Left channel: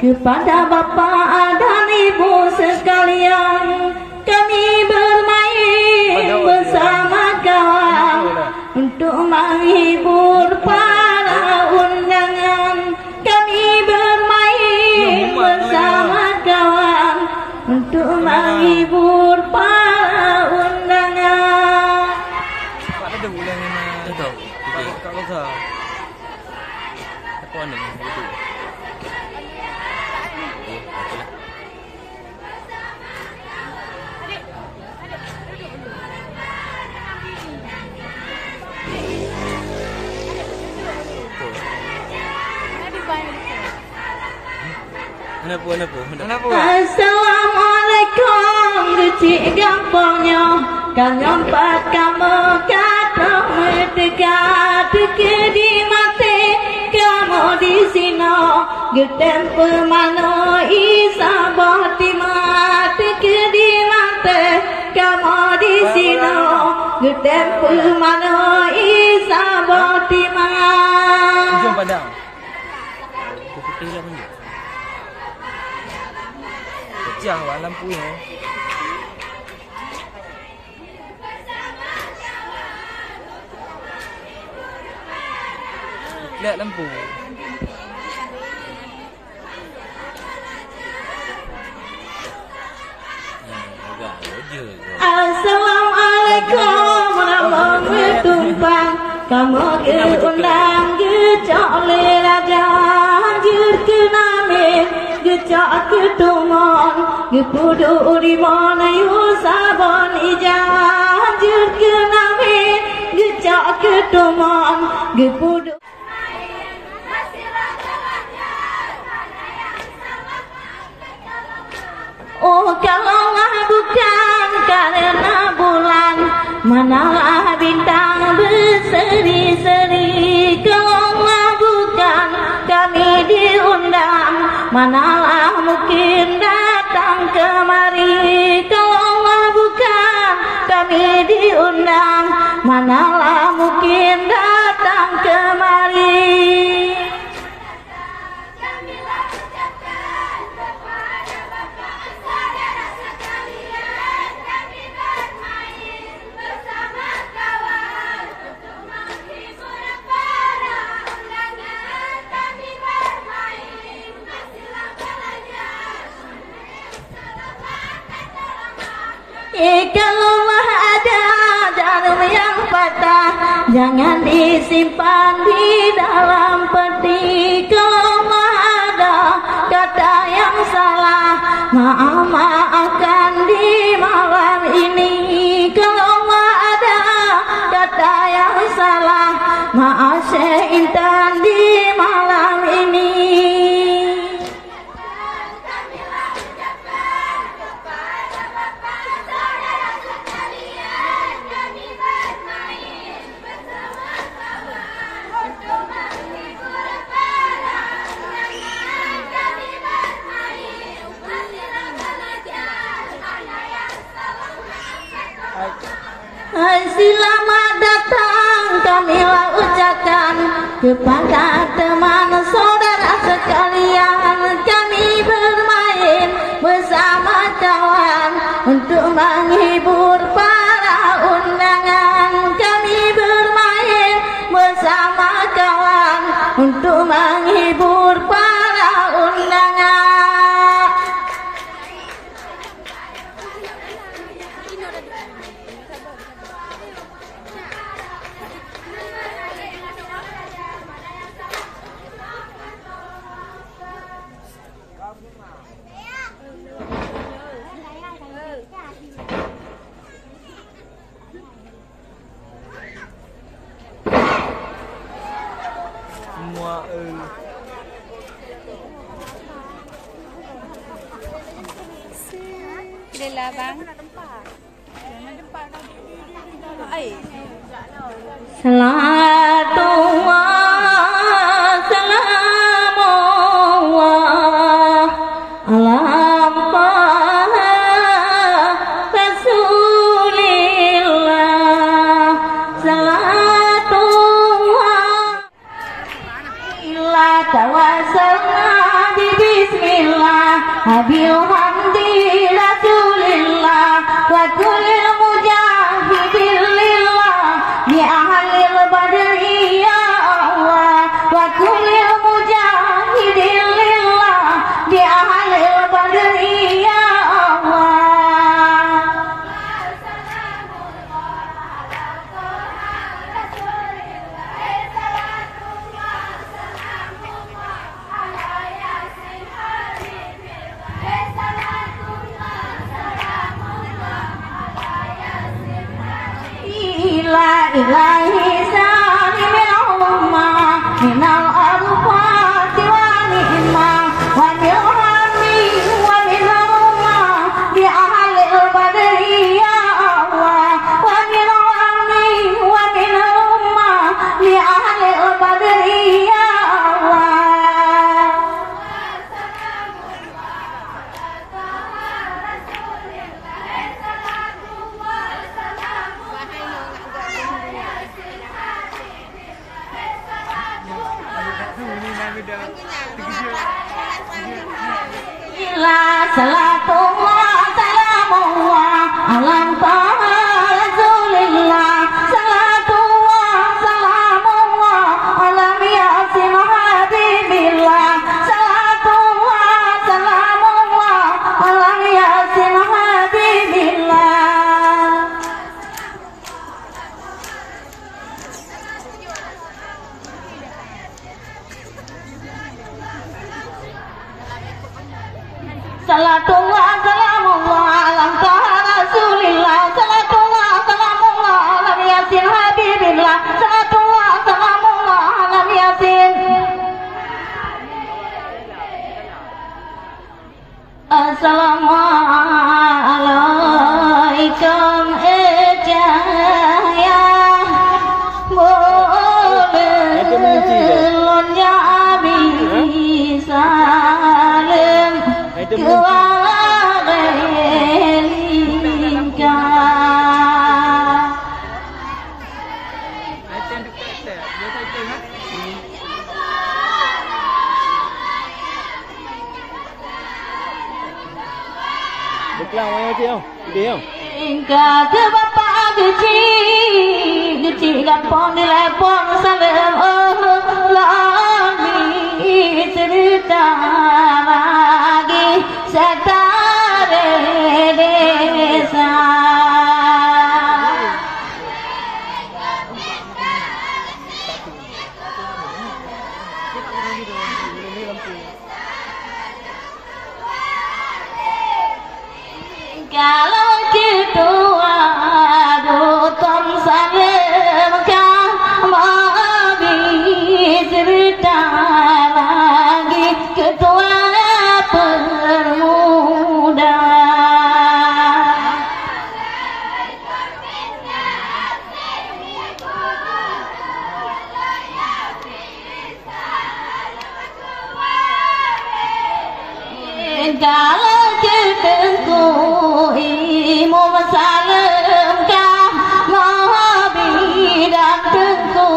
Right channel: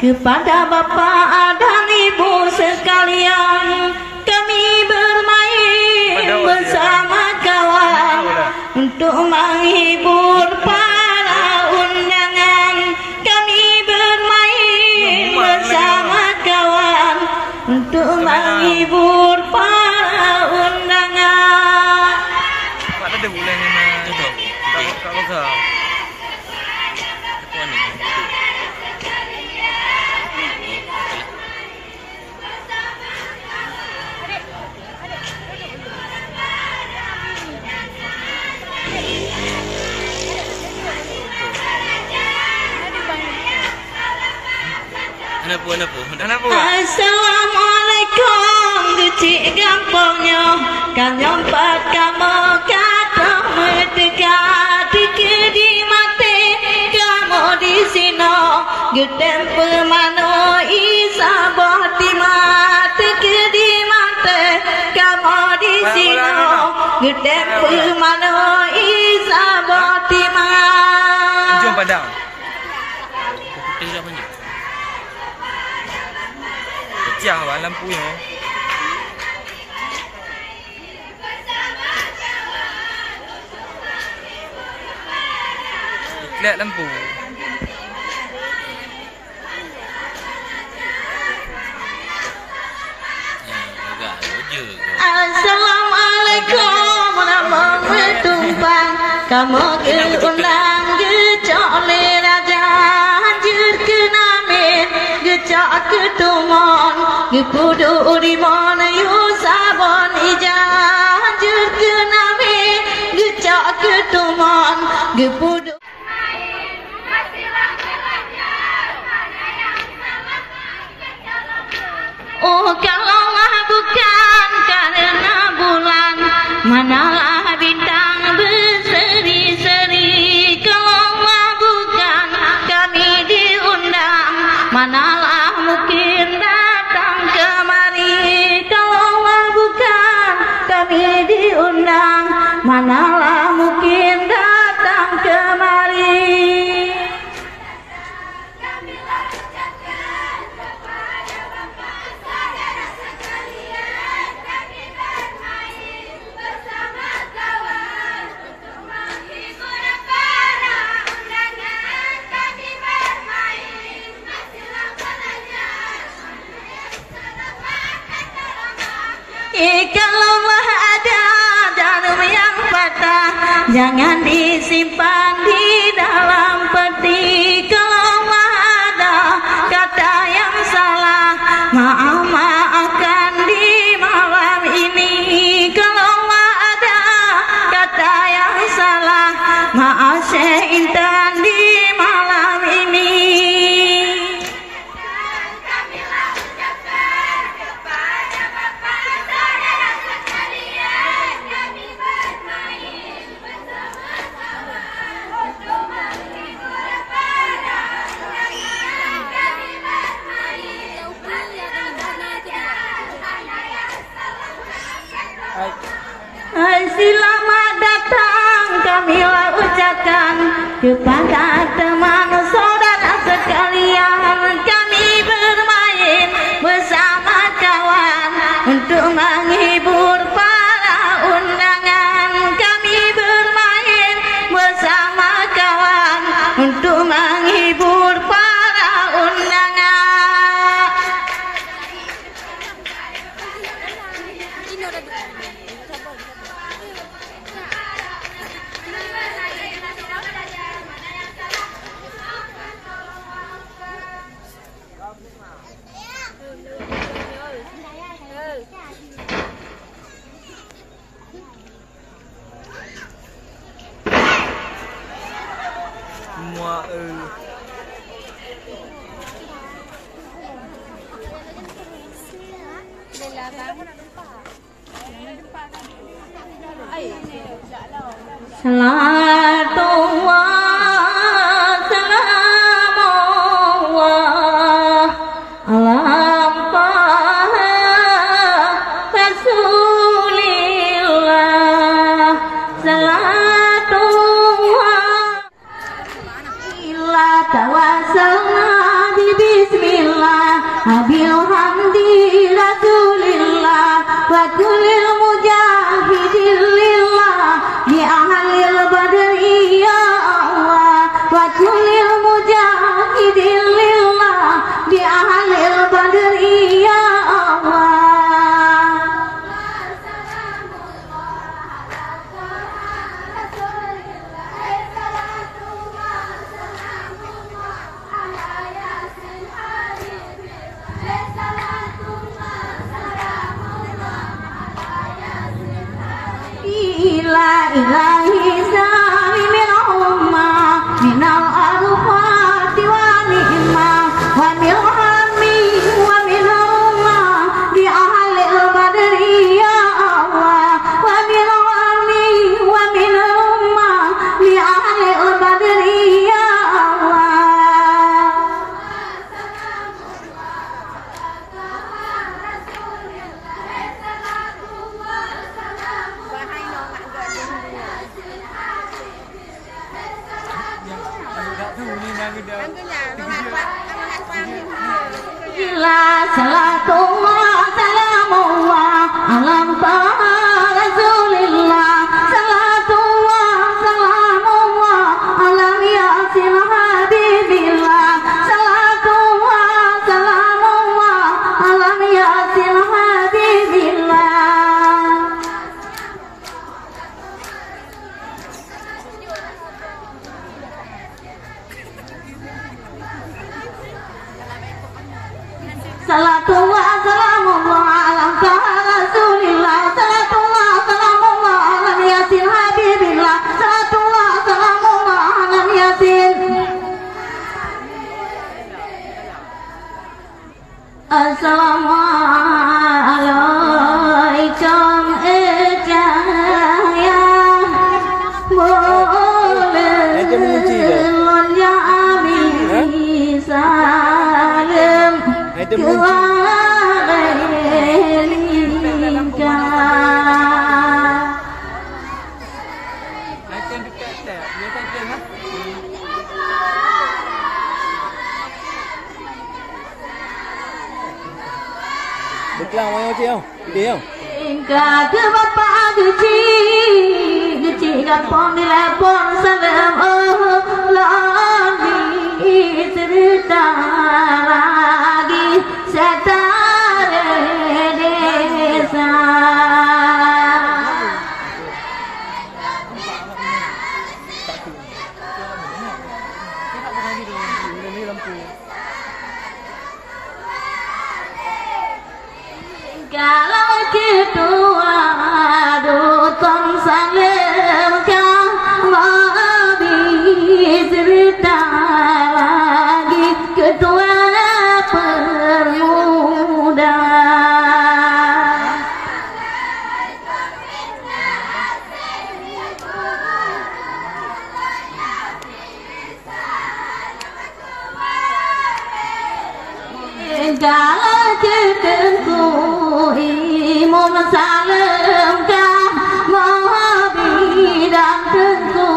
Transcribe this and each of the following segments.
Kepada Bapak dan Ibu sekalian, kami bermain bersama kawan untuk menghibur para undangan. Kami bermain bersama kawan untuk menghibur para undangan. Pak ada bulan yang kalau Assalamualaikum, kecil gampangnya kan nyampat kamu kata mendekat di mati kamu di sini gedem pemano isa bohti mati di mati kamu di sini gedem pemano isa bohti mati. Jom padang. Putih lah banyak. Pecah lah lampunya. Lihat lampu. Assalamualaikum warahmatullahi tumpang kamu keundang gecok le raja anjur kenamin gecok ketumon gepudu urimon yusabon ijan anjur kenamin gecok ketumon gepudu. Oh kalaulah bukan karena bulan, manalah bintang berseri-seri. Kalaulah bukan kami diundang, manalah mungkin datang kemari. Kalaulah bukan kami diundang, manalah mungkin datang kemari. Kalaulah ada jarum yang patah, jangan disimpan di dalam peti. Kalaulah ada kata yang salah, maafkan di malam ini. Kalaulah ada kata yang salah, maaf seintan di malam ini. Selamat datang kamilah ucapkan kepada teman saudara sekalian. Kami bermain bersama kawan untuk menghibur para undangan. Kami bermain bersama kawan untuk menghibur para undangan. Semua Selamat salatullah ila tawassalna bi bismillah habil hamdi rasulillah wa kullil mujahidin lillah bi ahlil badri ya Allah wa kullil mujahidin lillah bi ahlil badri ya Allah. La ilahi salimil umma minal arfati wa ni'ma wa milhami wa minarumma bi ahlil badri ya Allah wa milhami wa minarumma bi ahlil badri ya Allah. Ila salatullah salamullah alam taha rasulillah salatullah salamullah alam yasin habibillah salatullah salamullah alam yasin habibillah. Salatullah salamullah alam taha rasulillah salatullah salamullah alam yasin habibillah salatullah salamullah alam yasin. Assalamualaikum ejaya boleh lonnya bisa Được lòng anh chị không? Đi không? Cả thứ bapak geci gampang dilepon salam lagi cerita lagi setare desa. Kalau gitu aduh tom salam mau cerita lagi ketua permuda. Kalau ketemu imam salam kah mau bidak tentu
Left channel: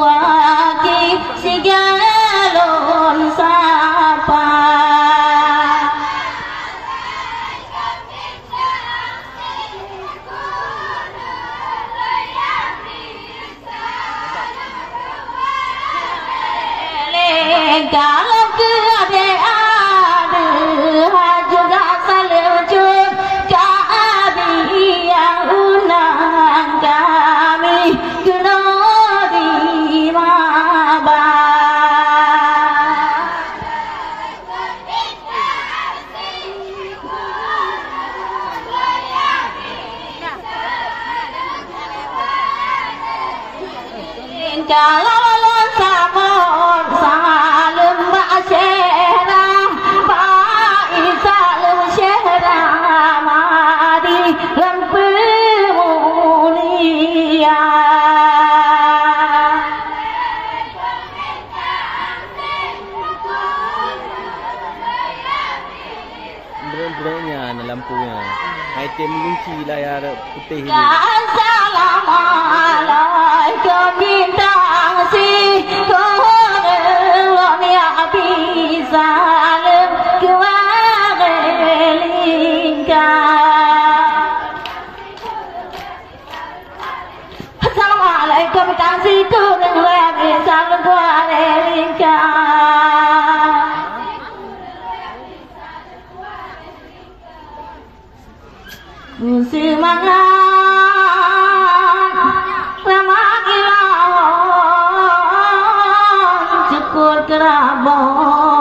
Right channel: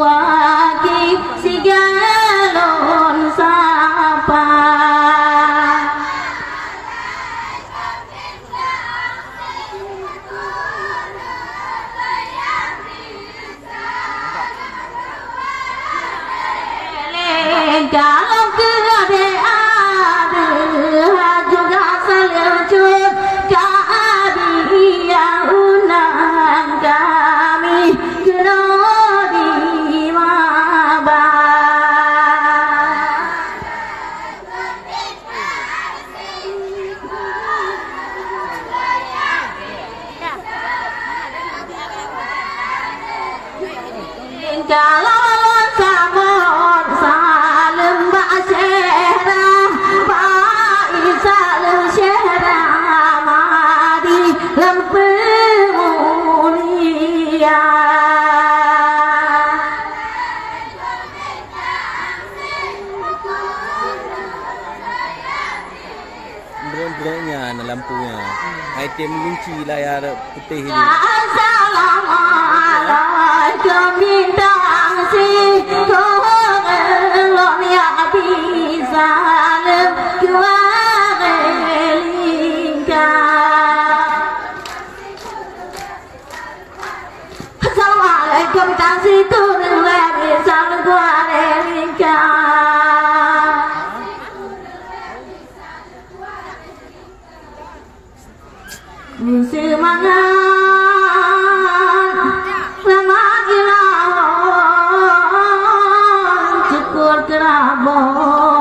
aki sigalon sapa. Kalau keadaan juga saljud kami yang undang kami kena dimaba. Kalau samon salam ba'asyara ba'isalam syara madi lampu mulia. Berat-beratnya lampunya. Item kunci layar putih ini. Assalamualaikum Kapitan situ yang lebih selalu kuare lincah. Semangat lama ilahon cukur kerabon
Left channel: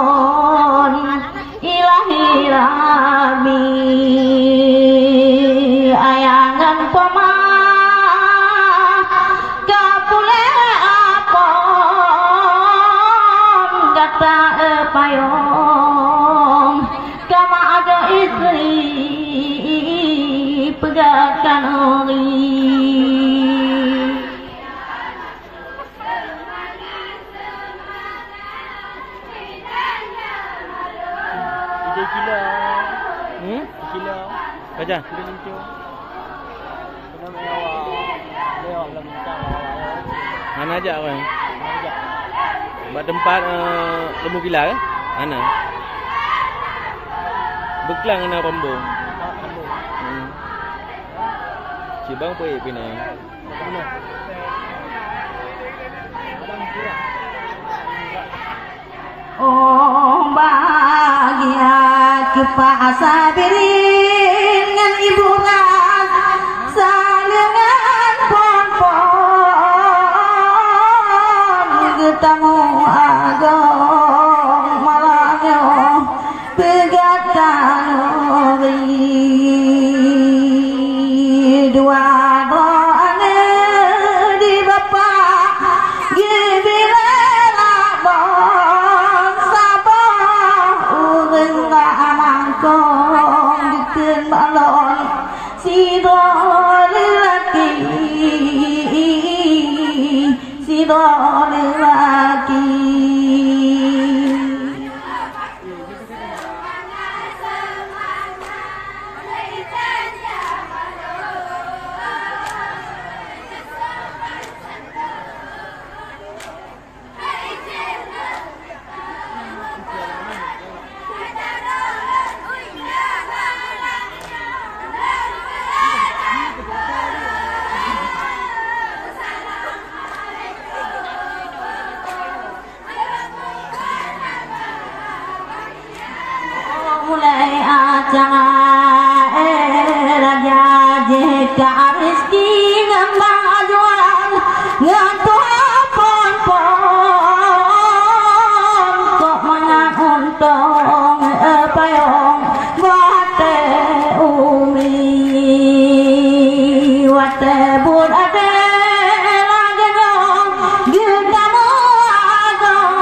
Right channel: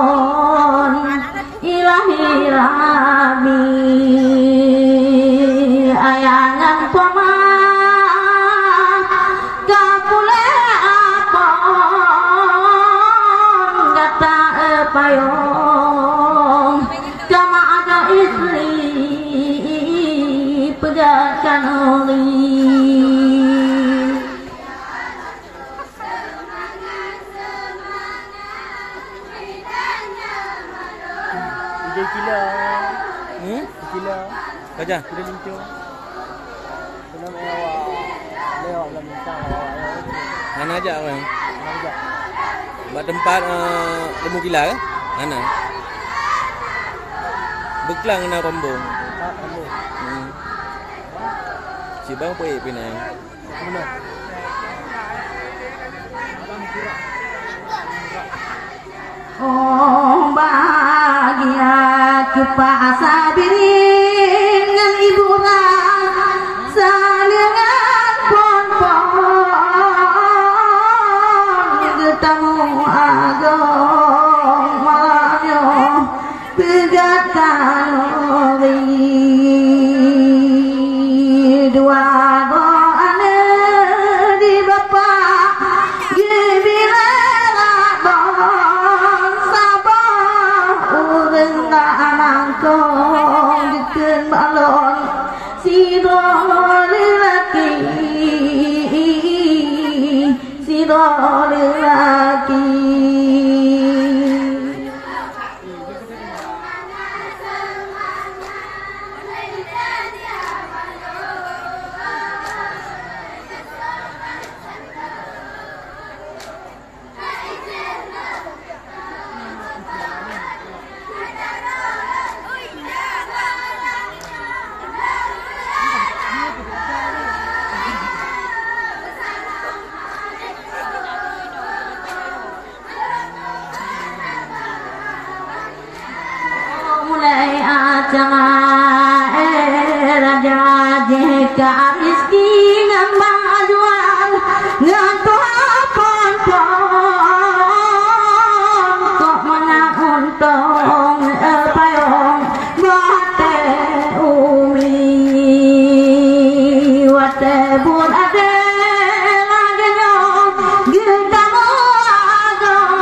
ilahi rabi ayangan poma kapule apon data payung kama ada istri pegatan oli. Kilo. Baca. Mana aja orang? Buat tempat lemu gila ke? Mana? Beklang na rombong. Si bang pergi Penang. Oh bahagia kepasabirin dengan ibu salingan pon-pon getamu agong malamnya pegatan dua doane di bapak gibila bon sabah ureng anangkong dikeun balon si lelaki mulai acara raja jika rizki nambah jual ngatuh pon-pon kok mana untung payung wate umi wate bun ade lagenyo gitamu agong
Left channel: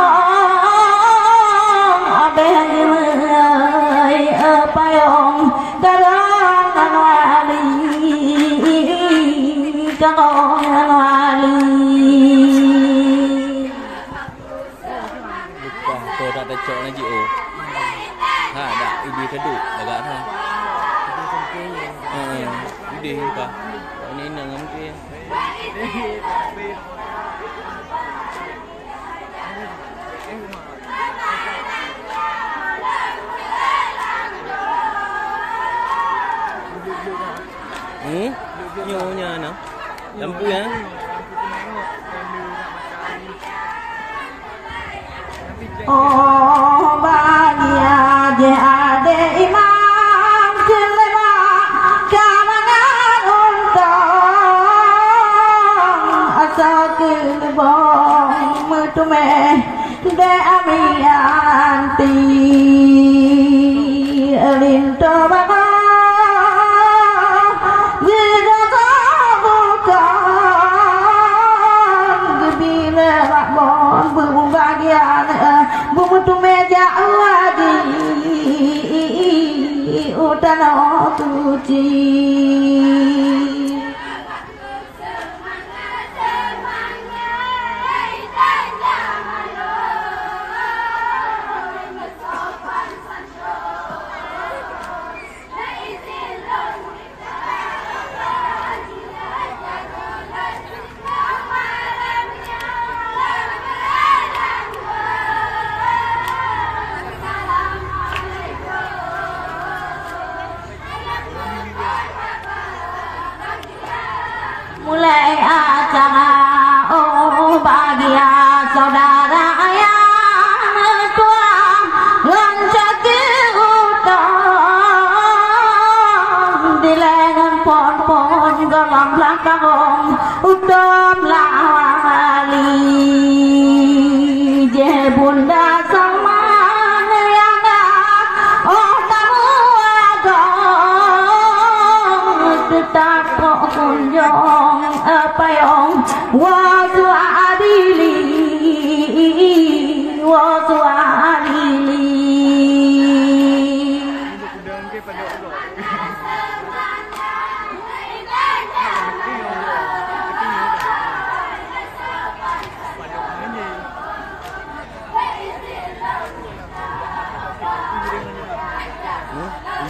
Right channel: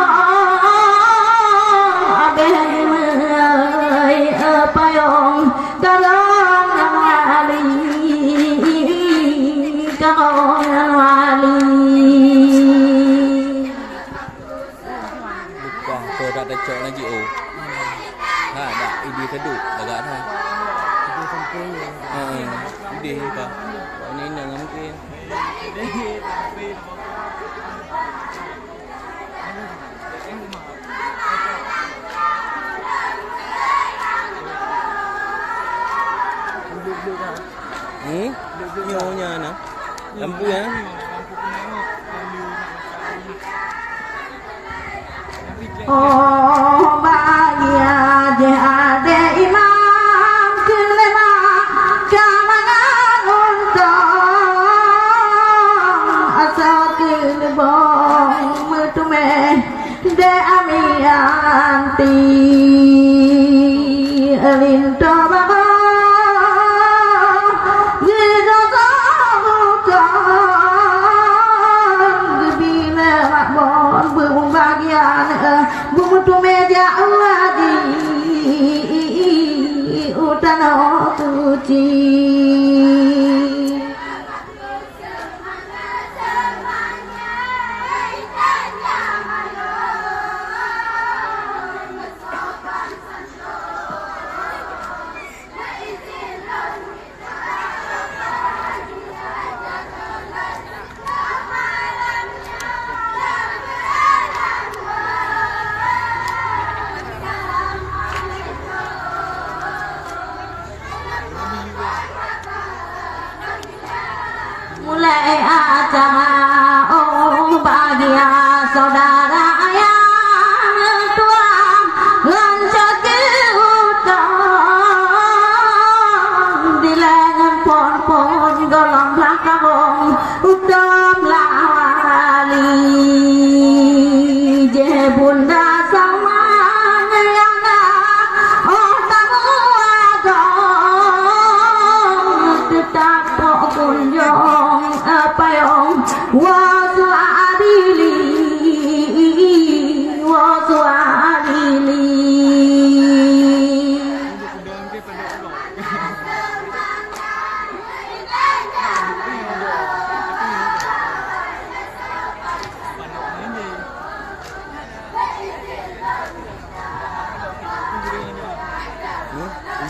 abeh payung tolong wali Lupa tu tak ada cok lagi oh. Ha dah ide keduk agak dah. Ide sempurna. Ide apa? Ini nang mungkin. Nyonya na. Lampu ya. Oh bahagia je ade imam kelema kamangan untung asal kelebong mutume de amianti alinto baba bumbu tu meja wadi utano tuci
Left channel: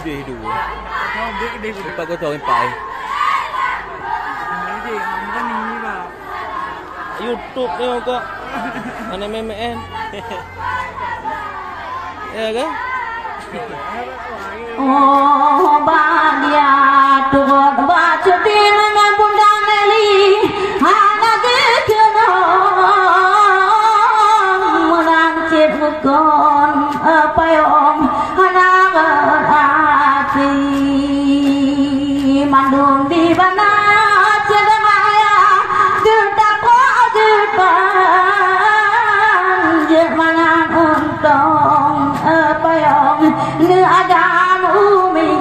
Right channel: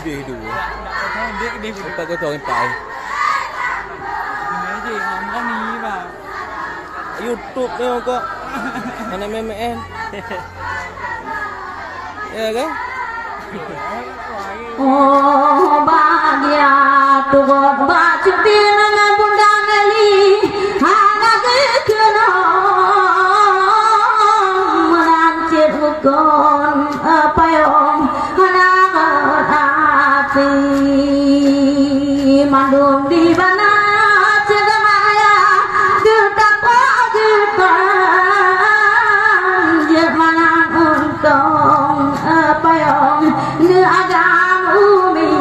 Dia hidup. Lepas kau tahu empat. YouTube tengok kok. Mana memen. Ya kan? Oh bahagia tuh baca dengan bunda Meli anak kena merancit bukan apa yang anak api mandung di mana cedera kita jangan untung apa yang agam umi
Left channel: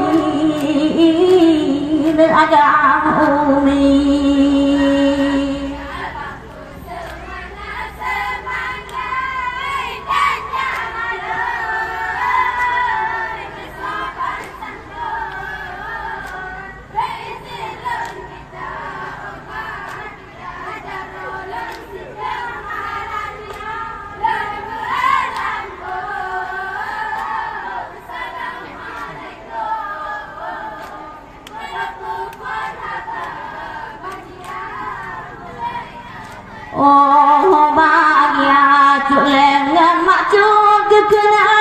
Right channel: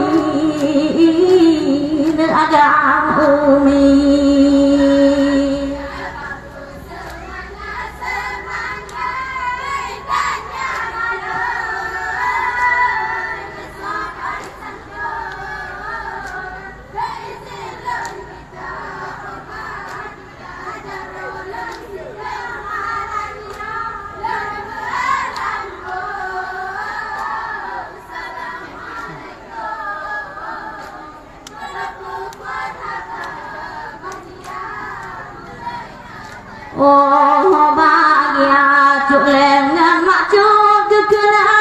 oh bahagia culeng mak cuk kena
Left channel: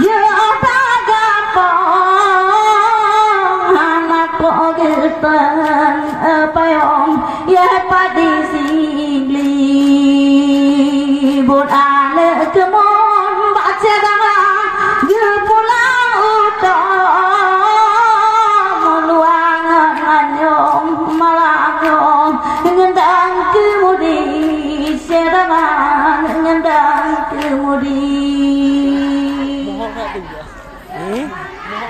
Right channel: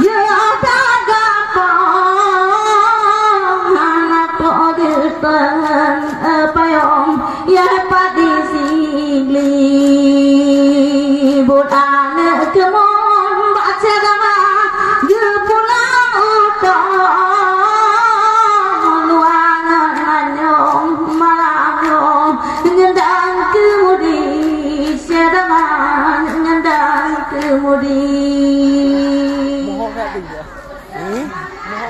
ya pagapong anak ko giltan payong ya padi sigli budan kemon baca dama gil pulang utang luangan anyong malanyong ngendang kemudi sedangan ngendang kemudi Mohon tak tu ya.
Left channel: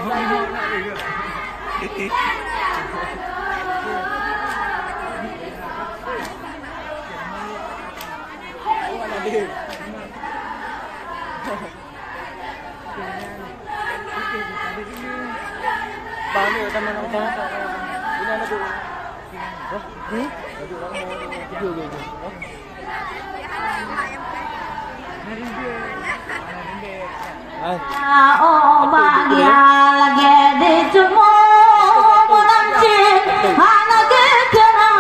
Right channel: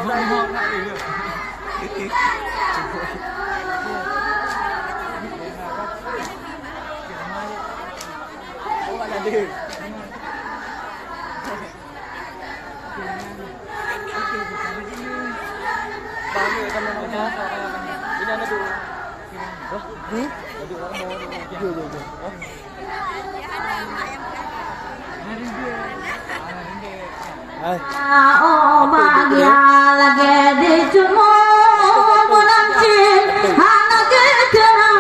Mohon Bang ni kan nak macam ini ada tu. Oh, ni? Ada orang mau je. Oh. Hai. Oh bahagia lagi di cumur bulan cing anak kena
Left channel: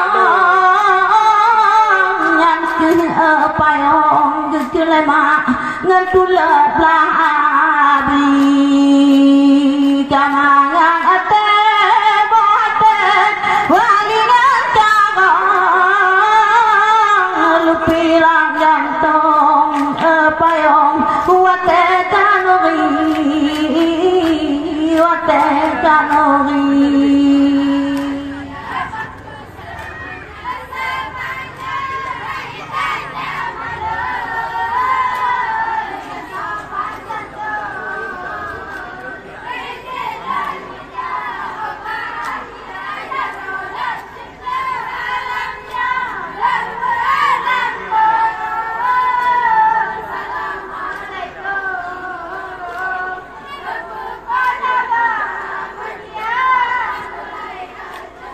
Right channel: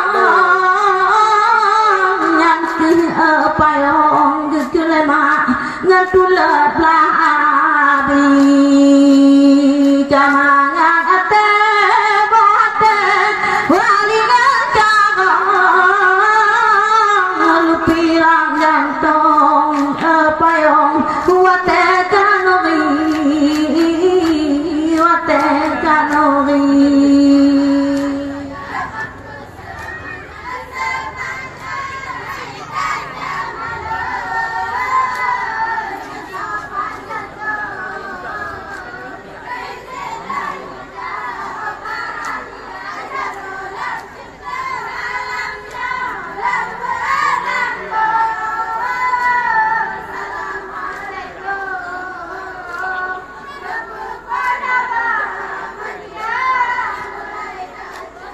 yang ke apa yang ke lemak ngetulat labi kamangan ate bote walina jangan lupilang jantung apa yang wate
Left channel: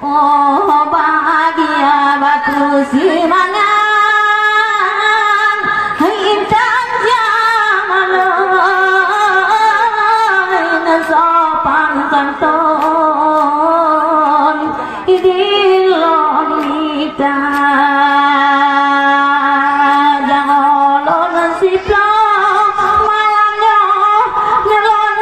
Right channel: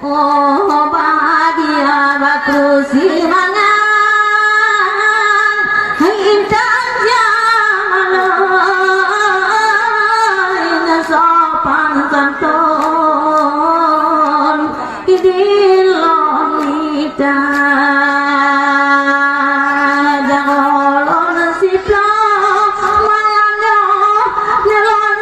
oh bahagia batu simangan intan jalan sopan santun idilon kita jangan si plong malamnya nelon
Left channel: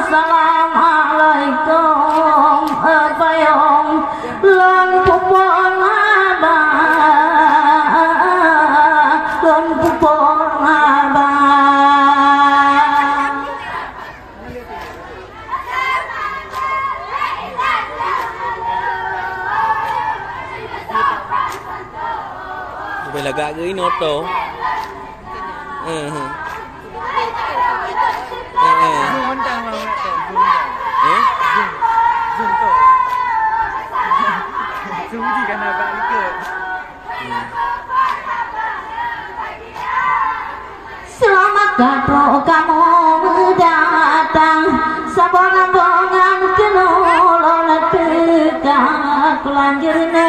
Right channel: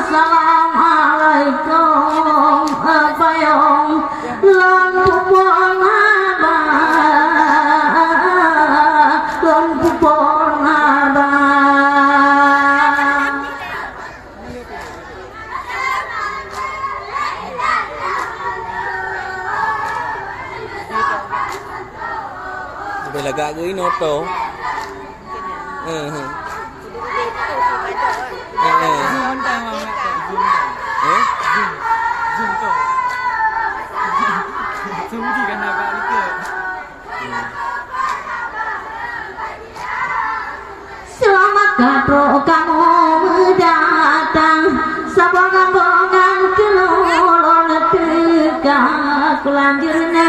Assalamualaikum apa yang lon pupon abang lon pupon abang Bila gak ke ini auto. Selamat datang kamu datang sabongan-bongan kenulon tegak lanjirne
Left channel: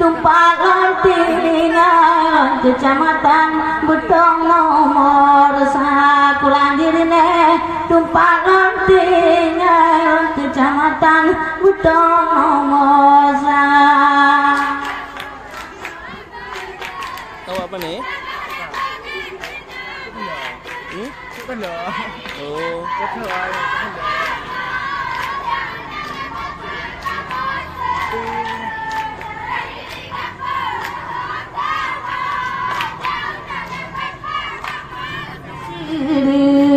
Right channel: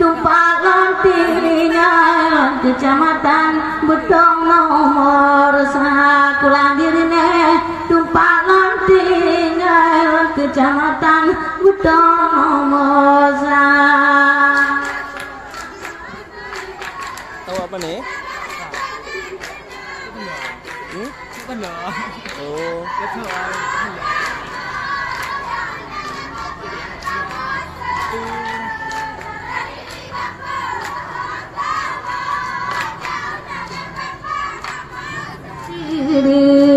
tumpah lantingan kecamatan Betong nomor 1 tomosa. Tahu apa nih? Oh.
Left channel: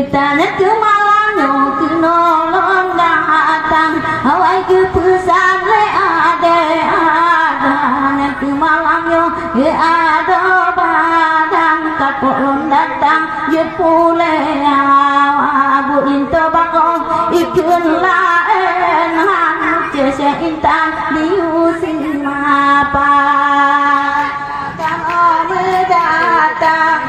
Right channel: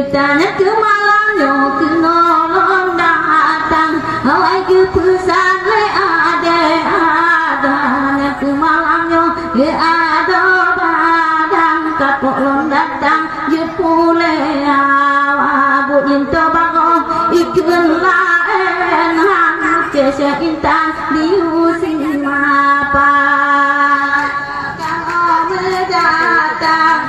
Tanah kemalannya kenolong datang, awai ke pusat le ada, tanah kemalangnya ye ada badan, kapolon datang ye pule awa buin tobakong ikun laen han cese intan diusin apa kau mendatang.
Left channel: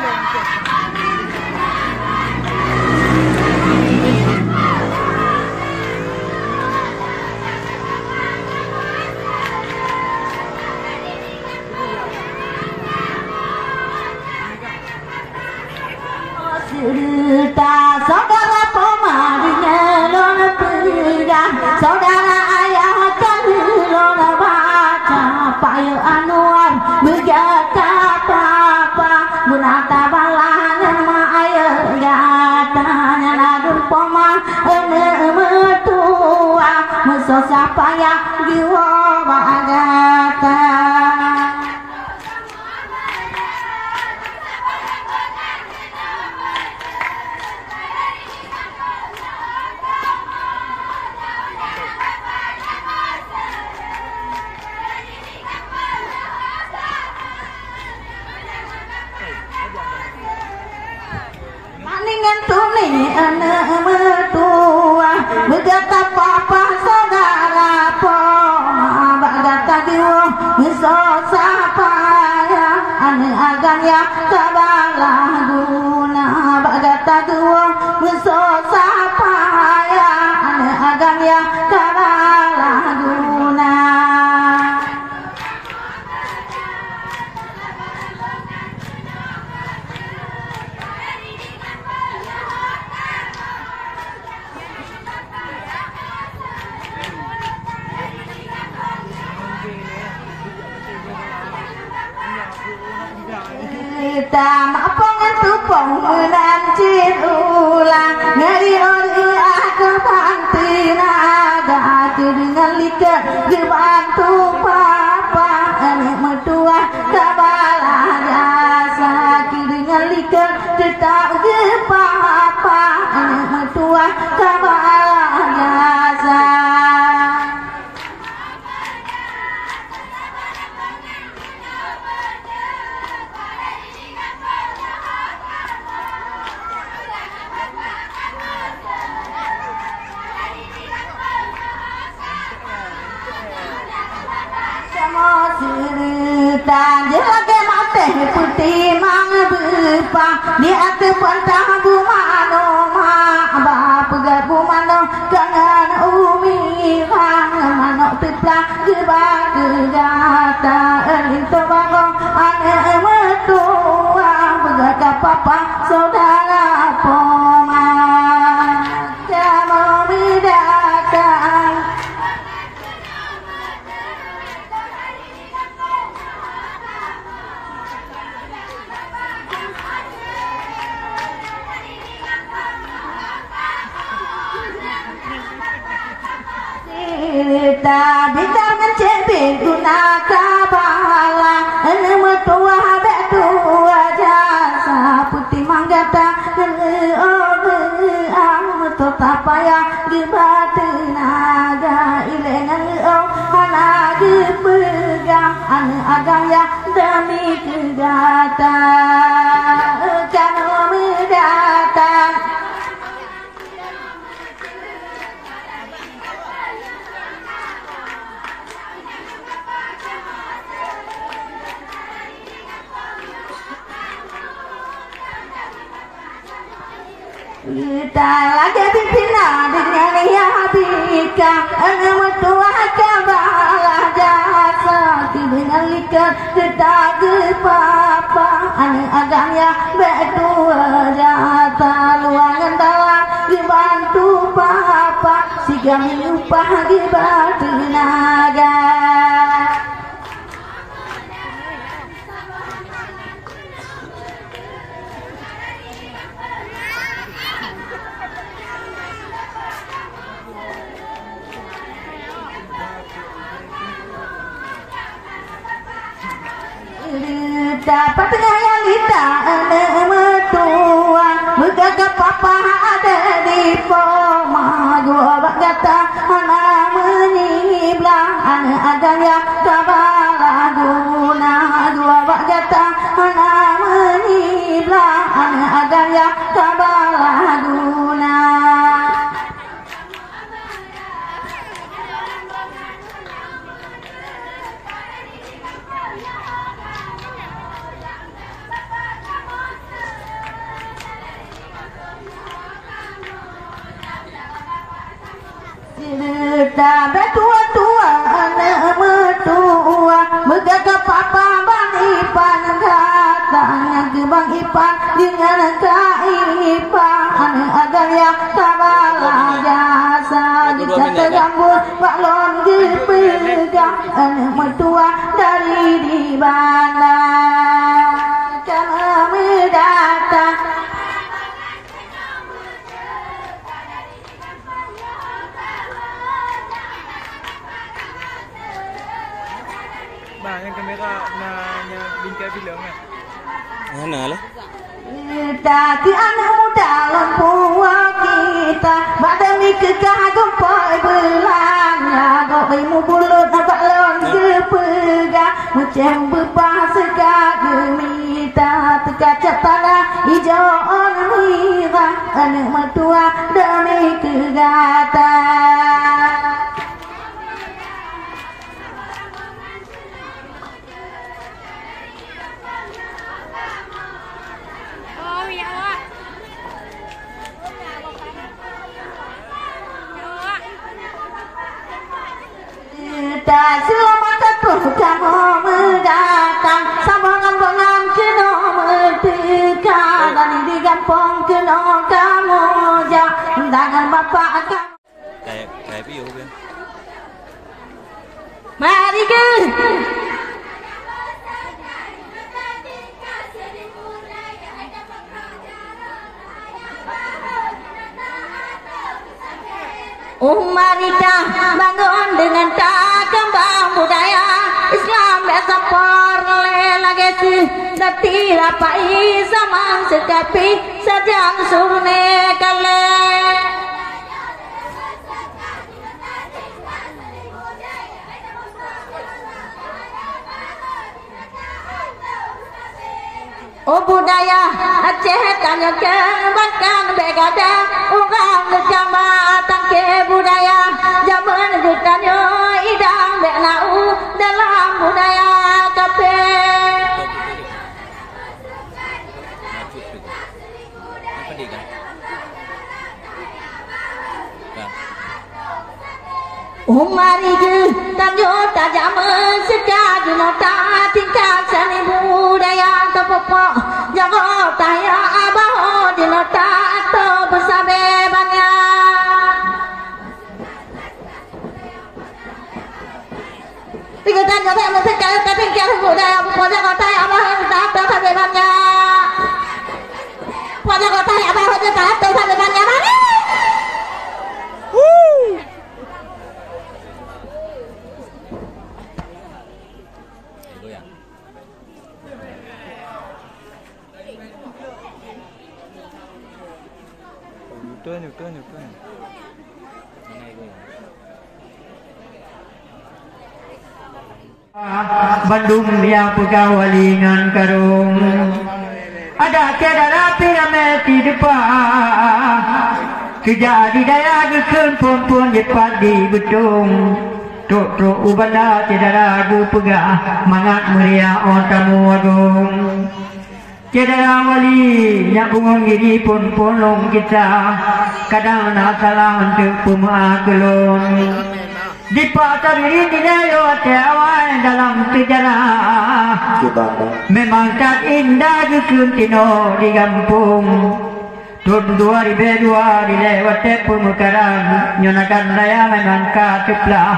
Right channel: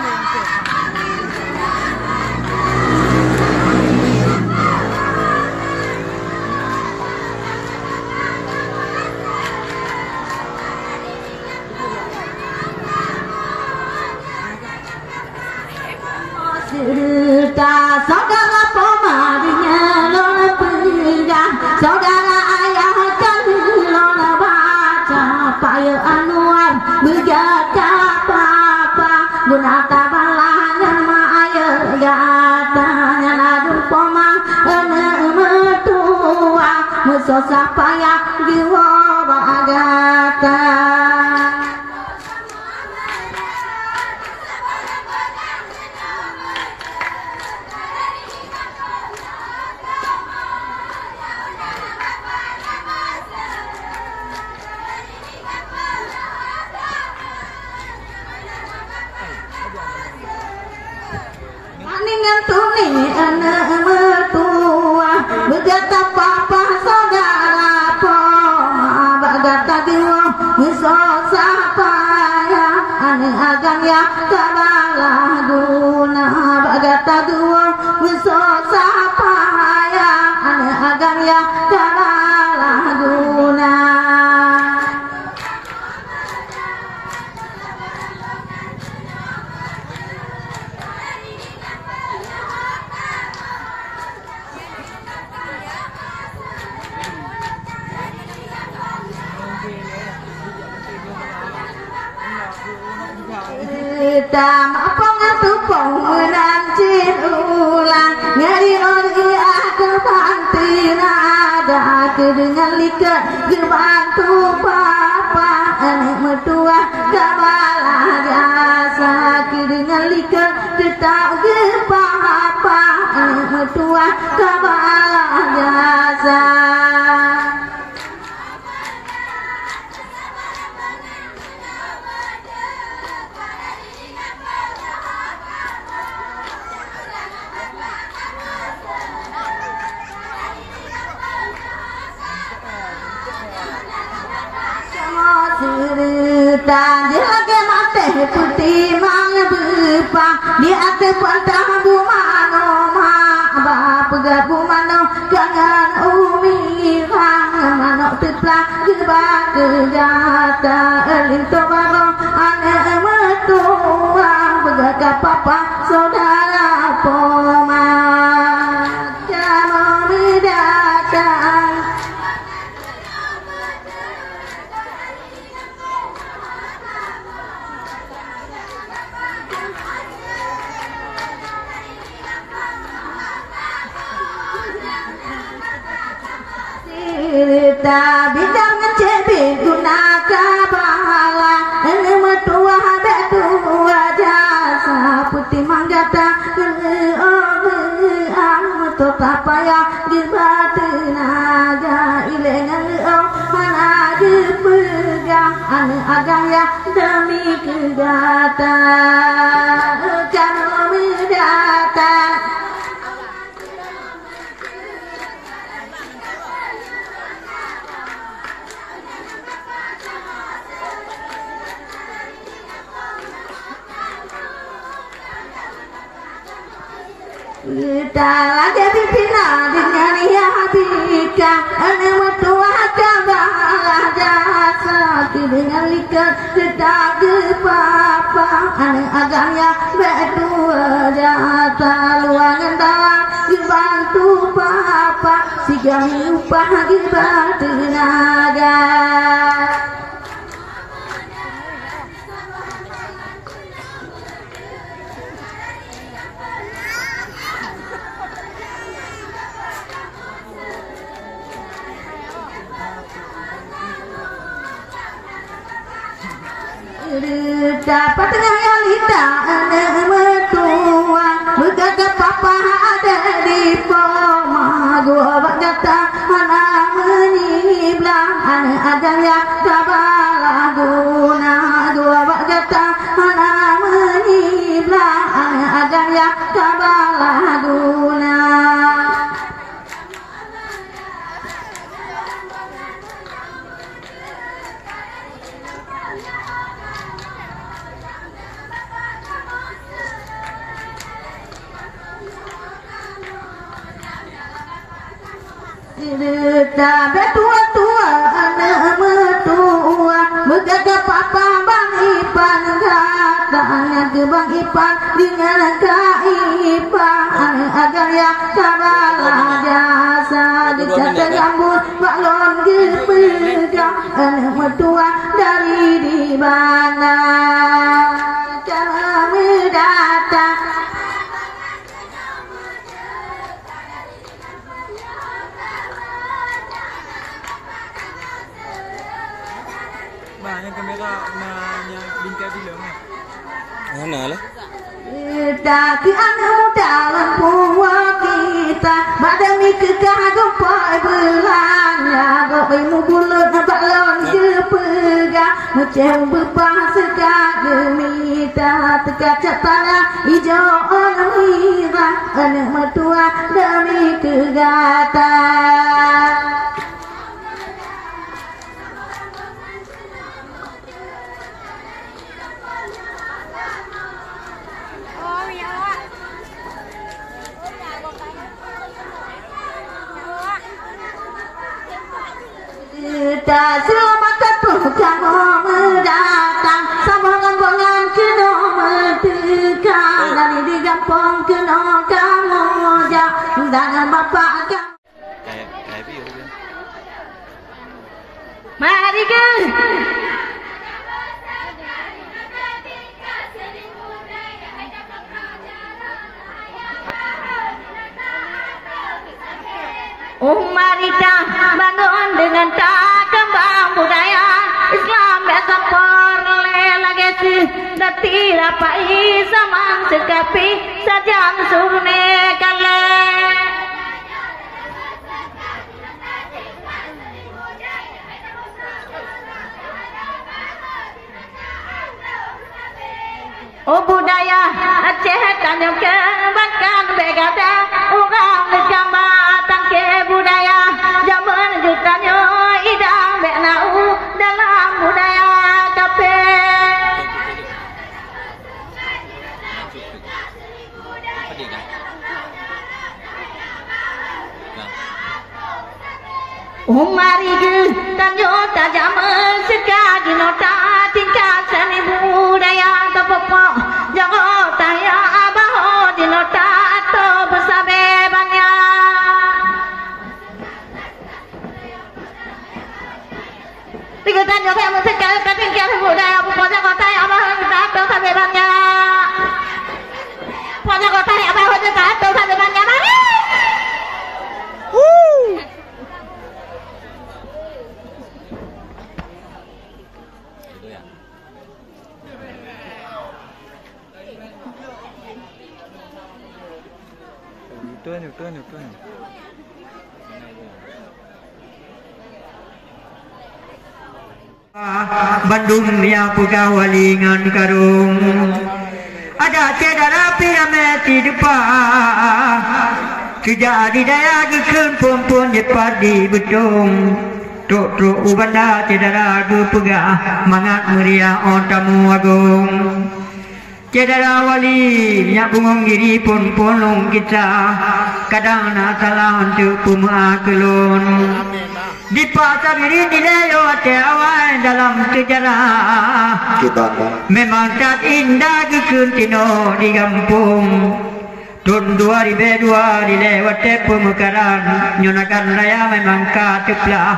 Cerita saudara pemadinya lona pegang, saudara ayah kan lona baca paya anuan bergata papa bunata balanya ma ayah gatanya ladung poma ene mertua musosa paya giwa bagata. Maningan tuning anak mertua bergata papa saudara poma bagata diwa misosa paya ane agan ya kabala guna bagata diwa misosa paya ane agan ya kabala guna. Mapangan tupong menancin ulang nyari oli ada pantina ada dengan likat dibantu papa anak mertua kabala jasa dengan likat tetap ke papa anak mertua kabala jasa. Cerita dia lagi mati putih mang berpa dia ada pantah bumano ma bapa gabumano kangen umi hang mano tepla geba gata elinto babong ane mertua begaga papa saudara poma kamu mendatang. Cerita bidang mencebir guna kabala ene mertua betua jasa putih manggata ene ang tota paya di batinaga ilengan mana di pegang ane agaya demi kegata kamu mendatang. Kita lagi bina dengan Yabika ane mertua kabala jasa dengan likat kita ke papa ane agaknya berdua jata luangan dalam dibantu papa sigang upah di batin dapat ngalita metua muka papa ada di poma dua bagata anak meniblah anak ada ya tabalaguna dua bagata anak meniblah anak ada ya tabalaguna. Sampai tua-tua anak mertua berkata papa bang Ipan katanya ke bang Ipan dengan kaipan agar ya kabalah jasa dikata rambut balon gepegang anak mertua dari di mana kami datang. Yang kamera namanya bingkai bilang ya. Mana lah? Tapi anak muda lempuwa kita badani kekagum pai belanya goimu bulut balon kepegang mucem bepah sekak gemita tekaca tanah hijau onira anak mertua demi kegata. Tak selamat kamu mendatang sambungan-sambungan kena mentekan dan di kampung kena kamu jangan bapak kamu. Kayak piu dia. Mari ke. Umarita bangun dengan tak kembang budaya Islam besapor lelagesi dati rapai samang sekapi sajang surne kale. Oh budaya Aceh tanyokan bahkan begada orang legamba tangke budaya zaman jutanyo idang benau dalam budaya kape. Umari ge tanyo tajam sekali nota tingkat seni budaya kepopo jago taya abah di nota atau bersabebannya. Tiga tanyo saya mesti kali tingkat budaya kepopo jago taya abah di nota atau bersabebannya. Jago taya abah di nota atau bersabebannya. Newton. Bandung yang Pugawalingan karung ada cedera piramid di depan sejak di daya gekun pun jepat di betung truk ubanda cedera gepegah mangat meriah on tamu agung. Cedera wali nyak bungong diri pun polong kita kadang nak salah untuk puma kelon di pasar diri nilai awal dalam sejarah memang tak indah kekuntino di kampung tahun 2002 dilewat pemekaran nyonakan raya memang kateplah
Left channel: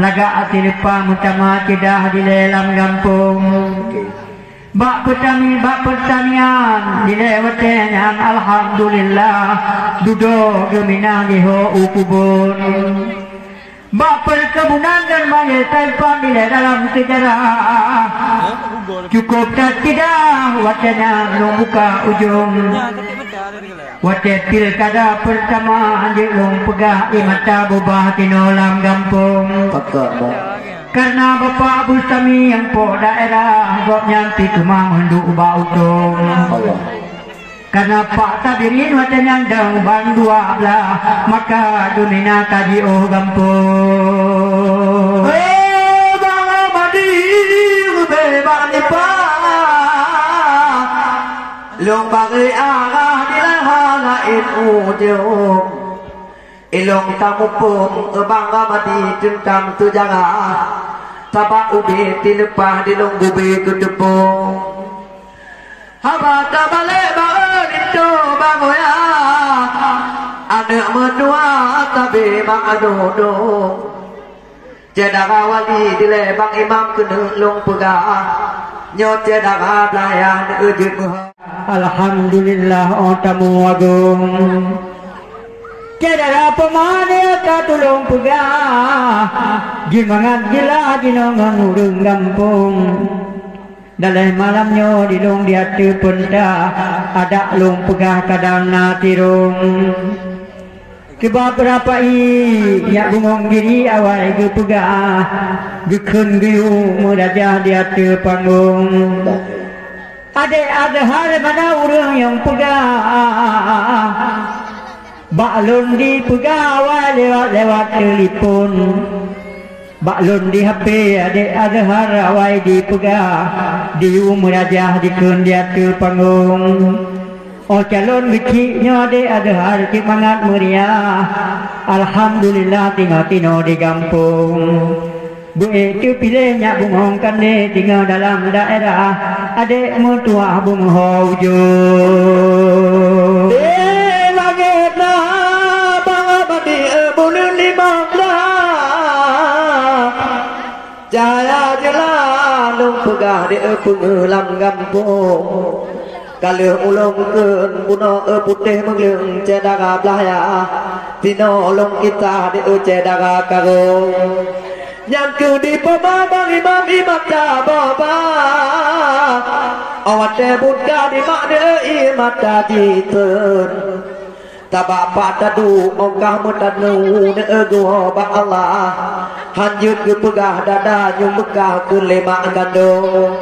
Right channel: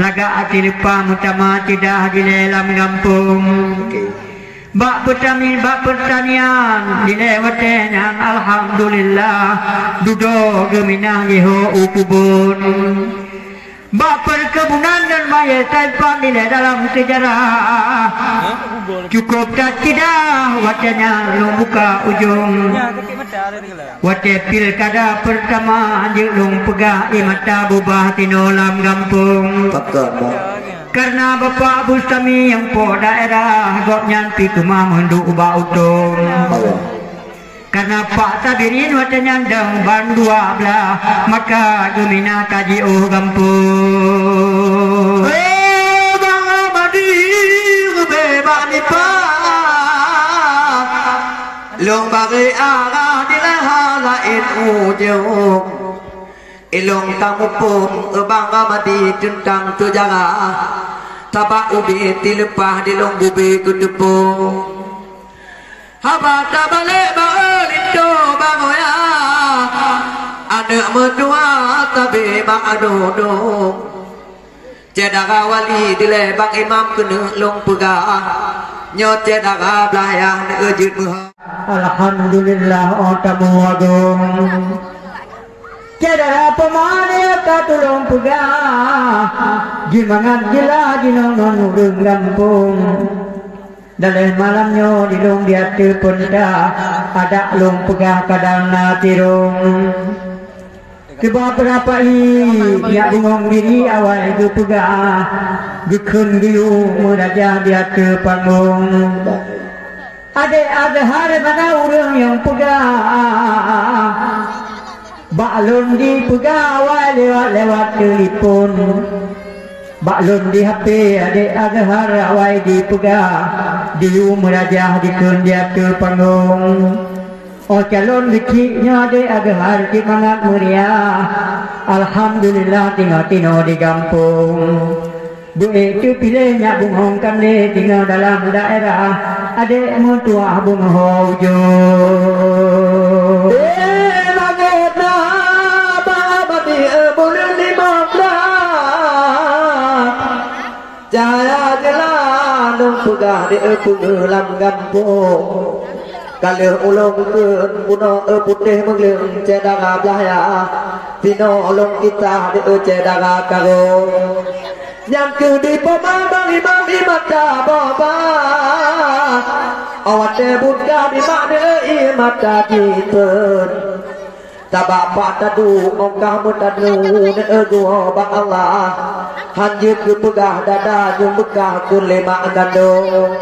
laga hati lupa mutama tidak di dalam kampung. Bak pertanian dilewatnya alhamdulillah duduk geminang iho ukubun Bak perkebunan dan maya tanpa nilai dalam sejarah. Cukup tak tidak wacana long buka ujung. Wacana pilkada pertama je long pegah di mata bubah tinolam gampung. Karena Bapak Bustami yang po daerah gok nyanti kemah mendu ubah utong. Karena Pak Tabirin watanya dang bandua belah maka dumina kaji oh gampung. Bang Amadi bebak nipa long bagi arah di halain ujung ilong tamupung Bang Amadi tentang sejarah tabak ubi tilepah di long bubi kutepung haba tabale balindo bangoya anak menua tabe ma'adodo jadaga wali dile bang imam kena long pegah nyot jadaga belayah neujud muha Alhamdulillah otamu agung. Jadaga pemane tulung pegah gimangan gila ginong urung gampung. Dalam malamnya di long dia pun dah ada long pegah kadang na tirung. Keba berapa ya bungong diri awal ke pegah gekun giu meraja dia panggung. Ada hari mana orang yang pegah baklun di pegah awal lewat telefon. Baklun di HP ada hari awal di pegah di umrajah di kundiat panggung. Oh calon kecilnya ada hari semangat meriah. Alhamdulillah tinggal di kampung. Bu itu pilihnya bungong kande tinggal dalam daerah. Adik mutua bungong hujung. Jaya jalan long pegah di pengelam kampung. Kalau ulung kun puno putih menglung cedara belaya, tino ulung kita di cedara karo. Yang kudi papa bang imam imata bapa, awat buka di mana imata jitun. Tabak patadu mongkah mutadu negua bang Allah. Hanjut ke pegah dada nyumbuka kun lema kandung.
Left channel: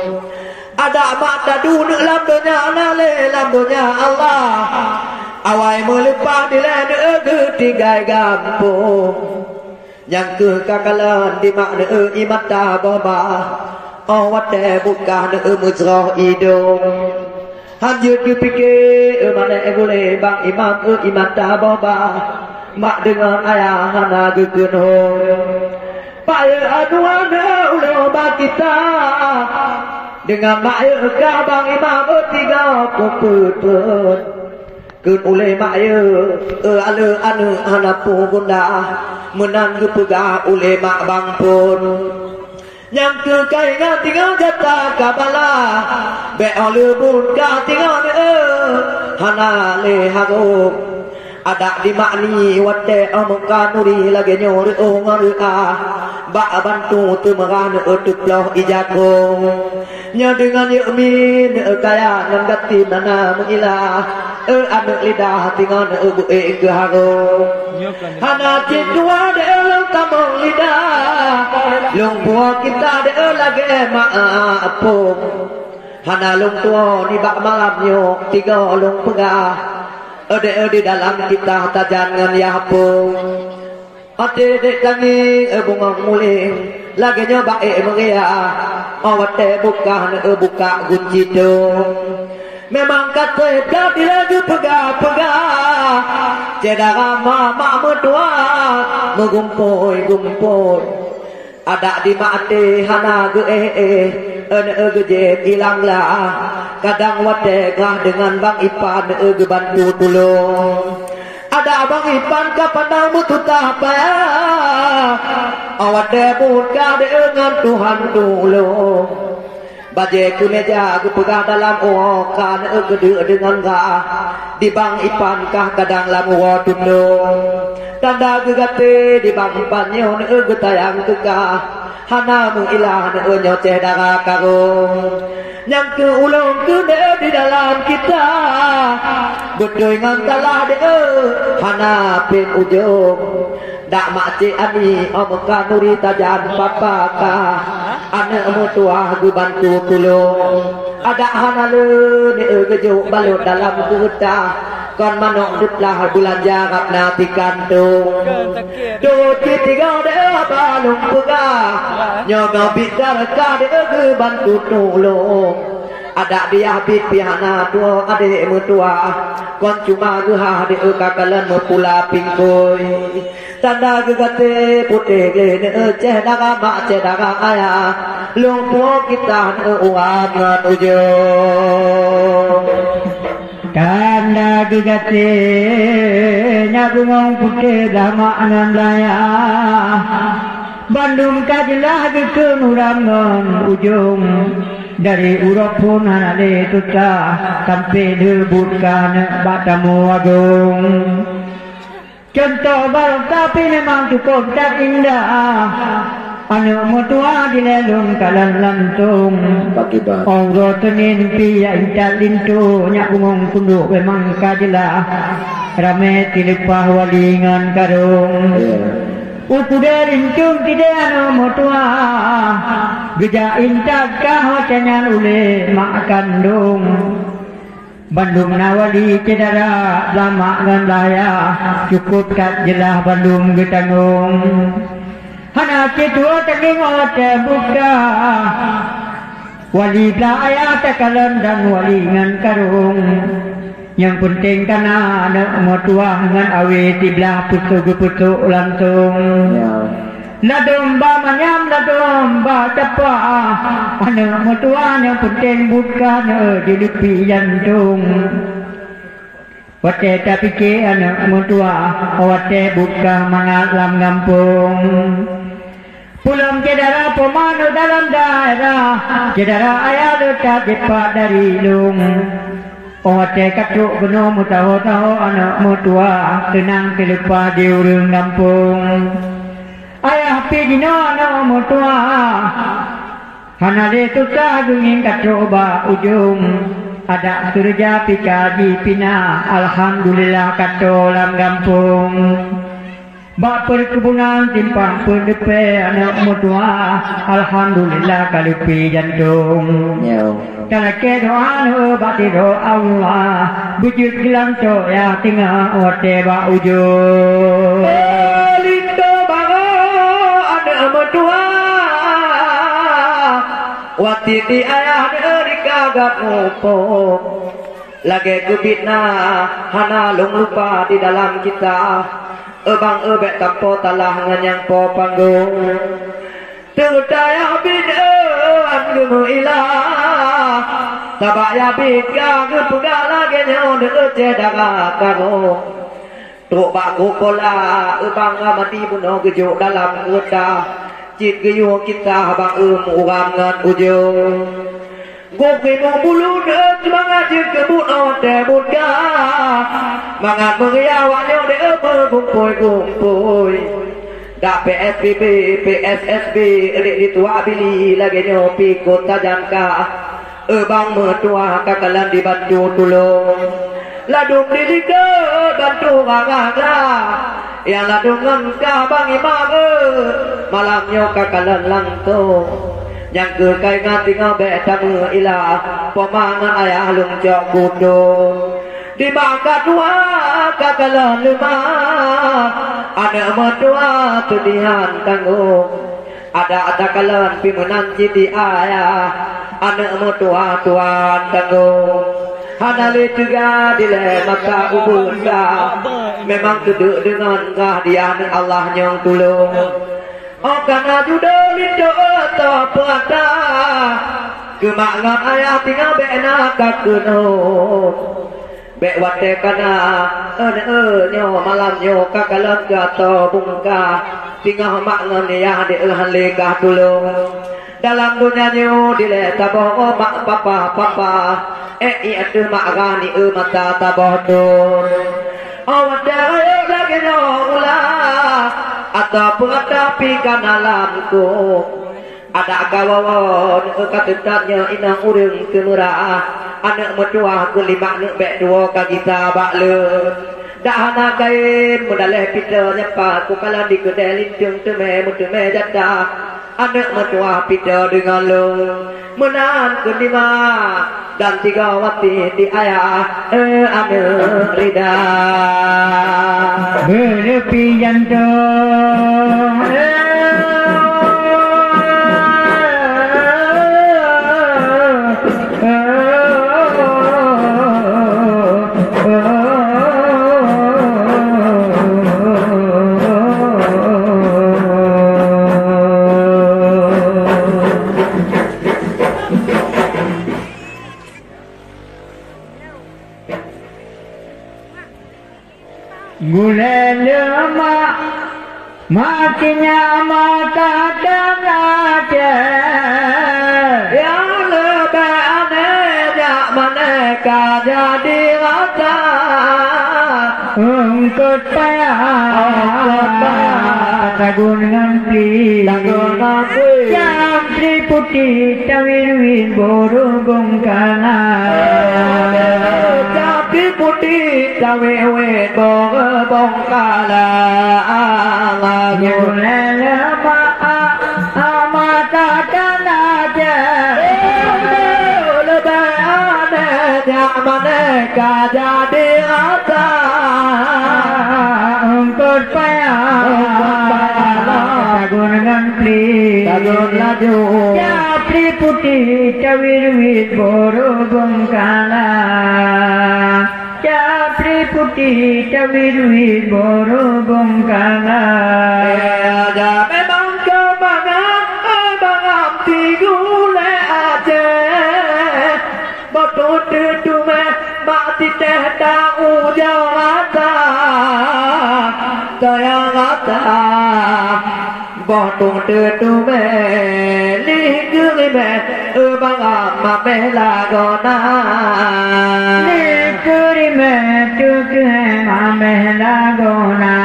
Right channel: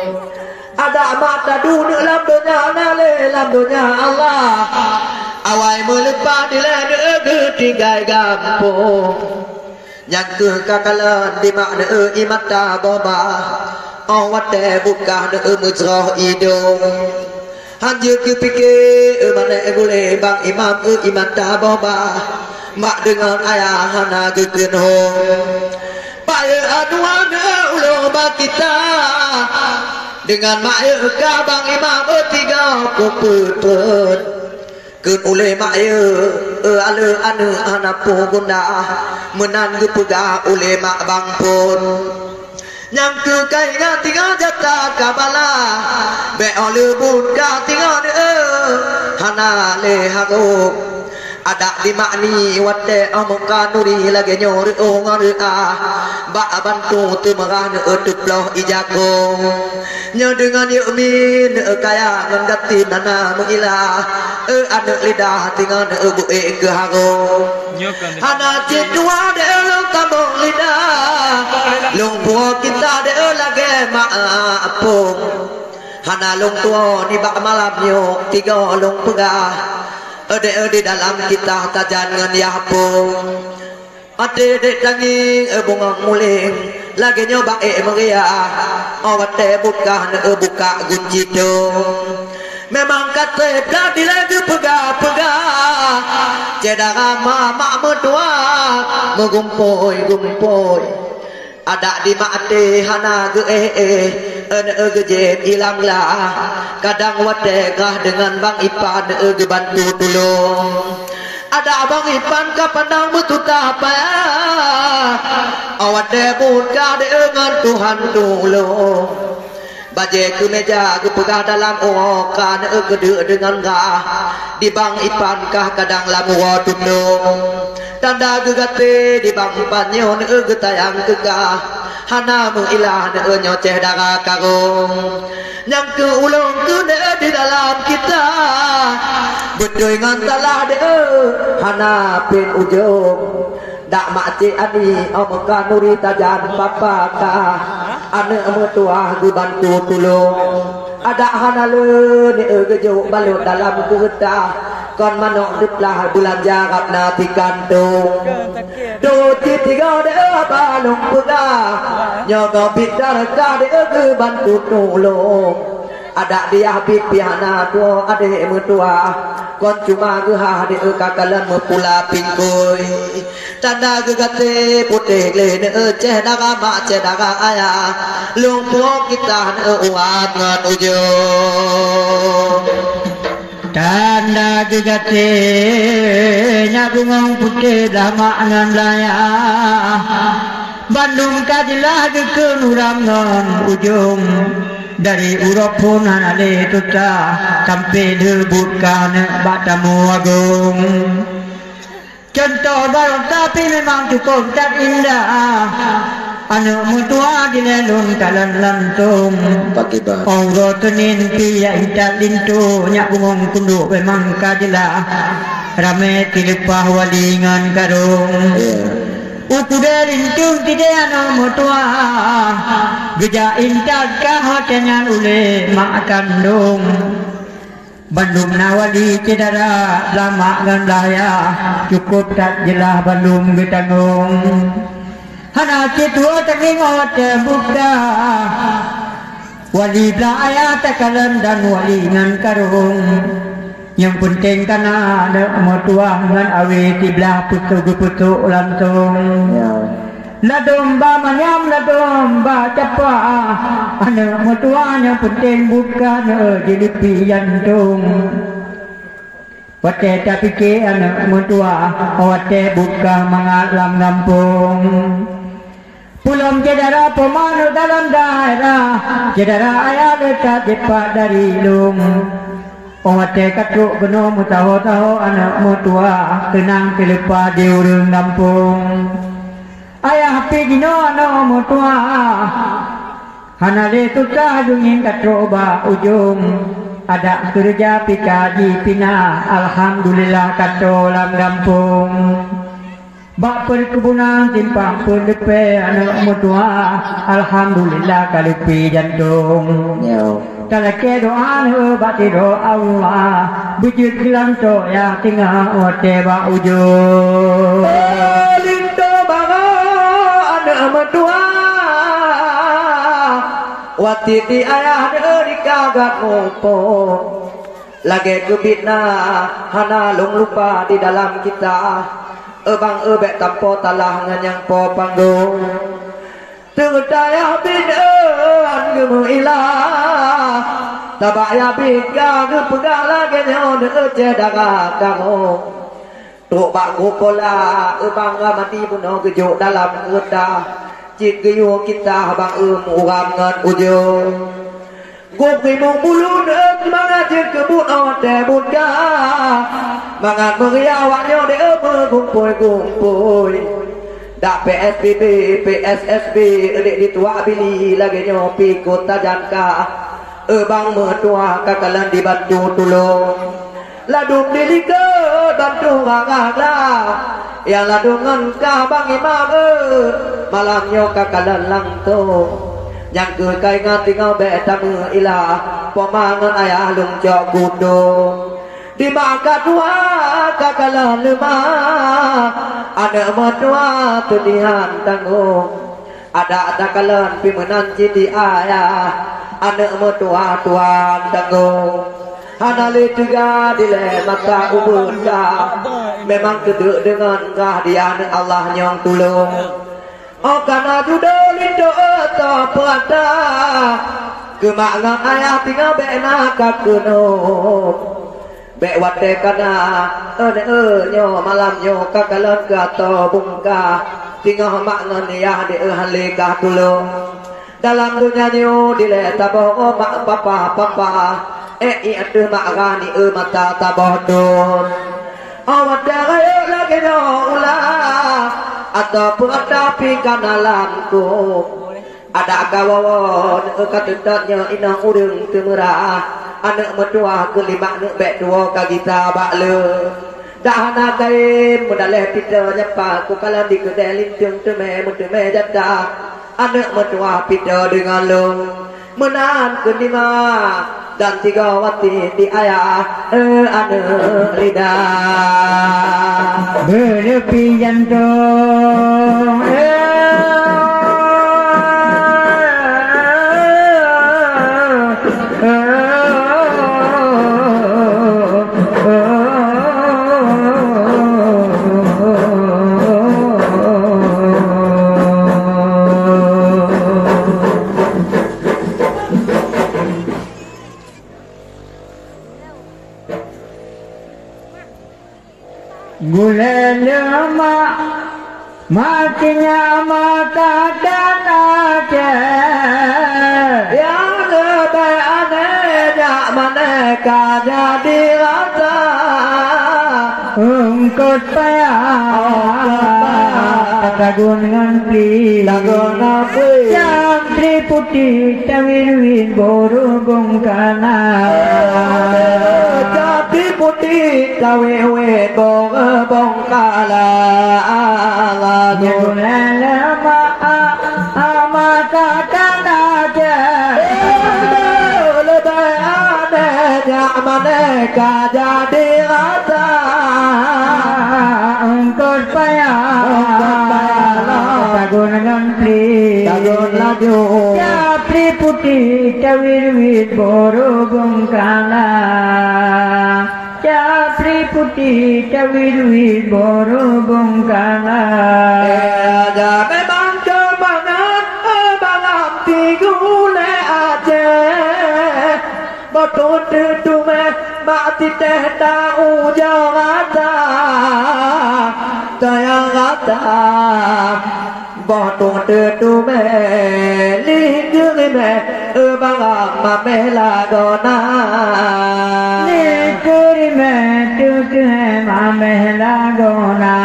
Ada mata duduk dalam dunia Allah. Awai melepas di lene ketiga gampung. Yang ke kakalan di makna imata boba. Awat buka ne muzrah hidung. Hanjut ke pikir mana boleh bang imam imata boba. Mak dengan ayah hana gekun hong. Paya aduana ulama kita dengan maya kabang imam tiga kuputun kun ule maya ale anu anapu bunda menan gepega ule mak bang pun yang ke kai ngan tinggal jata kabala be ole bunda tinggal hana le hago ada di makni wate omong kanuri lagi nyori ngori ba bantu tu merana tuploh ijago nya dengan yumin kaya ngati nana mengilah anak lidah tinggal bu ke hago hana cidua de tambong lidah lung buah kita de lagi maapung hana lung tua ni bak malam yo tiga lung pegah di dalam kita tajan ngan yapung ade dek tangi bunga muling lagi nyoba meriah awat buka kunci dong memang kata berarti lagi pegah cedera mama mertua mengumpoi ada di mati hana gejet hilang lah kadang wadegah dengan bang Ipan bantu tolong ada bang Ipan kapandang betuta apa awat buka dengan Tuhan tolong Baje ku meja ku pegah dalam okan gede dengan gah di bang ipan kah kadang lamu tundung tanda gegate di bang panyo getayang gegah hana mengilah nyoceh darah karung yang ke ulung ke di dalam kita bedoy ngantalah de hana pin ujung dak makcik ani omka nuri tajan papa ka ane mutua gu bantu tulung ada hana le ni gejo balut dalam kuta kon manok diplah bulan jarap nati kantung do tiga de balung puga nyono bidar ka de gu bantu tulung ada dia bit piana tua ade mutua kon cuma geuha de kakalan pula pingkoi tanda gegate putih le ceh daga mak ceh daga ayah lung puo kita uat ngan ujung tanda gegate nyabungong putih mak ngan laya Bandung kajilah ke nurangan ujung dari Uropun anale tuta sampai debutkan batamu agung contoh balong tapi memang cukup dan indah anu mutua di lelung kalan lantung Allah tenin pia incat lintu nyak bungong kunduk memang kajilah rame tilipah walingan karung Ukuda lincung tidak anu mutua geja intak kah canyan ule mak kandung Bandung nawali cedera lama gamlaya cukup tak jelah Bandung getanggung hana cetua telingot buka wali belaya tekalan dan wali ngan karung yang penting karena ada mutua ngan awe tiblah putu langsung Ladomba manyam ladomba capa ana mutua yang penting bukan di lupi jantung wate tapi ke anak mutua wate buka mangalam gampung pulang jedara pemanu dalam daerah jedara ayah dekat jepat dari lung wate katruk geno mutaho-taho anak mutua tenang telepa di urung gampung ayah pidino anak mutua hanale tutah dungin kacoba ujung ada kerja pikaji pina alhamdulillah katolam gampung bak perkebunan timpang pendepe anak mutua alhamdulillah kalupi jantung talake doa no batiro Allah bujut gelang to yang tinggal ote ba ujung lindo baga anak mutua wati di ayah dari kagak ngopo lagi kebitna hana lung lupa di dalam kita ebang ebek tampo talah nganyang po panggung terdaya bid'an gemu ilah tabaya bika gepega lagi nyaw de daga kago tuk bak gopola ebang mati puno gejuk dalam udah cit geyo kita bang urangan ujung gopi mo bulu dek mangajir kebun ote buka mangan meriawaknya de gumpoi dak PSBB PSSB adik ditua bili lagi nyopi kota jangka ebang mertua kakalan dibantu tulung ladung dilika bantu ngangala yang ladungan ka bang imam malamnya kakalan langtung yang ke kai ngati ngabe tamu ilah pemangan ayah lung jok kudung di maka tua kakalan lemah ada mertua tudihan tanggung ada kakalan pimenan citi ayah ada mertua tuan tanggung hanali juga dile mata ubun ka memang keduk dengan kah dia Allah nyong tulung oh karena judo lido atau puata kemangan ayah tinggal bena kakeno bek wate kana nyo malam nyo kakalan gato bungka tinggal mak ngan ya de hanle ka tulung dalam dunia nyu dile tabo mak papa iya tu mak gani mata tabo don awada lagi nyola ataupun ada pikan alamku ada kawawan katutannya inang urung temurah anak mertua kelima nak bek dua kagita bakle dah nak kai modaleh pita nyapa ku kala di kedai lintung teme jata anak mertua pita dengan lo menan kedima dan tiga wati di ayah anak rida berlepi jantung Gula lemak matinya mata aja yang lebih aneh jak maneka jadi rata engkau tagun ngampli Campri putih tawirwin borobong kanan Campri putih tawirwin borobong kanan Gulala mata aja lebih aneh jak maneka jadi rata engkau tagun ngampli Capri putih cawir-wir borobong kalah Capri putih cawir-wir borobong kalah ada memang kemangan abang tigule aja botol tume mati teh tahu jawata tayang rata botol tume ligurime abang mame lagona ligurime tuke mame lagona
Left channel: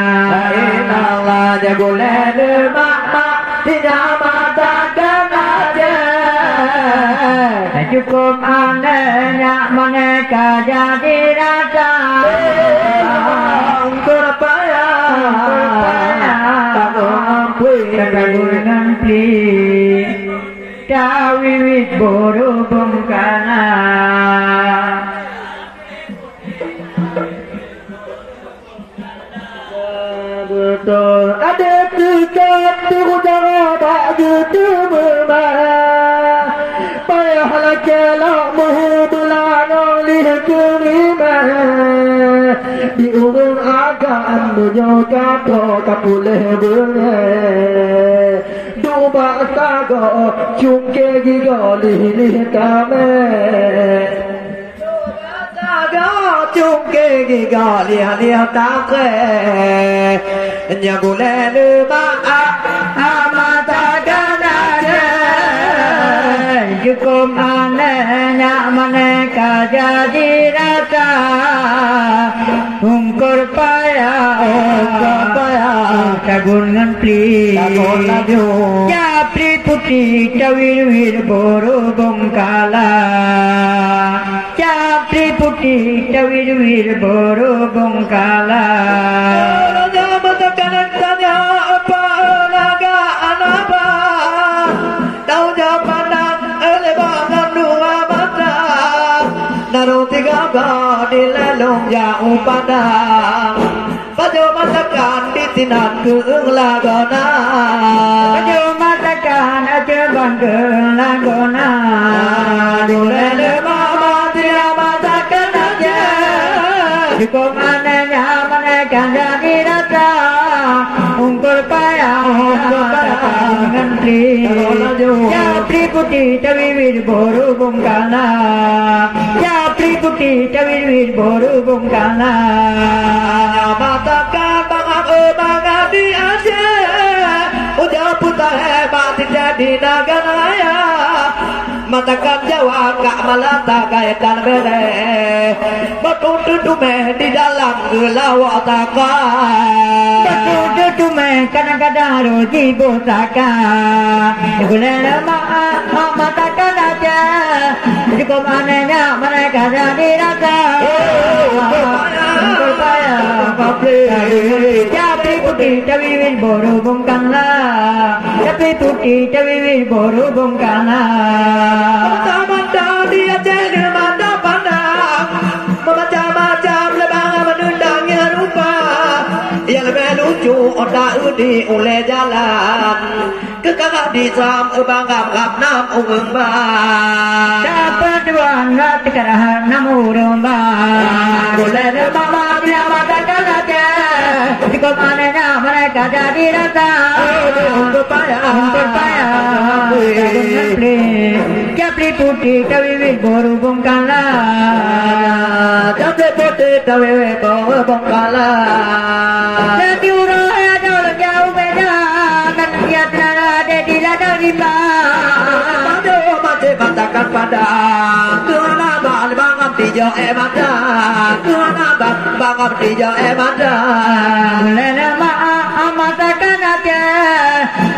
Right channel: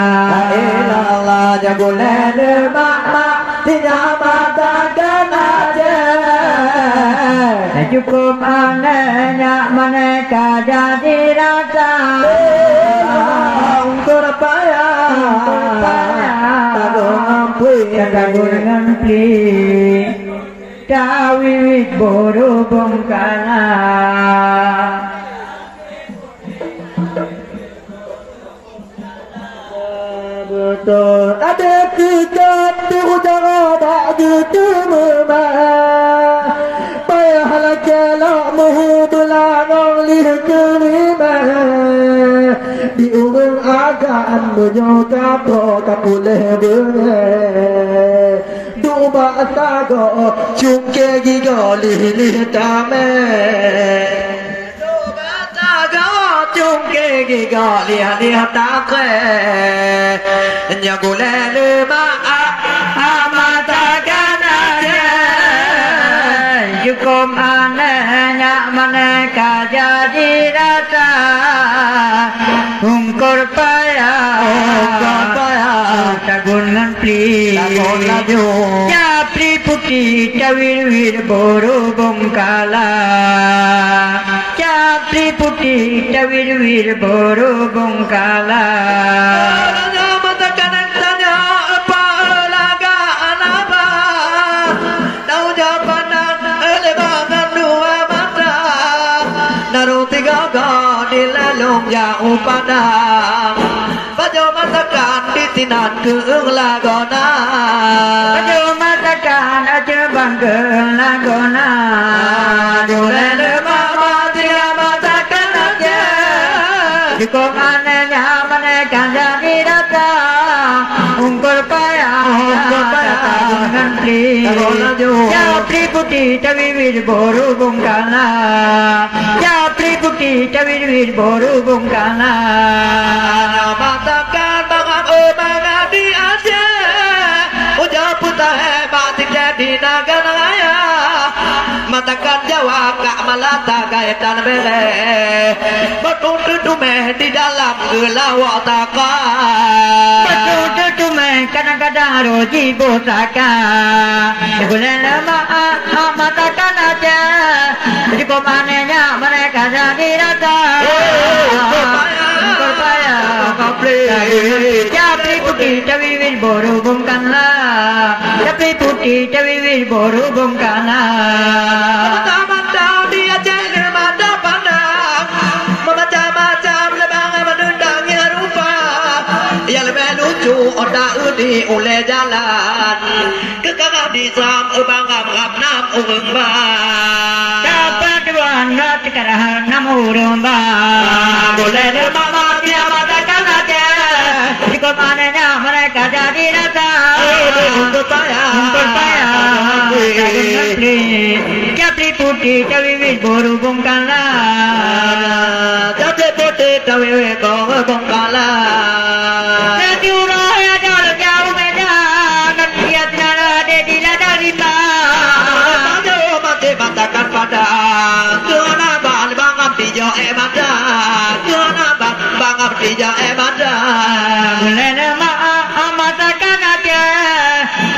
inala jagulene mama tinyamata aja cukup anehnya mereka jadi rasa Katagun ngampli Cawiwit borobong kalah ada tiga tuh jangan tak gitu memang payah lagi lah muhudulan oleh kerimah di umur agan menyoga kapuleh bener duba sago cungke gigali litame Chungke gigali lihatake nyagulele ma amata ganare cukup anehnya mereka jadi rasa ungkur payah tagun ngampli Capri putih cawir-wir borobong kalah Capri putih cawir-wir borobong kalah Naruh tiga di lalung jauh padang Baju masakan di sinan keung lagona Baju masakan aja bangke lagona Dulele mama tidak masakan aja Cukup anehnya mereka jadi rasa ungkul payah ngantri Capri putih cawir-wir borobong kalah Capri putih cawir-wir borobong kalah Masakan bangam di aja Udah putar hebat tidak di naganaya matakan Jawa kak malata kaitan bele betul meh di dalam gelawak taka betul meh kadang-kadang roji bosaka boleh lama matakan aja cukup anehnya mereka jadi rasa berpaya Capri putih cawil boru bongkanlah Capri putih cawil boru bongkanlah mata-mata dia jadi mata pandang macam-macam lebang menundangnya rupa yang lebih lucu otak udi oleh jalan kekagak di jam bangam nam umba dapat duan nggak sekarang namu rumba boleh mama punya matakan aja cukup anehnya mereka jadi rasa berpaya Capri putih cawil boru bongkanlah Capri putih cawil boru bongkanlah nanti urahnya jauh beda kan lihat nara di ladang rimba masih katakan pada Tuhan abang bangam tijo emada Tuhan abang bangam tijo emada boleh nama matakan aja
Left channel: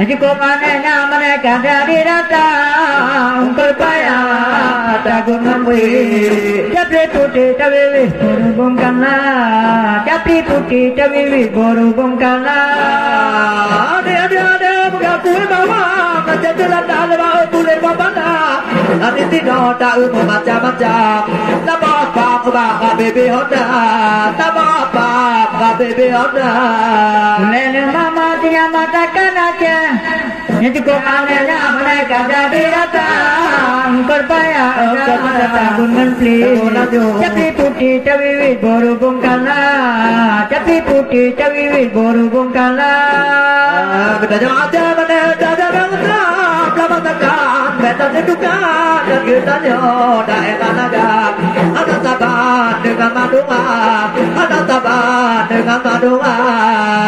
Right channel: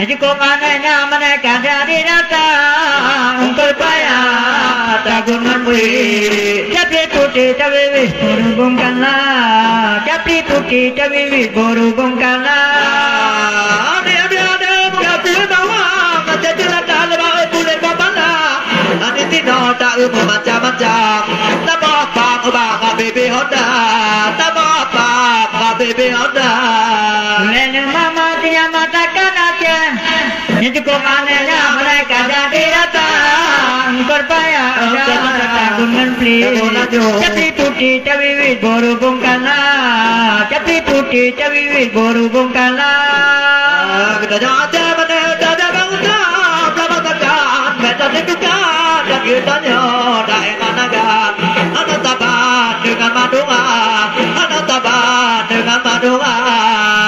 cukup anehnya mereka dari datang berpayah tagun memberi Capri putih cawil boru bongkanlah Capri putih cawil boru bongkanlah ada berarti bawa macam jalan dalam boleh kemana nanti tidak tahu macam-macam tak apa bang baby Honda tak apa bang baby Honda boleh mama dia matakan aja yang cukup anehnya mereka jadi datang berpayah tagun memberi Capri putih cawil boru bongkanlah Capri putih cawil boru bongkanlah kita aja mana ada bangsa lama tekan beta tegukan dan kita nyoda dengan agak ada tabat dengan madunga ada tabat dengan madunga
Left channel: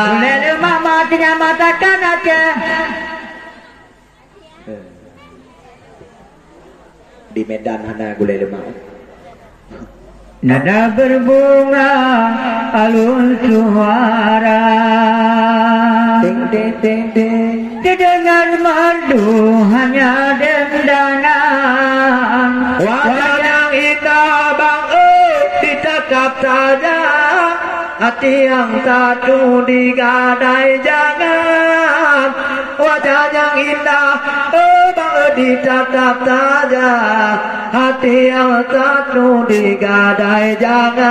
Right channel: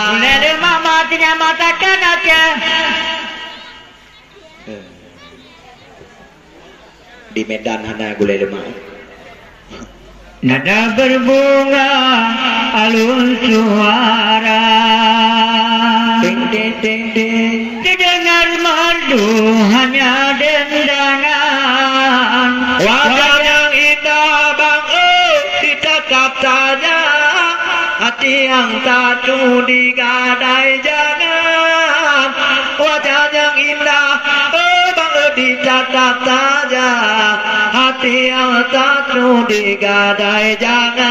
boleh mama dia matakan aja di Medan hana gulai lemak nada berbunga alun suara ding ding ding ding terdengar merdu hanya dendangan wajah yang indah bang ditatap saja hati yang satu digadai jangan wajah yang indah bang ditatap saja hati yang satu digadai jangan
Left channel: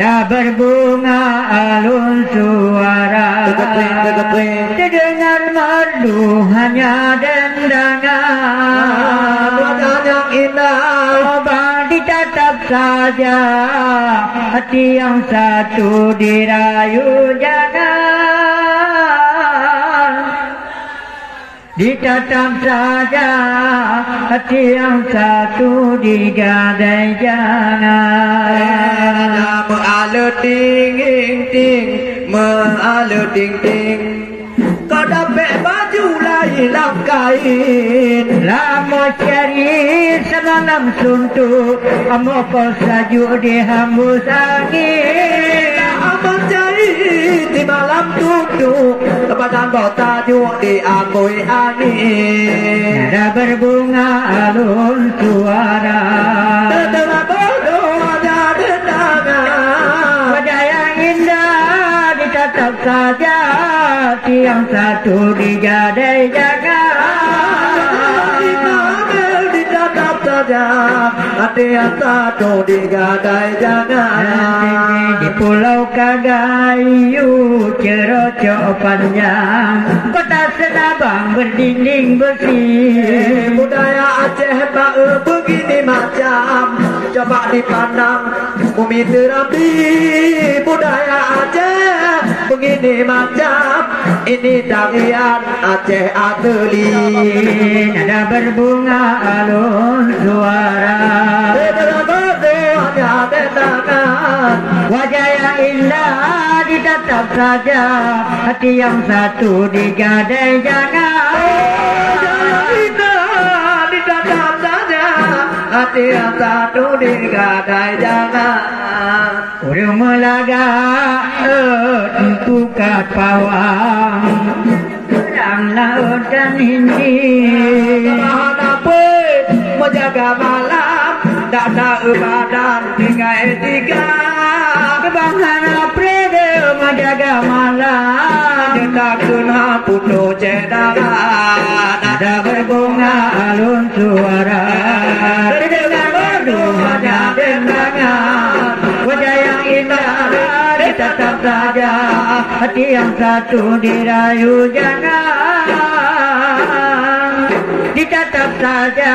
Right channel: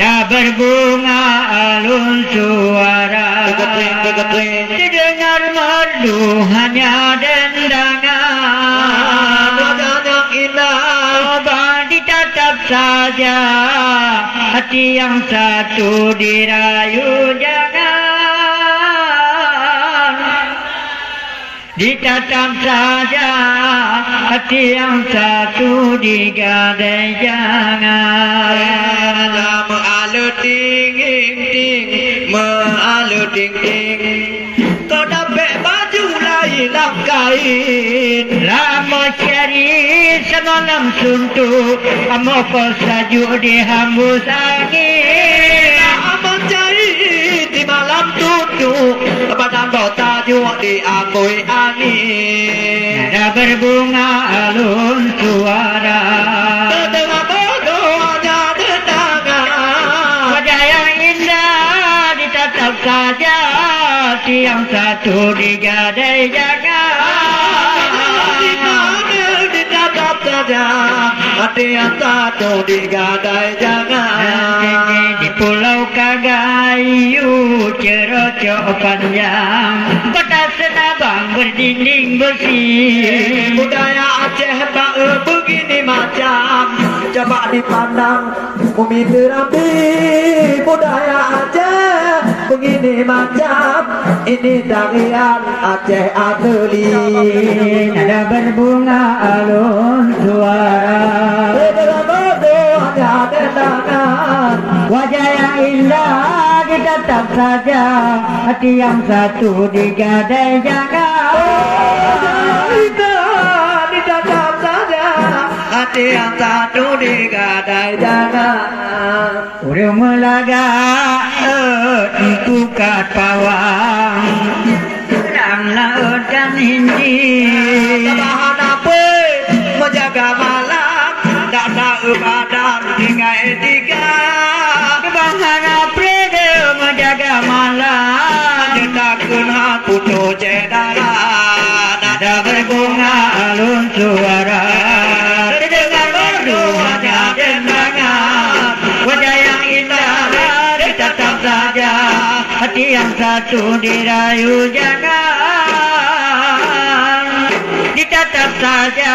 nada berbunga alun suara terdengar merdu hanya dendangan wajah yang indah bang ditatap saja hati yang satu dirayu jangan ditatap saja hati yang satu digadai jangan mengalu ting ting mengalu ting ting kau dapat baju lain kain lama cari semalam suntuk amo salju dihambus angin lama cari di malam duduk badan kota juga diangkui angin nada berbunga alun suara terdengar bodoh hanya dendangan wajah yang indah ditatap saja hati yang satu digadai jangan ditatap saja hati yang satu digadai jangan di pulau Kagayu cerocok panjang kota Senabang berdinding besi budaya Aceh begini macam coba dipandang bumi terambi budaya Aceh begini macam ini tarian Aceh Ateli nada berbunga alun suara wajah yang indah ditatap saja hati yang satu digadai jangan hati yang satu digadai jangan Udah melaga pukat pawang Sedang laut dan hindi Tabahan apa menjaga malam tak tahu badan hingga etika Kebangan aprede menjaga malam kita kena putus cedera Nada berbunga alun suara Terdengar merdu hanya dengangan Wajah yang indah ditatap saja Hati yang satu dirayu jangan Ditatap saja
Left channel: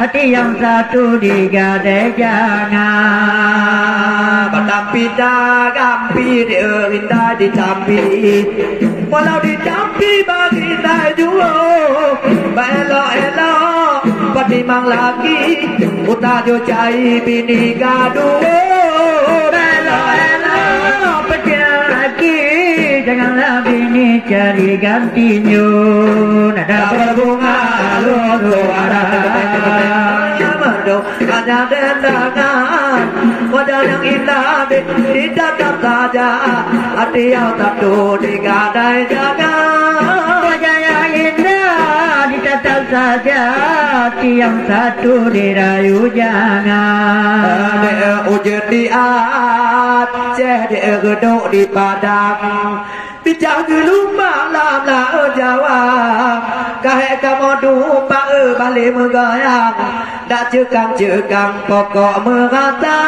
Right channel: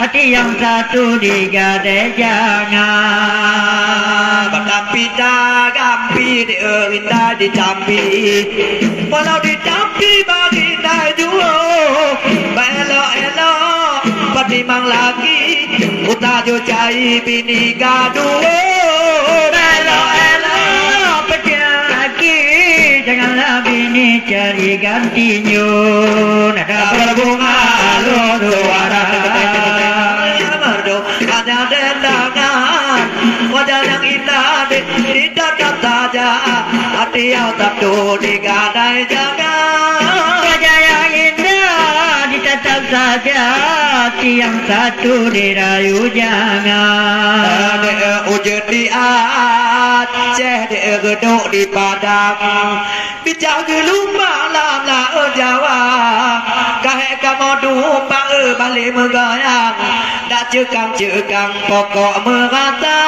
Hati yang satu digadai jangan Tapi gampi dia dicampi Walau dicampi bagi tajuo Elok-elok Patimang lagi Utajo cai bini gaduo Elok-elok Pecah lagi Janganlah bini cari gantinya Nada berbunga alun suara Hanya dendangan Wajah yang indah ditatap saja Hati yang satu digadai jangan Wajah yang indah ditatap saja Hati yang satu dirayu jangan Ada ujian di Aceh Dia geduk di Padang Bincang dulu malam lah Jawa Kahek kamu dupa balik megoyang Dak cekang-cekang pokok merata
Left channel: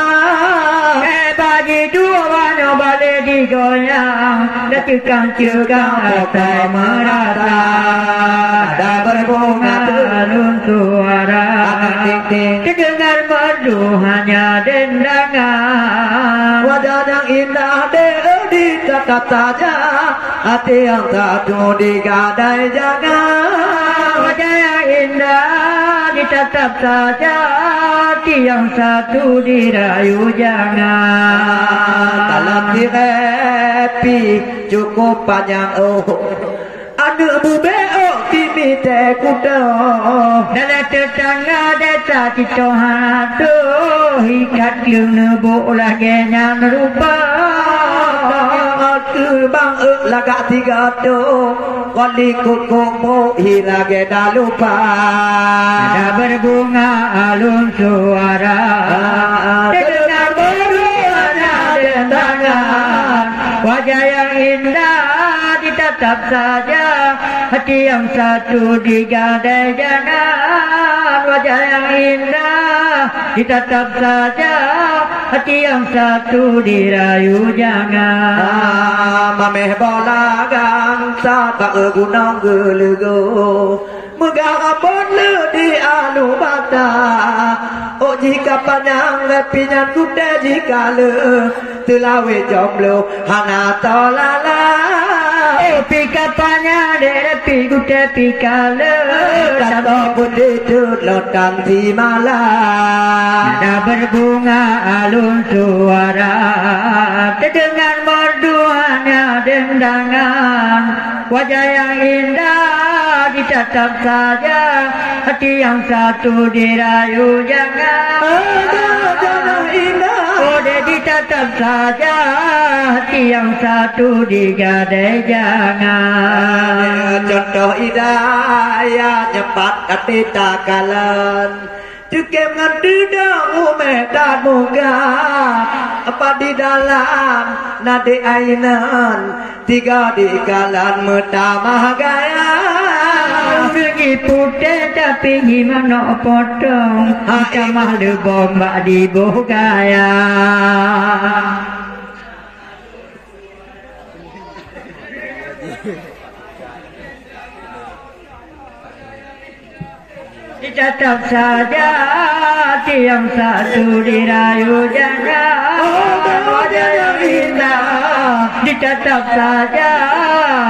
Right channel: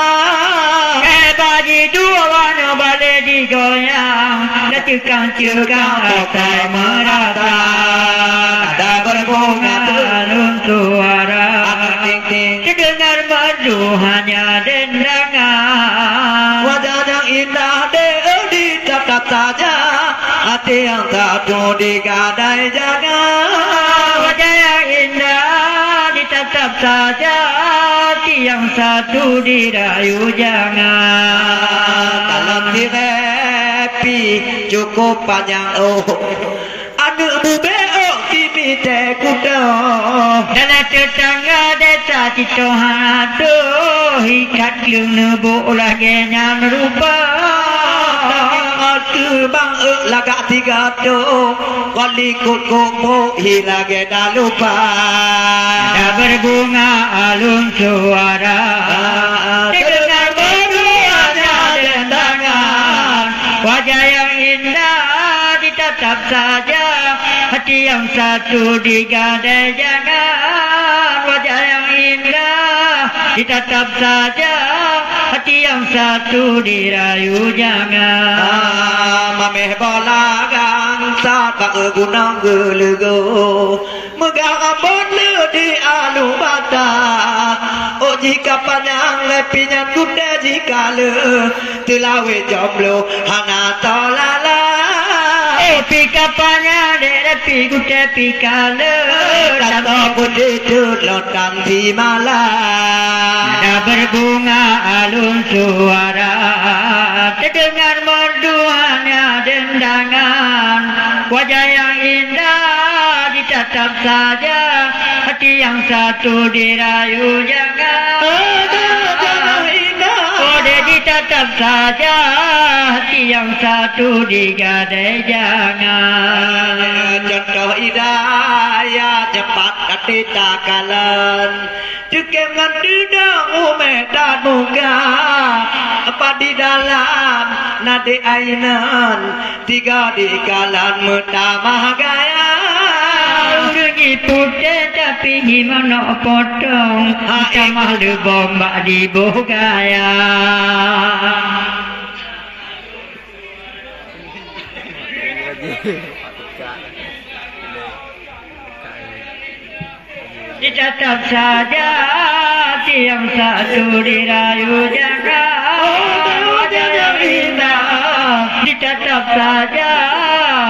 Bagi dua warna balik digoyang Dak cekang-cekang rata merata Ada berbunga alun suara ting-ting Terdengar merdu hanya dendangan Wajah yang indah ditatap saja Hati yang satu digadai jangan Wajah yang indah ditatap saja Hati yang satu dirayu jangan Dalam direpi cukup panjang Ada bebeok kimi teh kuda Dalam tetangga desa citohan aduh Ikat lu nebuk lagi nyan rupa Aku bang lagak tiga tu Wali kukumu hilage dah lupa Ada berbunga alun suara Terdengar berliana dendangan Wajah yang indah ditatap saja Hati yang satu digadai jangan Wajah yang indah ditatap saja Hati yang satu dirayu jangan Mameh bola gangsa tak gunang gelego Megara bonle di alu bata Oh jika panjang lepinyan kuda jika le Tilawe jomblo hana tolala Pika panjang derepi kuda pika le Dato putih lotang di malam Ada berbunga alun suara Terdengar merdu hanya dendangan Wajah yang indah ditatap saja Hati yang satu dirayu jangan Jangan indah Oh dia ditatap saja Hati yang satu digadai jangan Contoh hidayah cepat hati takalan Dikem nanti dah dan muka Apa di dalam nadi ainan Tiga di kalan mutamah gaya Urungi putih tapi gimana potong Kamah lebom bak di gaya Ditatap saja hati yang satu dirayu jangan Wajah yang indah ditatap saja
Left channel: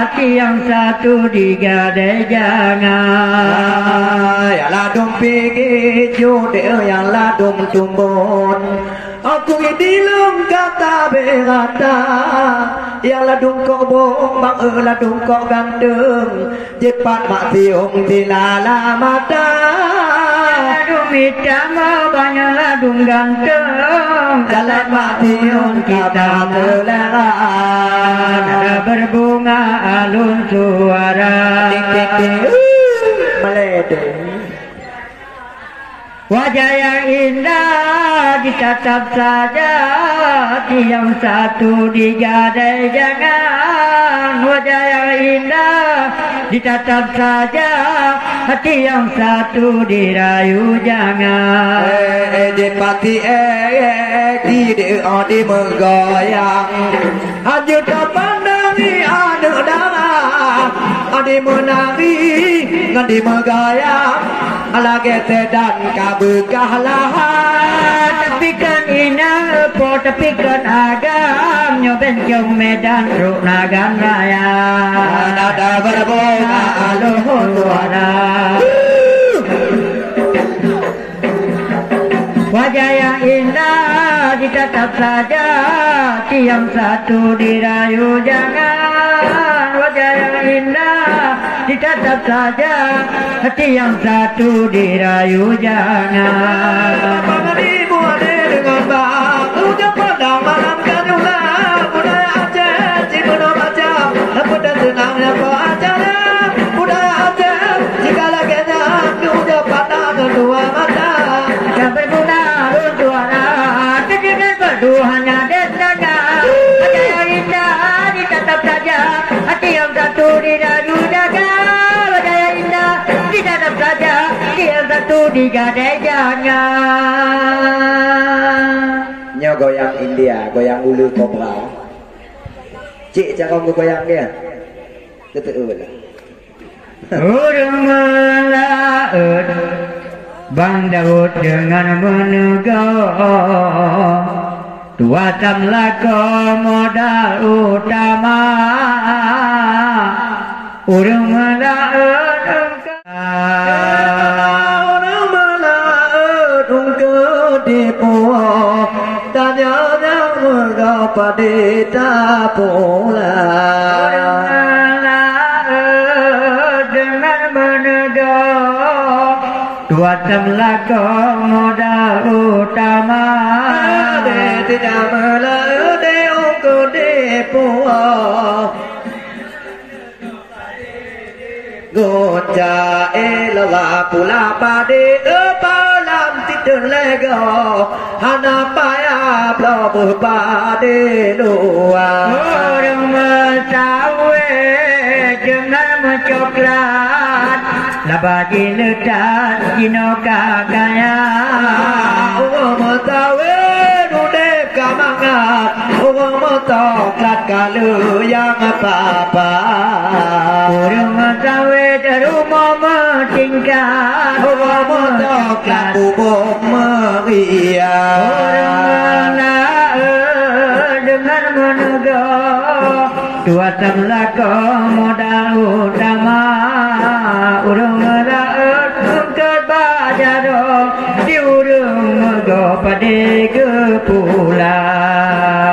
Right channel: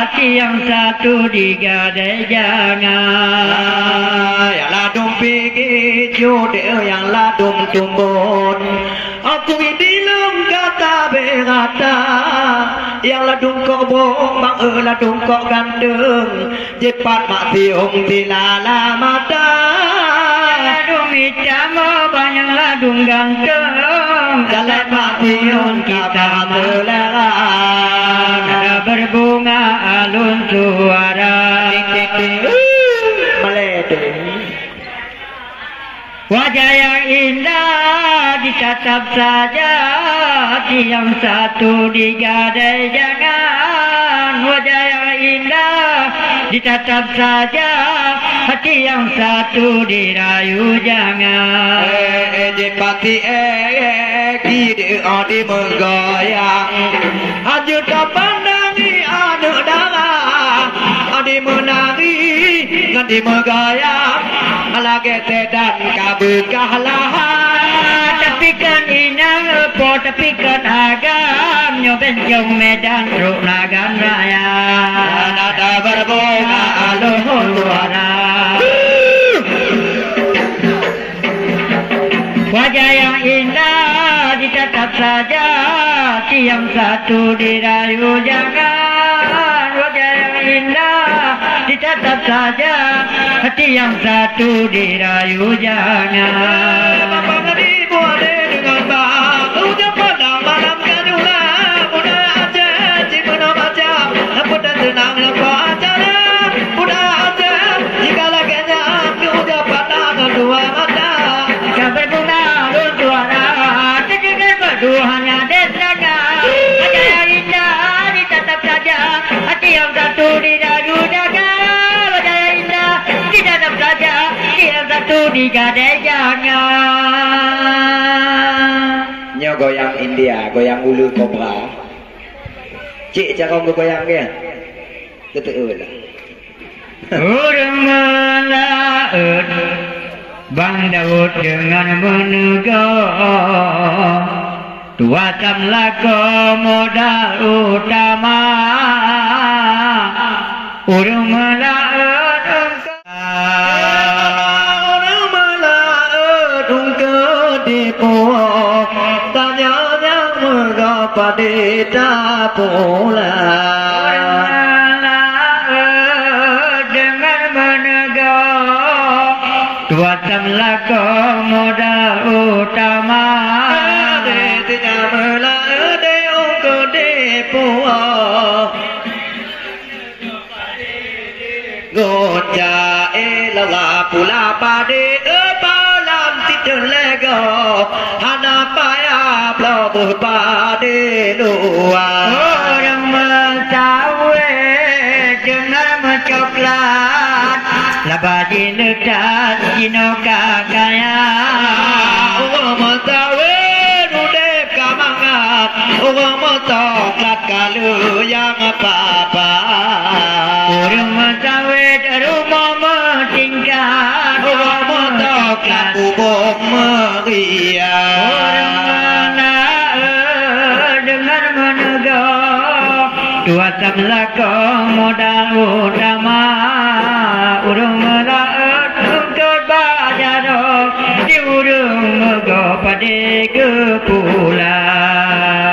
hati yang satu digadai jangan Yang ladung pergi jodoh yang ladung tumbun Aku dilung kata berata Yang ladung kok bohong mak ladung kok gandeng Jepat mak tiung dilala mata Aduh minta banyak gantung jalan matiun kita melaran berbunga alun suara meledeng. Wajah yang indah ditatap saja, hati yang satu digadai jangan. Wajah yang indah ditatap saja, hati yang satu dirayu jangan. Dipati di menggoyang, hanya tak pandangi ada darah, ada menari ngadi menggoyang. Lagi dan kabukahlah. Tapi kan inang po tapi kan agam nyoben jong medan ruk nagan raya. Nada berbunga Aluhur suara. Wajah yang indah ditatap saja, hati yang satu dirayu jangan. Wajah yang indah ditatap saja, hati yang satu dirayu jangan. Penganimu ada dengan bang, uga pandang malam kanulah, budaya Aceh, cikuna macam, pudan senangnya pacara, budaya Aceh, jika laganya uga pandang dua mata. Yang berguna suara, terdengar berdua hanya desanya. Wajah yang indah ditatap saja, hati yang satu dirayu jangan. Wajah yang indah ditatap saja, hati yang satu digadai jangan. Nyo goyang India, goyang ulu kobra. Cik cara goyang dia. Betul lah. Urang melaut Bang Daud dengan menegar tua tamlako modal utama urang melaut Orang melaut ungkau di puak, tanya yang mengapa di tapula. dengan menegar tua tamlako modal utama Tidak melaut di ungkau di puak. Gonja elala pula pade palam tidur lego hana paya blobuh pade luar. Orang mencawe dengan mencoklat labadi ledat jino kakaya. Orang mentawe nudek kamangat, orang mentoklat kalau yang apa-apa. Orang mencawe rumah mentingkat, Orang mentoklat bubuk meriah. orang melaut dengan menegar dua tamlako modal utama. Urung melaut untuk bajaro di urung mego pada kepulan.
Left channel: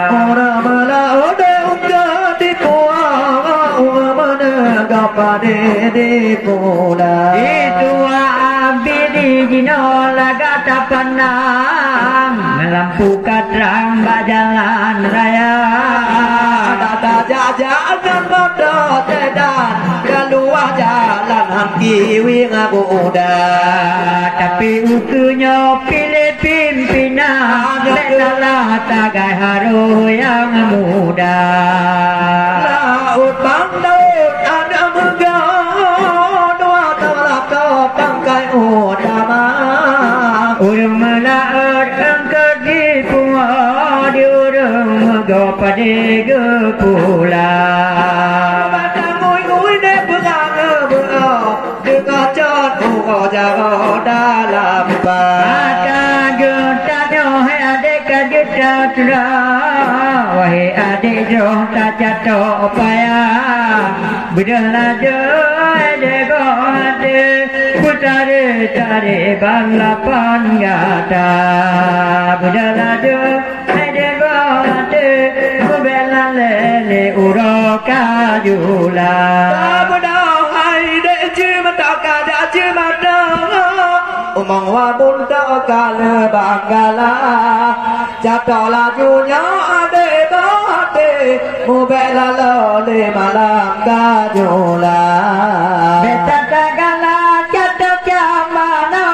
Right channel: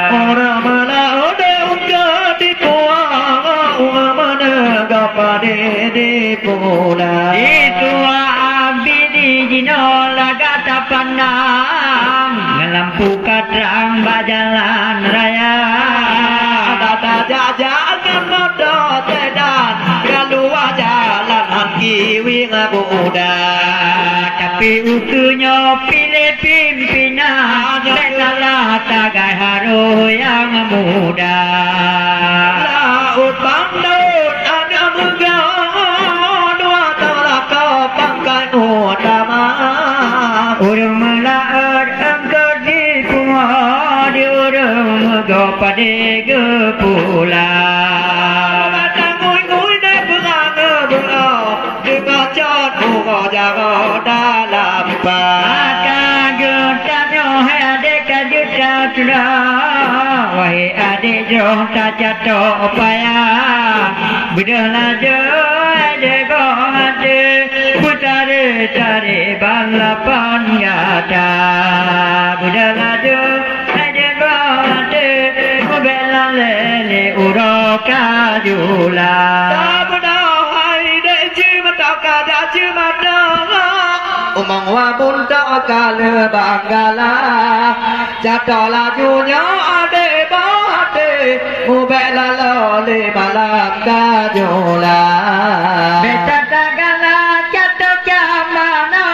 Orang melaut ungkap di puang, orang menegak pada di pulang. Itu abi di jino laga tapanang lampu katrang bajalan raya. Ada jajakan motor sedan, keluar jalan kiwi ngabuda. Tapi ukunya pilih pimpinan, salah tagai haru yang muda. Laut bandut ada megang, dua telaka pangkat utama. Urung melaut engkau di punga, di urung mego pada kepulan. Batang ngui-ngui dek berang berang, dengar cat urang jaga dalam bang. Akan juta hai adik juta sudah, wahai adik joh tak jatuh payah. Bedalah joh dego hati, putari-tari balapan gata. Bedalah joh dego hati, membela lele uroka jula. Tak benar hai dek cuma tak ada cuma dah. Umang wa bunda kala banggala jatuh lajunya ade bate mubela lole malam kajola beta tagala jatuh jamano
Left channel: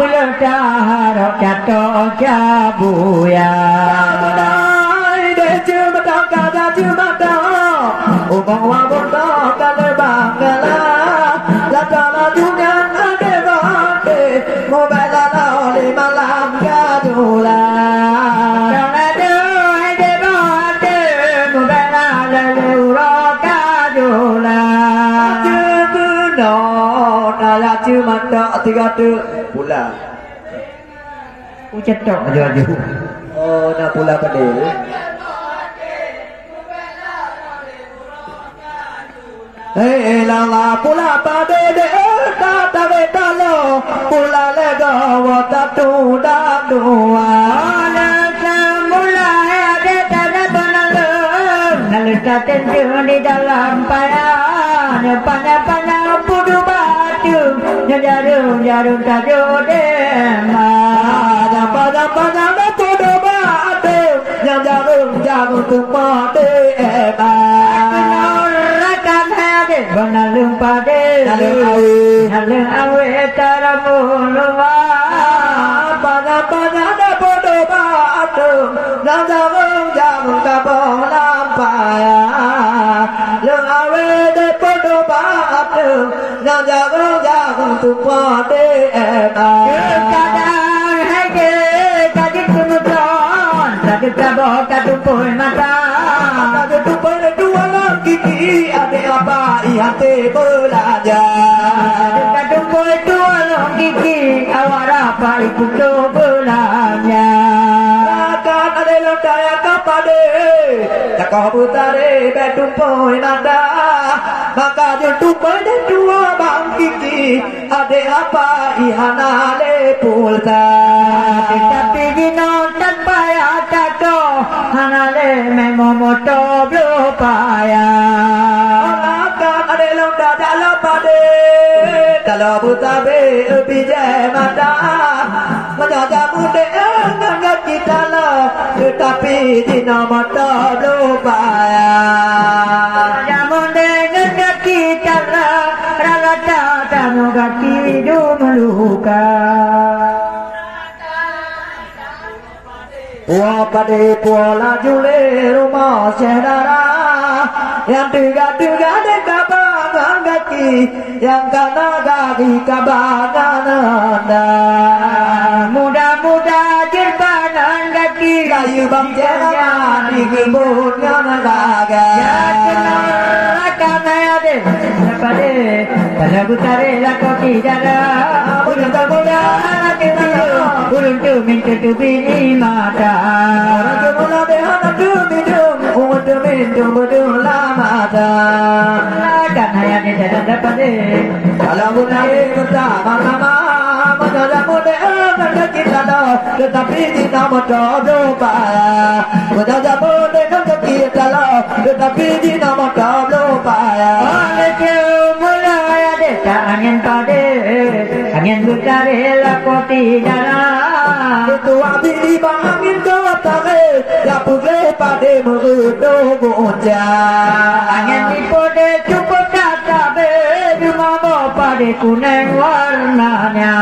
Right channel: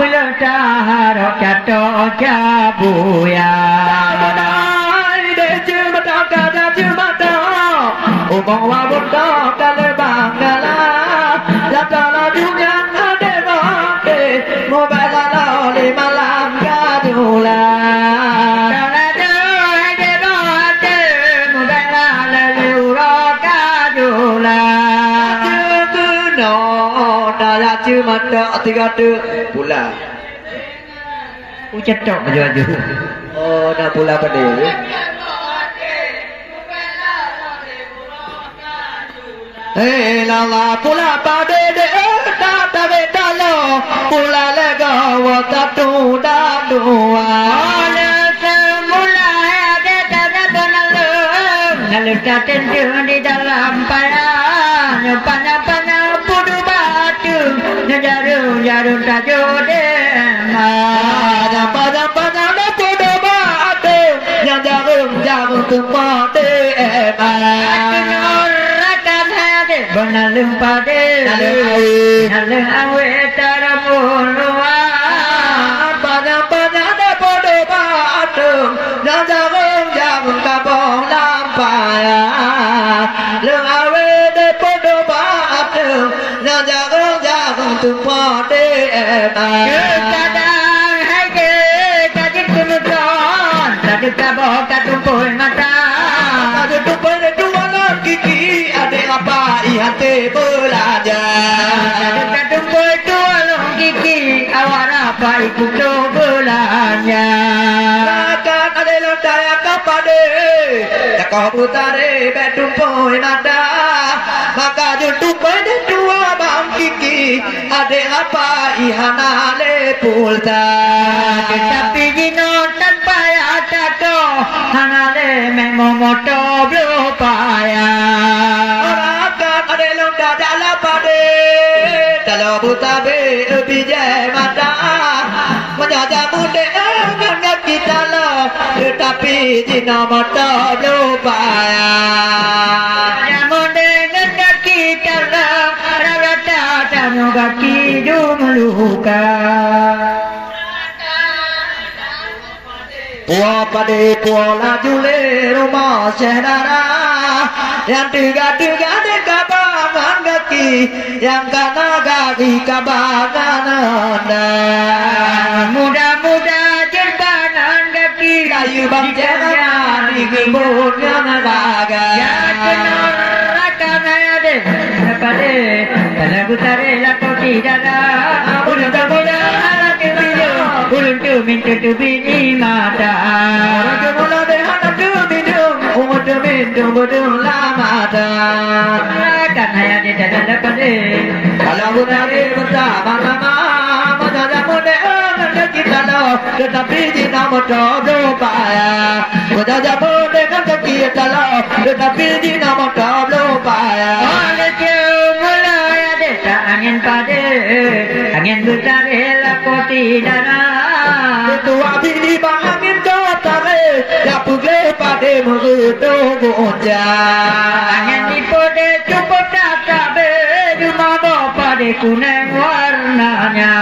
belum taharo jatuh jabuya Umang wa bunda kala banggala jatuh lajunya ade bate mubela lole malam kajola Cuma mata tiga tu pula. Ucap tok baju. Oh, nak pula pada. Lala pula pada de ta ta be ta lo pula lega wa ta tu da dua. Ala semula ada tada banalo. Lalu tentu di dalam parang pana-pana pudu batu jarum tajode ada pada pudu batu jarum tempade rakan hade banalung pade nalung awe taramulwa pada pudu batu jarum kabong lampaya lung awe de pudu batu jarum tempade kadang hage kadit kemudian kadut kabah kadupoi mata kadut tupai dua lagi ada apa ihate belajar kadupoi dua lagi awar apa ikut belanya akan ada lentaya kapade takau putare betumpoi mata maka jutupai dua bang kiki ada apa ihana le pulta tetapi jino tanpa atato hanale memomoto blupaya akan ada londa dalam pade kalau butabe bijai mata menyajamu dengan kita lo tetapi jino mata blupaya namun dengan kita lo rata tamu baki meluka Puan pade puan laju le rumah saudara yang tiga-tiga de kabangan kaki yang kana kaki kabangan anda muda-muda jerbanan kaki kayu bangsa di kebunnya naga ya kenal akan ada pade kalau butare lako tidara ulun muda anak video ulun tu minta tu bini mata orang mula behana tu minum untuk minum bodoh lama dah akan hanya di dalam pade kalau butare bersama-sama menjaga muda dengan kita lo tetapi jina motor berupaya menjaga muda dengan kita lo tetapi jina motor berupaya oleh mulai ada angin pade angin butare lako tidara tua bini bangin kotare ya pugle pade mengudo goja angin di pode cukup tatabe cuma bawa pade kuning warnanya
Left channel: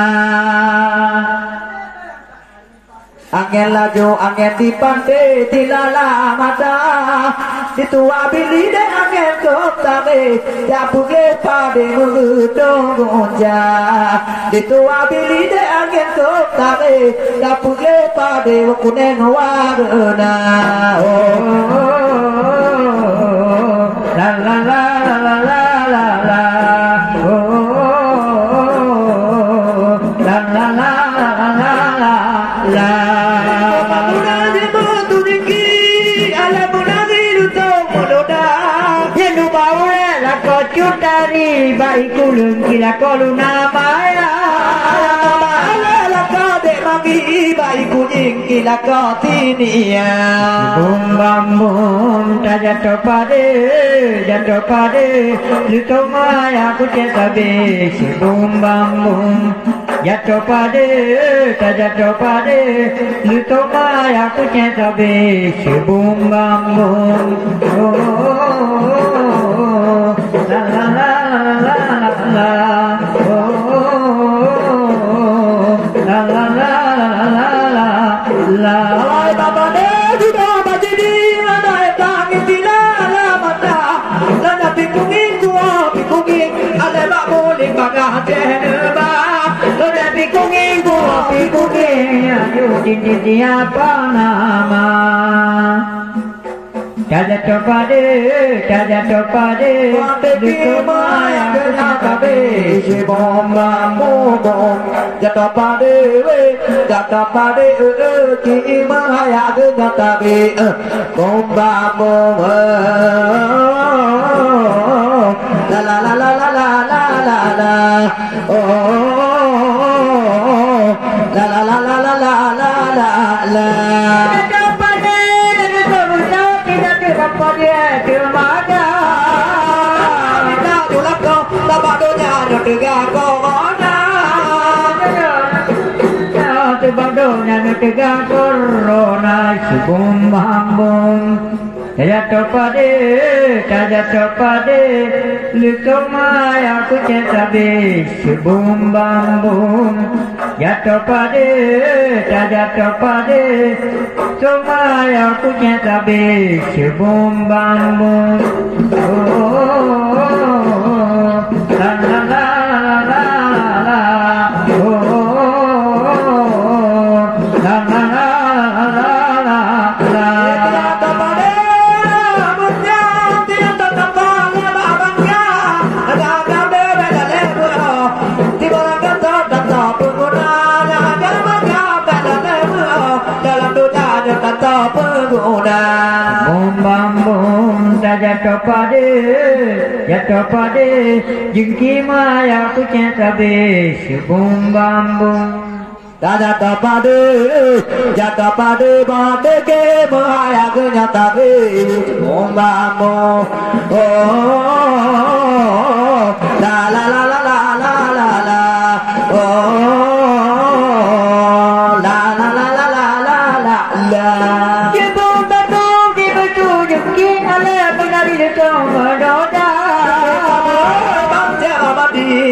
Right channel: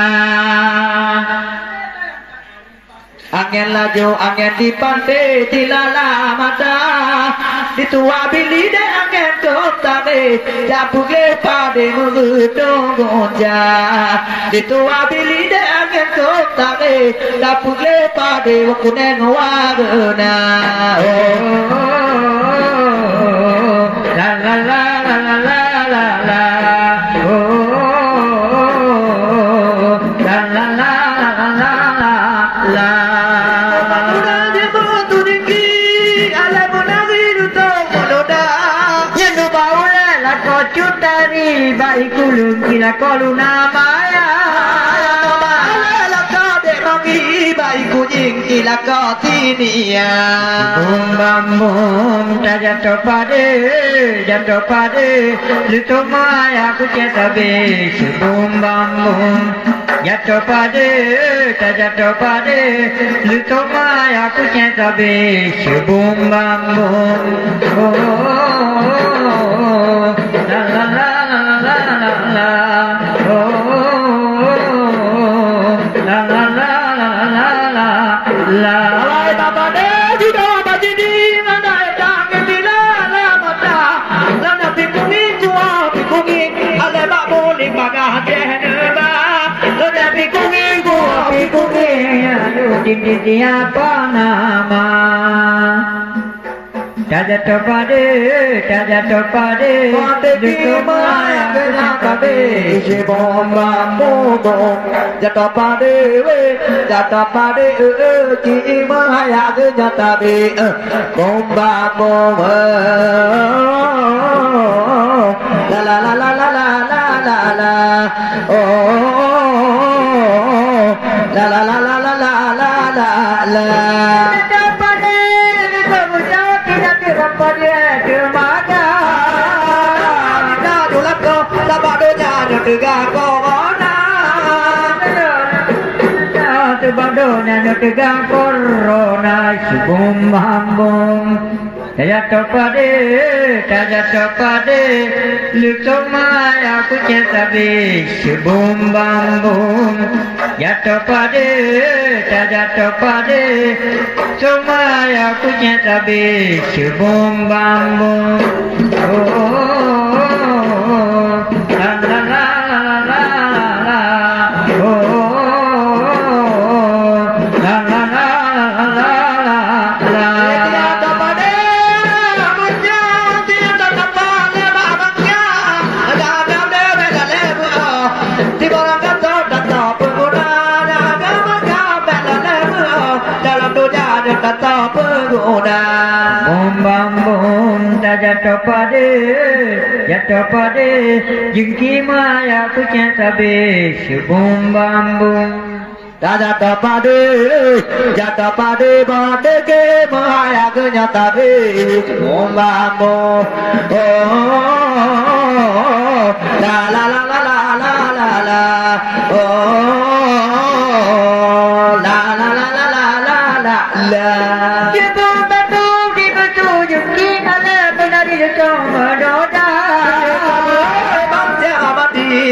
angin laju angin di pantai di lala mata di tua bini de angin kotare ya pugle pade mengudo goja di tua bini de angin kotare ya pugle pade kuning warna la la la la la la la la la la la la Cutari baik kulung kila koluna maya la ka de magi baik kuning kila ka tinia bum bam bum ta jatuh pade luto maya ku cetabe bum bam bum jatuh pada, tak jatuh pada, lu tomai aku cinta be, sebum bambung. Oh, la la la la la la, oh, la la la la la la la. Alai bapa de judo baji di mana dah ngetila la mata, lana pikungin jua pikungin, alai bak boleh bagah jehba. Pikungin, ayo di apa nama? Taja topade, dukumaya kenapa be? Si bomba bom, jatuh pade, ki maya kenapa be? Bomba bom, la la la la la la la la, oh. La la la la la la la la la. Tidak pada berusaha tidak terpadu termaga. Tidak julap kau tak padunya tegak corona. Tak padunya tegak corona. Sebum hambung. Jatuh pada, lu tomai aku cinta be, sebum bambung. Jatuh pada, tomai aku cinta be, sebum bambung. Oh, la la la la la, oh, la la la la la la. Bom jatuh pada jengki maya aku cinta be sebum bambung. Jatuh pada bade ke maya aku nyata be sebum bambung. Oh, la la la la la la la la, oh, la la la la la la la la.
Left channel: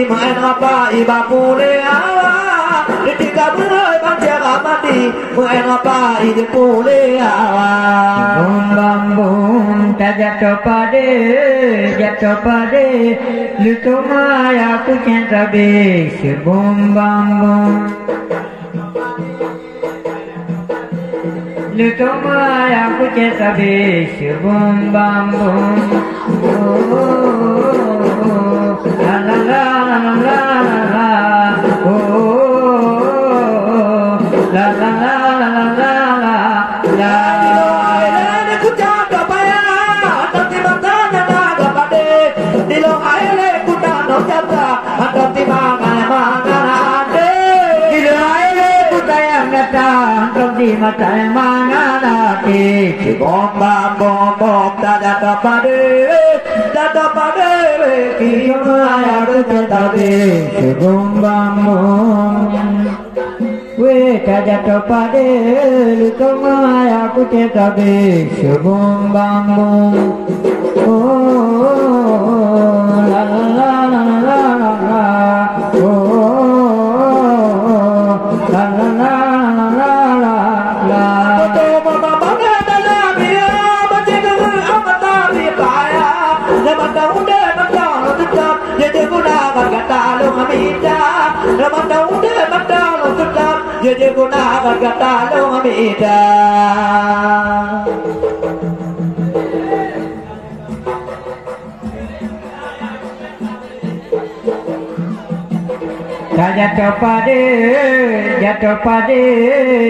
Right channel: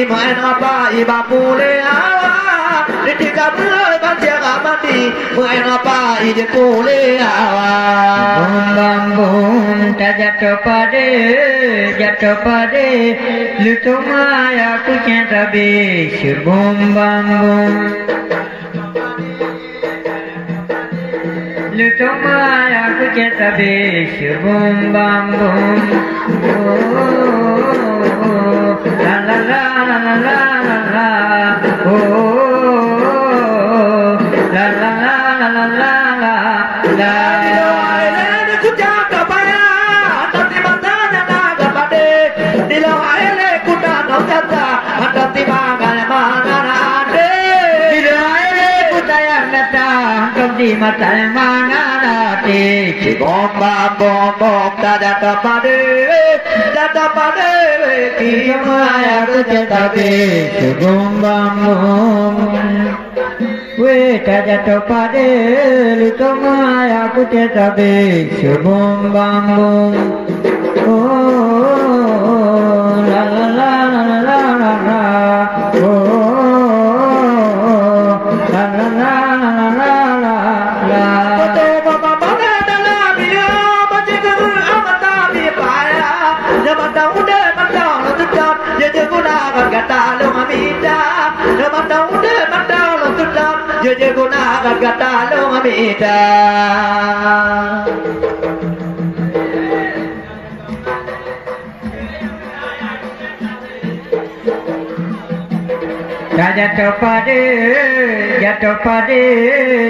Main apa iba boleh awak, ketika berkanjeng mati, main apa ide boleh awak. Bambung tak jatuh pada, lu tomai aku cinta be, sebum bambung. Lu tomai aku cinta be, sebum bambung. Oh, la la la la la la, oh, la la la la la la la. Ini ku jaga payah, nanti matanya naga pade. Di lo aile ku jaga kata, nanti mana ade. Di lo aile ku sayang kata, nanti matanya mana ade. Bom tada pade. Maya aku cinta be sebum bambung. We tak jatuh pada, lu tomai aku cinta be sebum bambung. Oh, la la la la la la la, oh, la la la la la la la. Jadi gunakan kata lu amida. Jatuh pada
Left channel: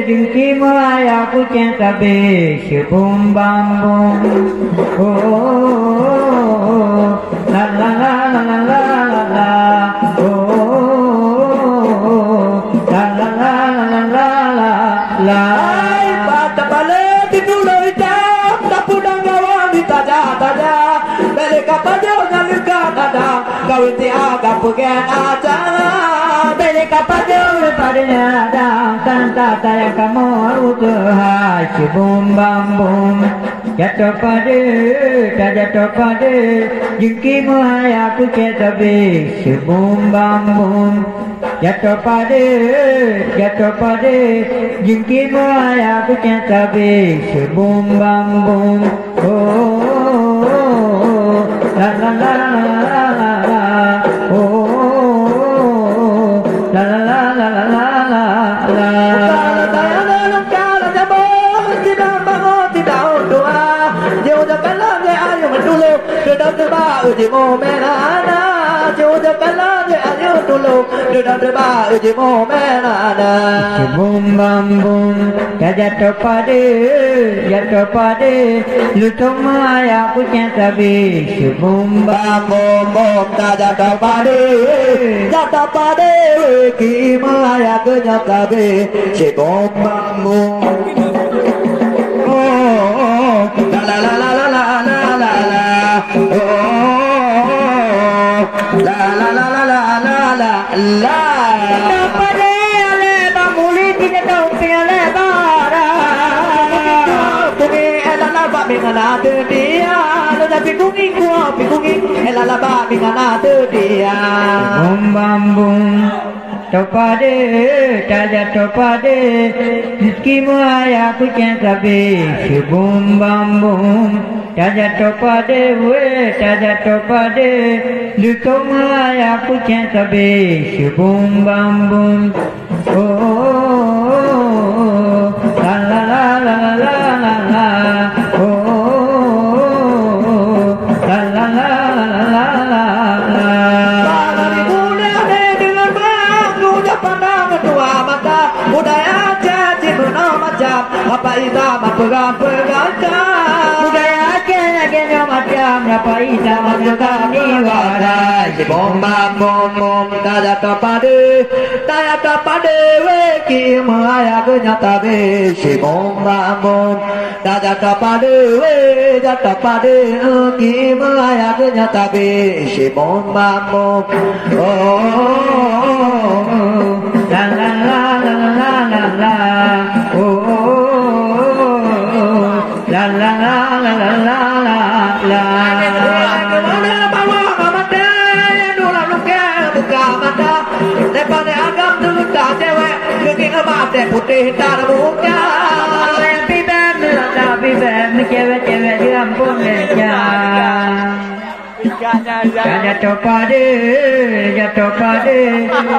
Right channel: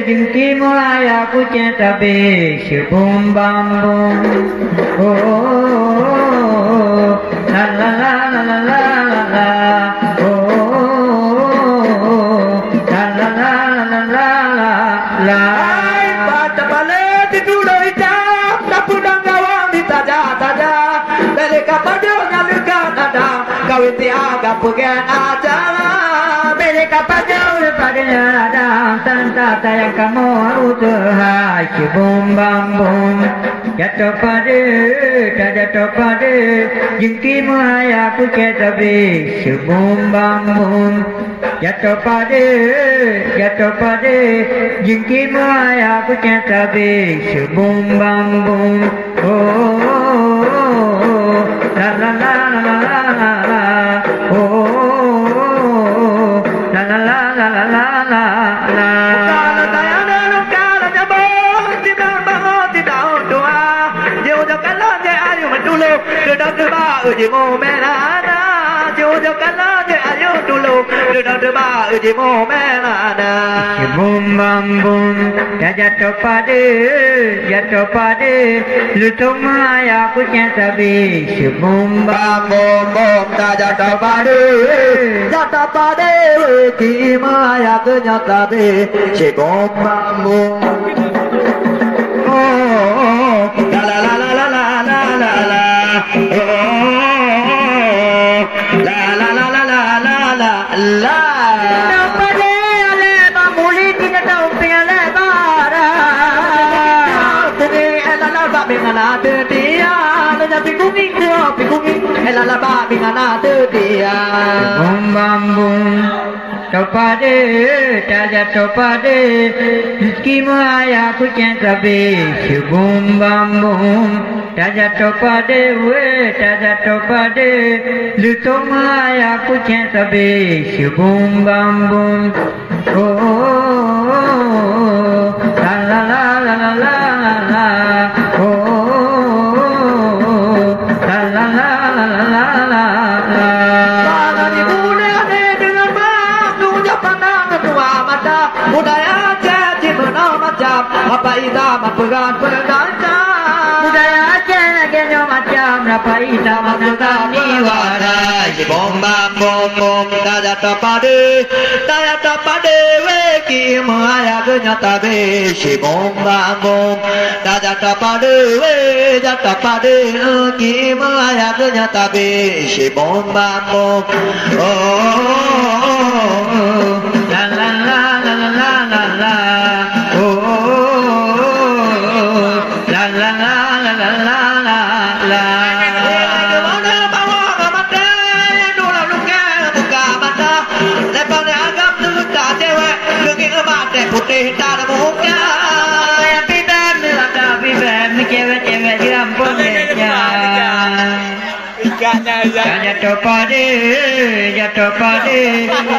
jengki mulai aku cinta be sebum bambung. Oh, la la la la la la la, oh, la la la la la la la. Pada balik tidur hitam, tak pudang gawang di taja. Dari kapal jauh nyalukan ada, kawin tiaga pugen aja. Kapal jauh pada santa saya kamu utuhai bum bam bum jatuh pada jengki maya pucat tabi bum bam bum jatuh pada jengki maya pucat tabi bum bam bum oh la la la la la la oh la la la la la la la Uji mo melana, jodoh kalah dia ayo dulu, sudah terba uji mo melana. Bum bam bum, jatuh pada, lu semua ya punya tabi. Bum bam bum bum, jatuh pada, gimana kena tabi. Bum bam bum. La la la la la la la la. La la la la la la la la. Dapat dia bamuli tidak tahu piala bara. Bumi elala ba mingana dia, lada pikunging elala ba mingana dia. Bum bam bum. Topade, taja topade, rezeki maya kucing sabi, bum bam bum. Taja topade, taja topade, luto maya kucing sabi, bum bam bum. Oh, la la la la la la la, oh, la la la la la la la. Budaya jadi menang macam apa ida mapegang budaya jadi macam apa ida mapegang diwara bom bam bom tada tapade weki maya kenyata be si bom bam bom tada tapade weki maya kenyata be si bom bam bom oh la la la la la la la oh la la la la la la la la putih tak muka bibir cewek-cewek di ampun meja jatuh pada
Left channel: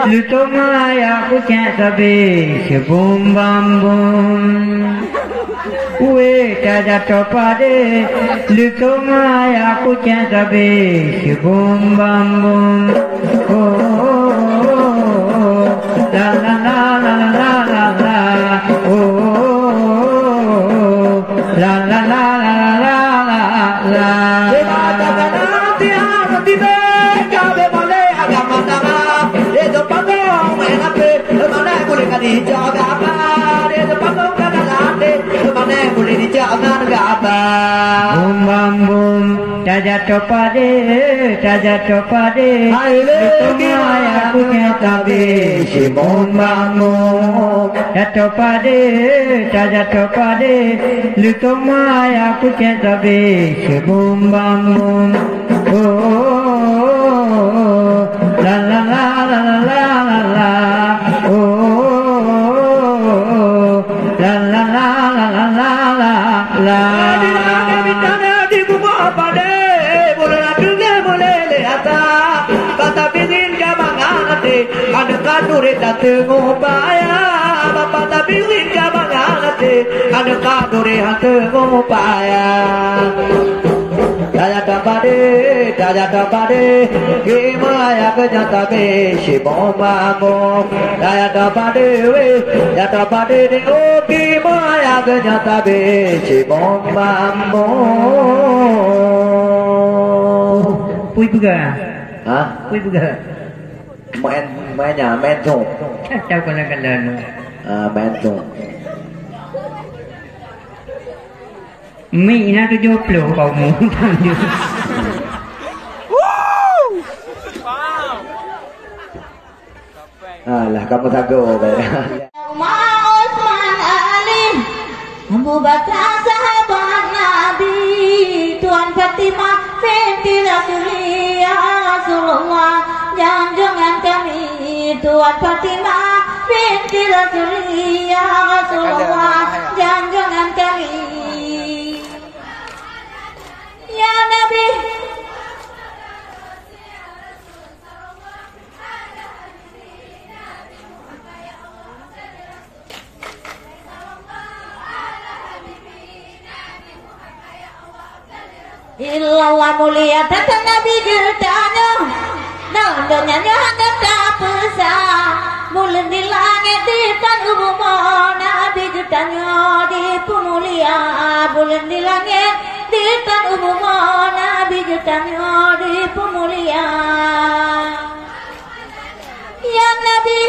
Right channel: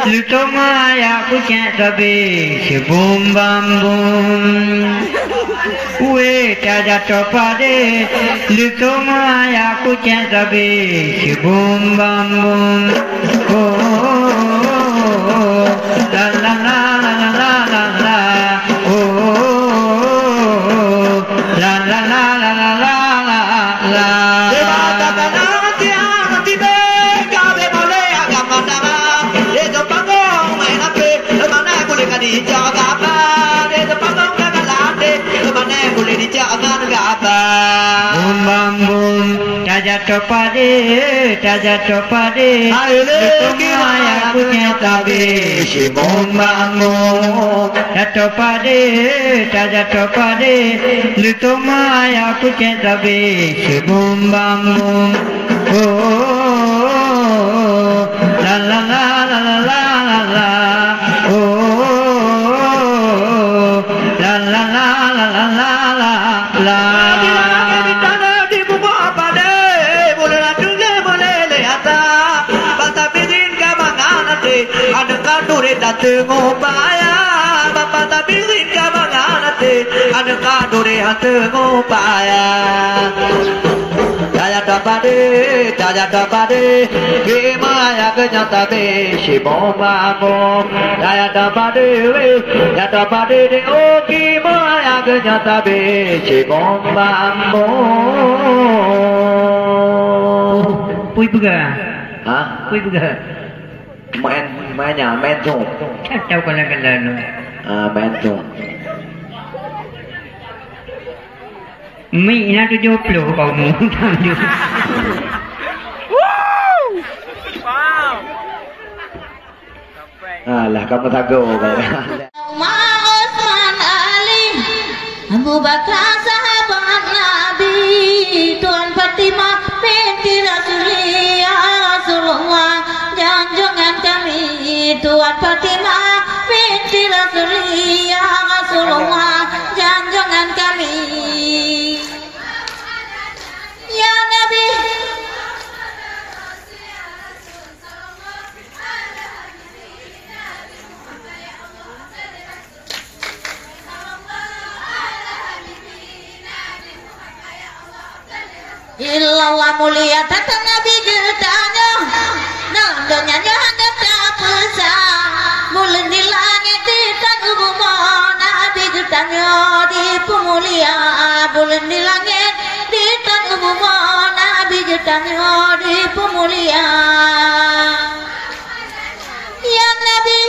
lu semua ya punya sabi sebum bam bum jatuh pada lu semua ya punya sabi sebum bam bum oh la la la la la la la oh la la la la la la la bum bam bum jatuh pada semua yang punya tabi bum bam bum jatuh pada lu semua yang punya tabi bum bam bum oh la la la la la la la oh la la la la la la la la Tengopaya Bapak tapi ringa manganate ada kadore tengopaya Jaya tapade gimana kenyata be si bom bom Jaya tapade de oh gimana kenyata be si bom bom Pui buga hah pui buga main tu tahu kalau main tu Mi nak 70 kau mu. Wow! Sampai. Alah kamu tago baik. Umar, Utsman, Ali, Abu Bakar sahabat Nabi, Tuan Fatimah binti Rasulullah, junjungan kami Tuan Fatimah binti Rasulullah, junjungan kami. Ya Nabi, illallah mulia tata Nabi getanya, dalam dunianya ada tak besar, mulen di langit di tangguh Nabi getanya di pemulia, bulan di langit di tangguh Nabi getanya di pemulia. Ya Nabi,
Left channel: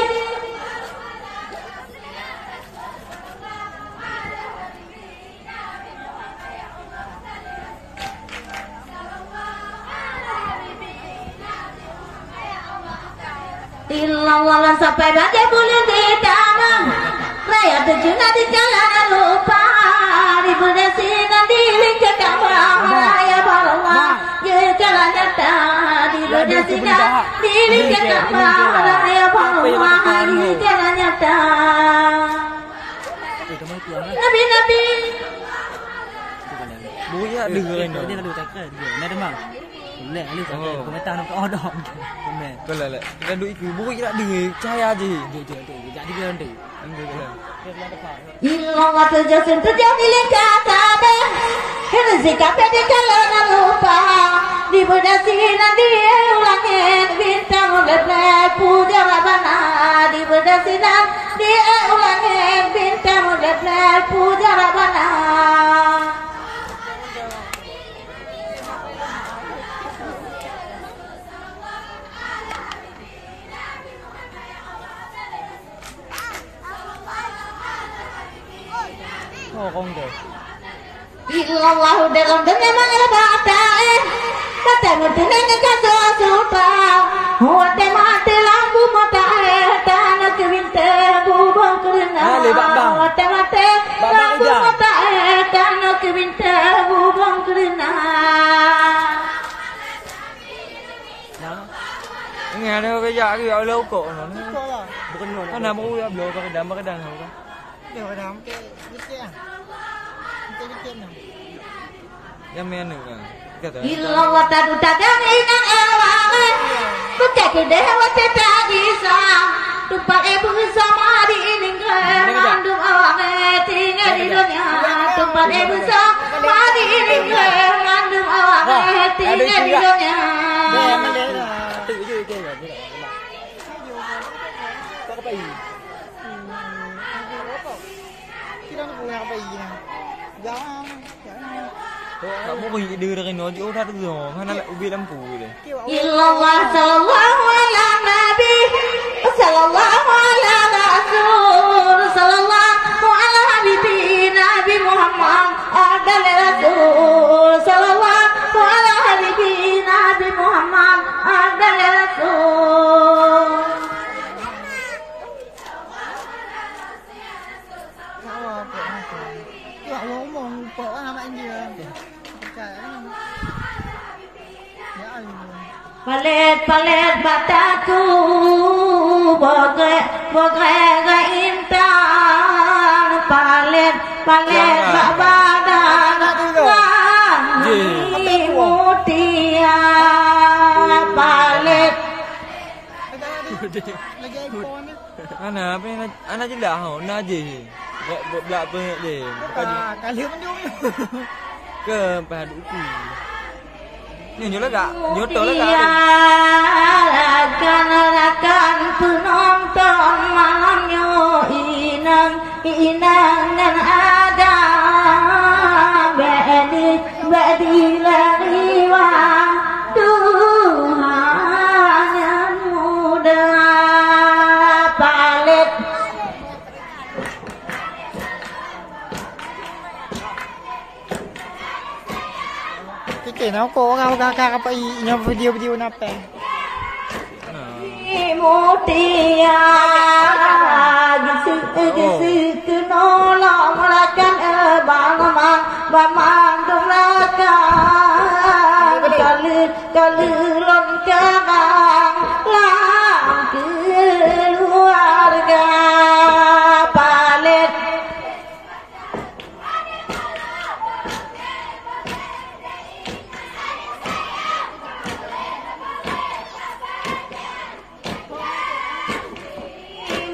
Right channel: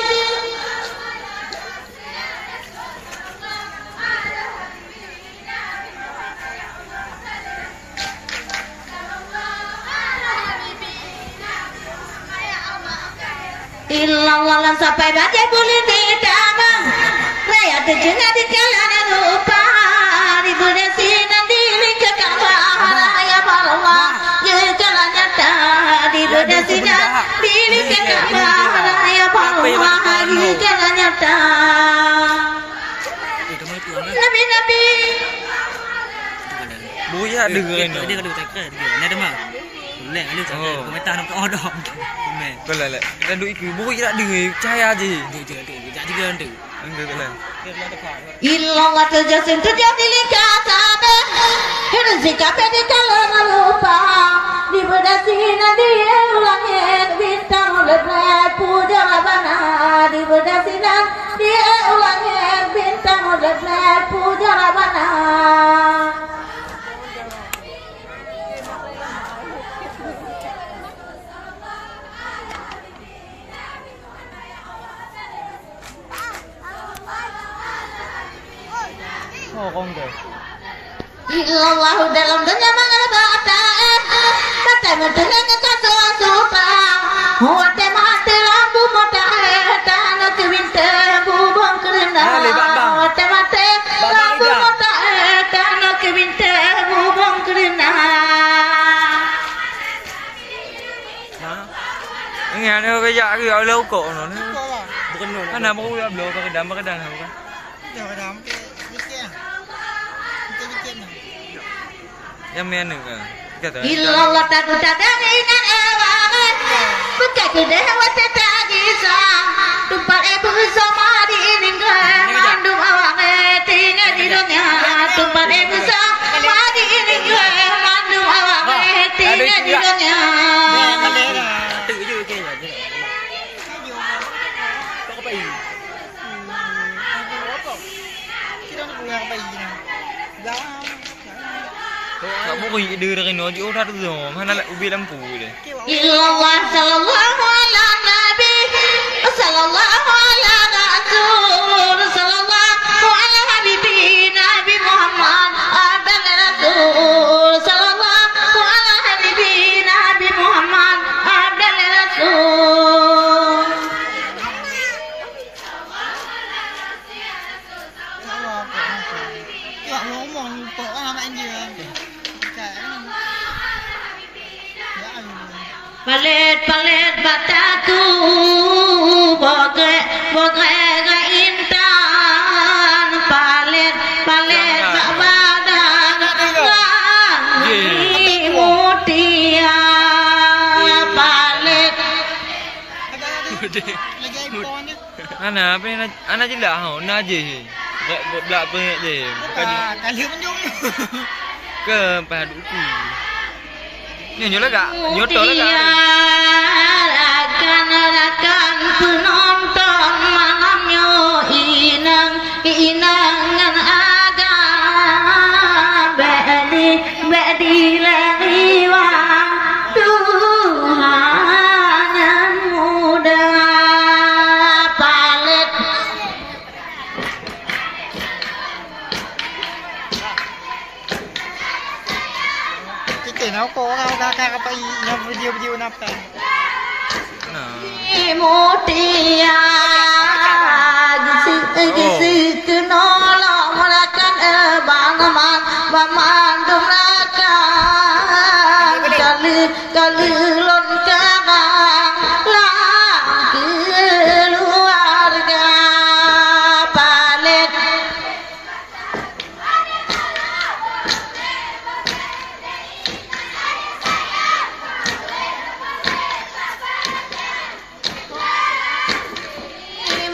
illallah sampai baca boleh ditambah raya terjunah di jalan lupa di budesi dan diri ke kamar ya Allah ya jalan nyata di budesi dan diri ke kamar ya Allah ya jalan nyata Nabi Buya dengerin dia kalau tak kira dia nak demam lek ali tak kira komentar nak odong komen Kalau lah dan duk ikut buya tak dengar cahaya je dia jak juga tu enggak kalau illallah terjasim terjadi likatabe rezeki di kalangan lupa di budesi dan di langit bintang leblay puja rabana di budesi dan di langit bintang leblay puja rabana. oh kong deh Illallah dalam dunia mengalbata kata mutunan kaso supa hote mate lambu mata tanah kewinte bubong kerana hote mate lambu mata tanah kewinte bubong kerana. nghe nó cái dạ cái gọi lâu cổ nó bukan no kan nama aku belum pakai dam pakai dam kan yang mana kata Illallah tak ingat ewange bukan gede wate tagisa tumpah ibu sama di ini ngandung awange tinggal di dunia tumpah ibu sama di ini ngandung awange tinggal di dunia. tự chứ kia nhỉ có cái gì tak mau kau đưa ra cái nó chỗ ra rồi mana lại ubi lampu deh Illallah sallallahu ala nabi sallallahu ala rasul sallallahu ala habibi nabi Muhammad adal rasul sallallahu ala habibi nabi Muhammad adal rasul. Ya ngomong kok anak ini. Palet bataku boge intan palet babadang wangi mutia palet Ana apa yang ana je lah hau na je belak pe je Kali menjung. ke padu ku nyo lega nyoto lega rakan penonton malamnya inangan ada badi lariwa Tuhan yang muda palet Kita nak kau orang kakak apa yang video napa? nah mutia gisi kenala melakan banaman baman dumrakan kalilon karang lang keluarga palet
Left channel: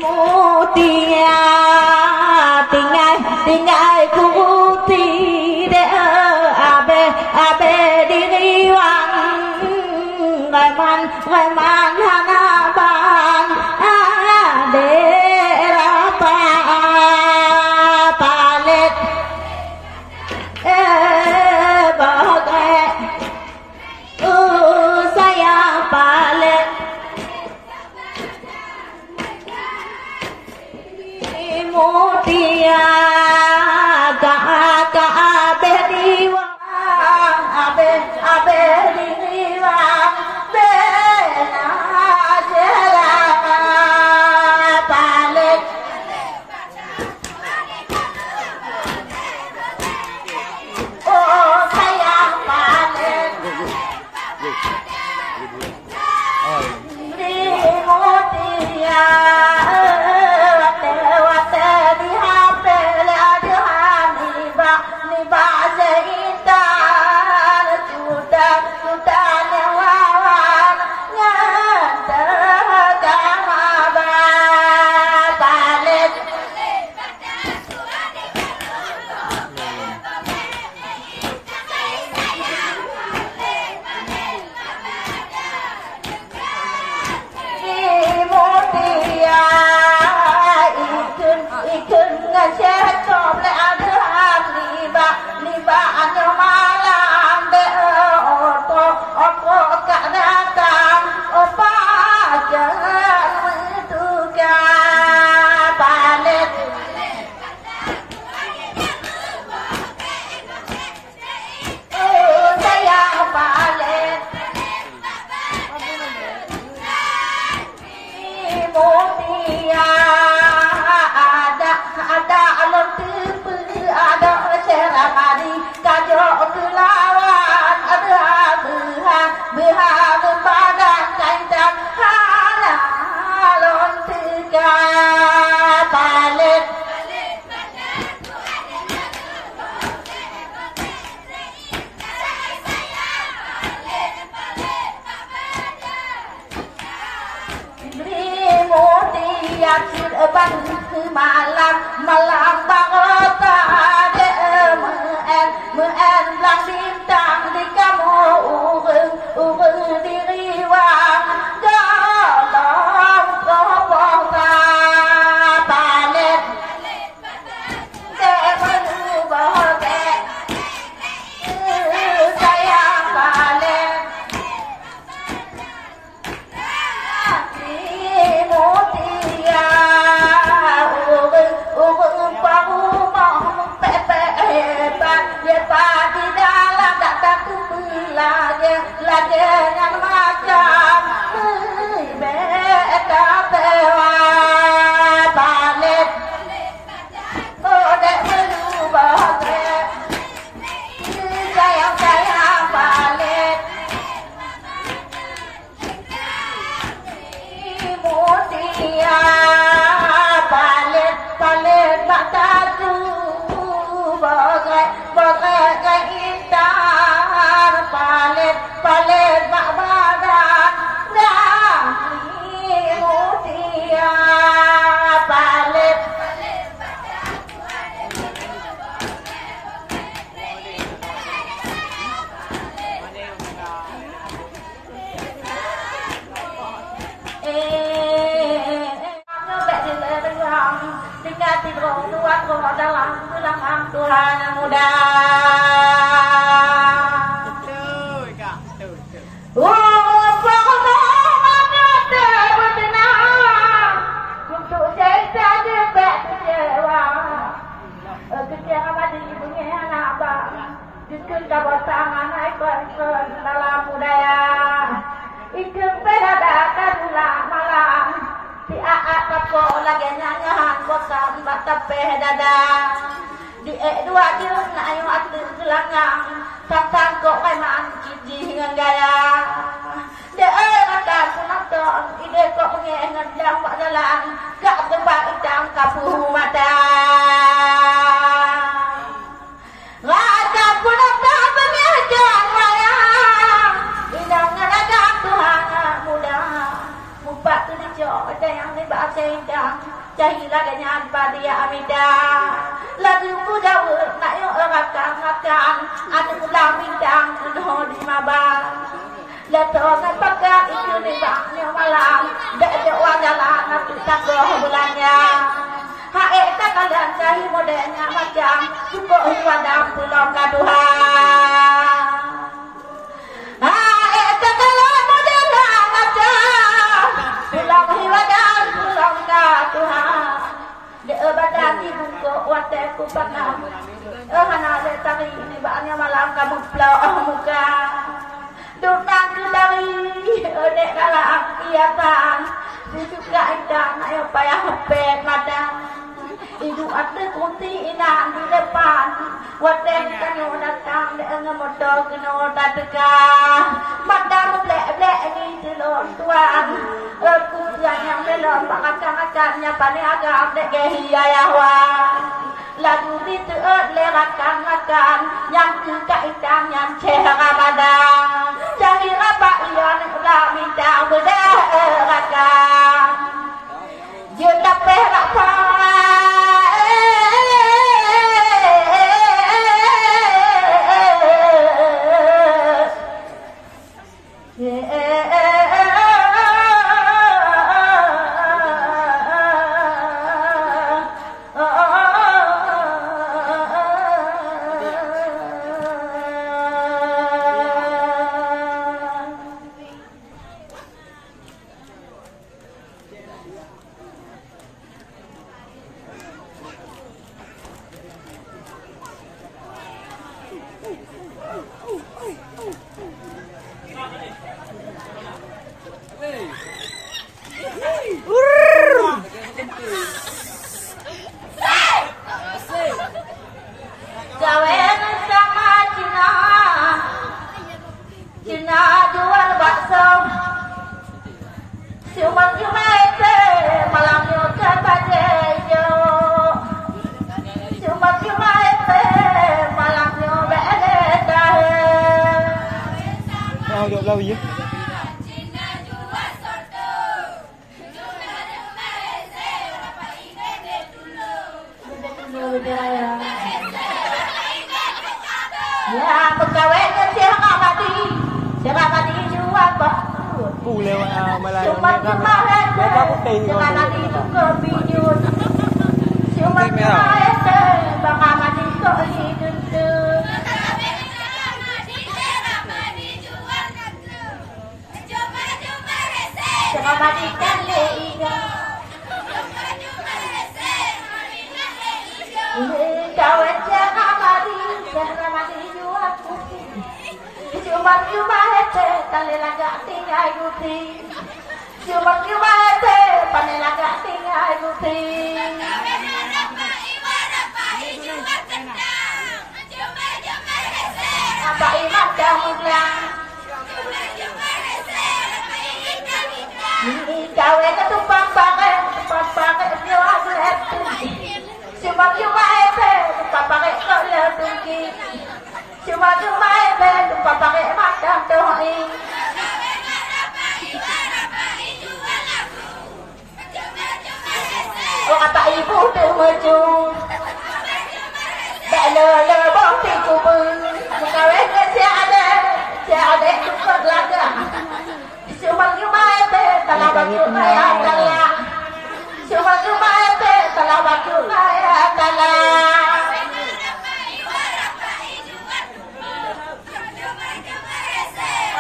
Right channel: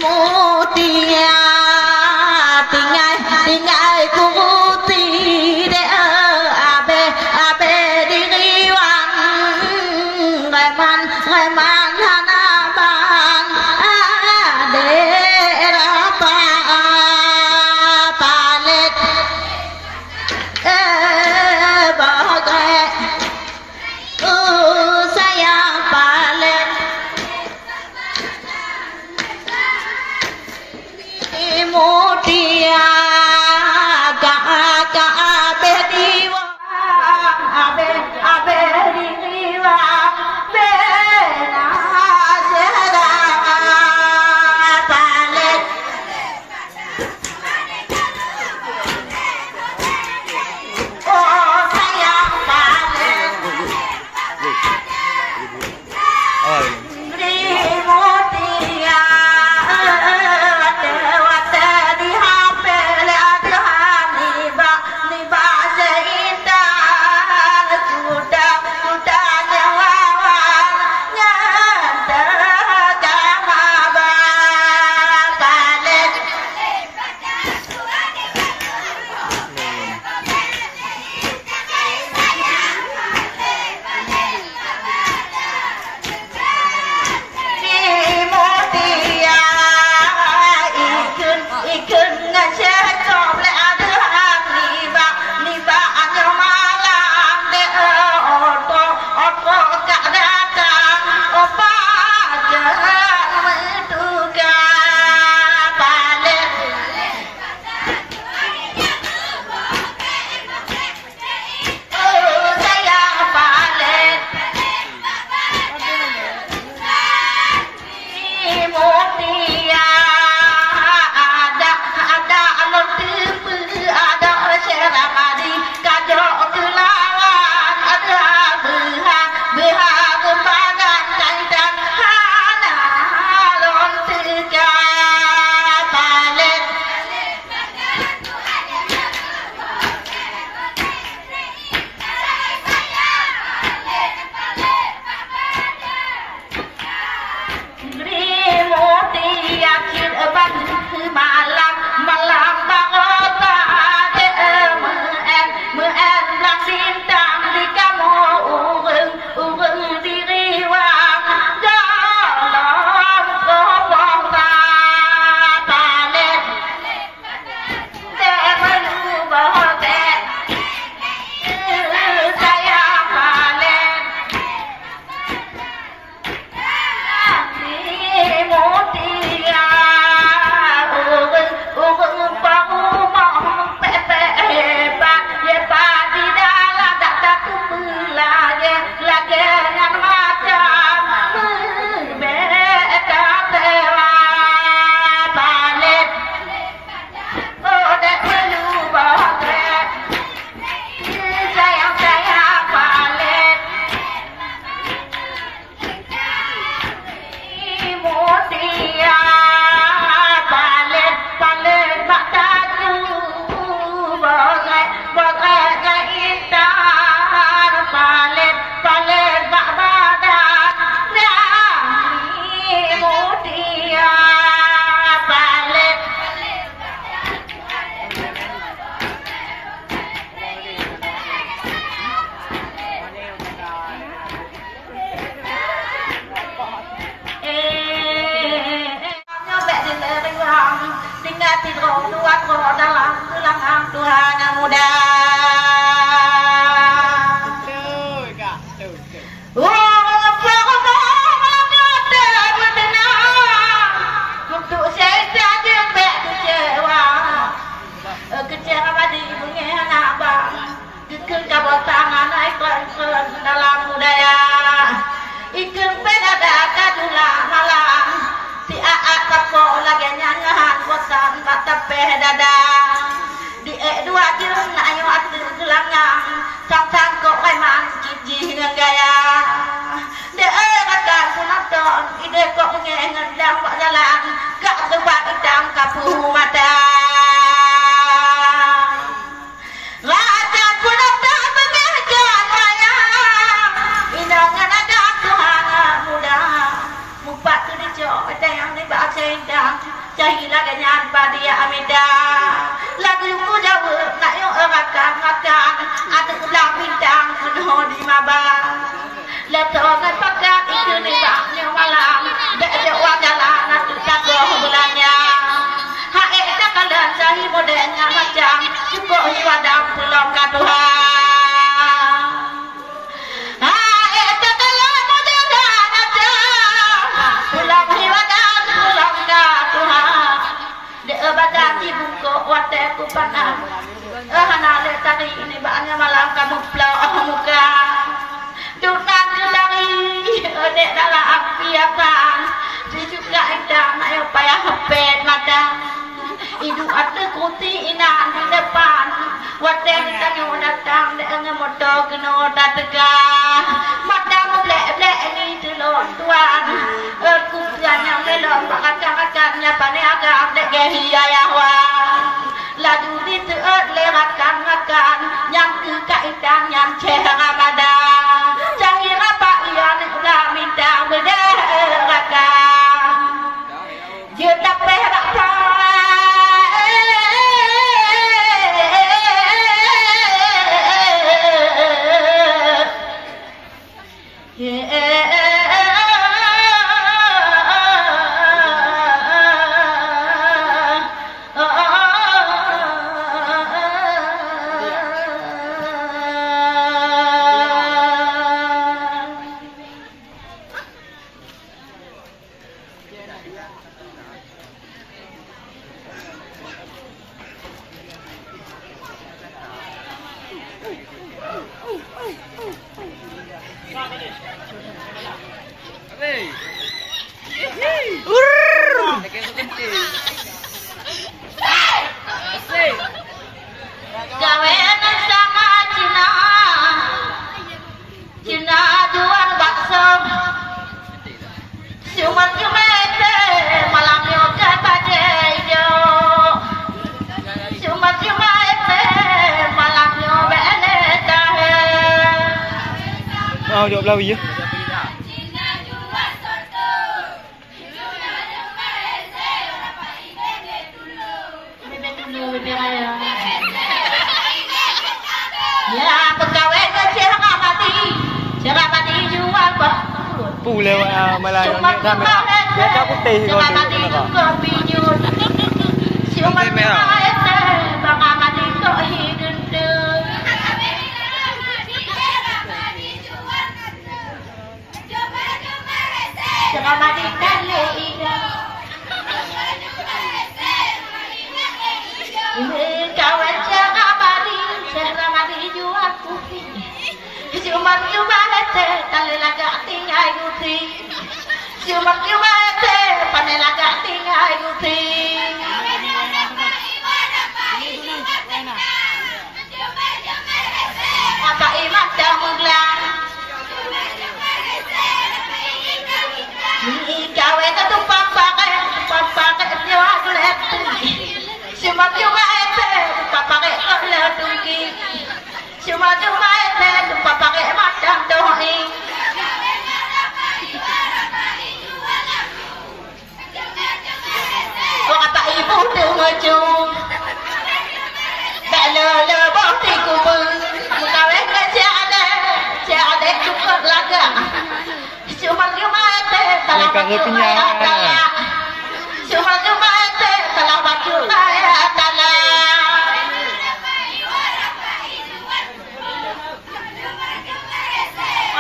mutia tinggal kuti de abe diri wang reman hanaban ade rapa palet bagai sayang palet mutia abe diwa abe diwa bena jera palet oh sayang palet mutia malam bangota de muen lang bintang di kamu urung diri wang dalam kobong palet de menubah de saya palet mutia lagi dengan macam beda tewa palet bodek melubah sayang palet mutia palet mata tu bodek keindahan palet bak badan dan mutia palet nyobek di lereng tinggal tidur dua dalam tulang Tuhan yang muda. Untuk saya saja bek kecewa, kecewa di bunyi anak bang, dikun kabel tangan naik pelan dalam budaya. Ikut pelada kadula malam di aak kapo lagi nyanyahan bosan bata pedada di dua kirung na ayo atu tulangang tak kok kai man kiji ngaya de kata punaton ide kok ngendang pak jalan gak tebak idam kapu mata Lada punaton pengajian raya inangan ada Tuhan muda mupat tu dijo ada yang ni baca indang jahilah ganyan padia amida lagu ku jauh nak yo makan ada ulang bintang penuh di maba letongan pakai itu ni baknya malam dak ada orang jalan tu tak bulannya hae tak kalan jahi modenya macam cukup hiwadam pulau kaduhan hae tak kalan modenya macam pulau hiwadam pulau kaduhan de badati buko wate ku panang hana le tadi ini baknya malam kamu plau muka dunang ke dari dek dalam apiatan juga indang ayo payah hepet madang idu ada kuti inan di depan wadeng tanyo datang dek ngemoto keno datega madang blek ni telon tuan kumpulan yang melon bakatnya pane agak dek hiyayahwa laju diteut lewatkan makan yang kekaitan yang ceramadang jangan apa yang udah minta berderakan dia tak berapa Jawab lawi ya. Ya, pegawai kecil mati jual apa? Pulai malah kamera. Dia tak putih kalau tu. Siapa merah? Bang mati kok hidung tu. Matikan leida kawan jangan mati jual kopi cuma hete kali lagak tinggal yuti cuma hete pandai lagak tinggal yuti apa imam dah menggelang kawe ka tumpang pakai nyawa dulet cuma ete tumpang pakai dulet tungki cuma ete tumpang pakai madang doi apa ibu tu maju tak le boti kubur kawe ka ada cukup laga cuma ete kalau baju kaya cuma ete kalau baju kaya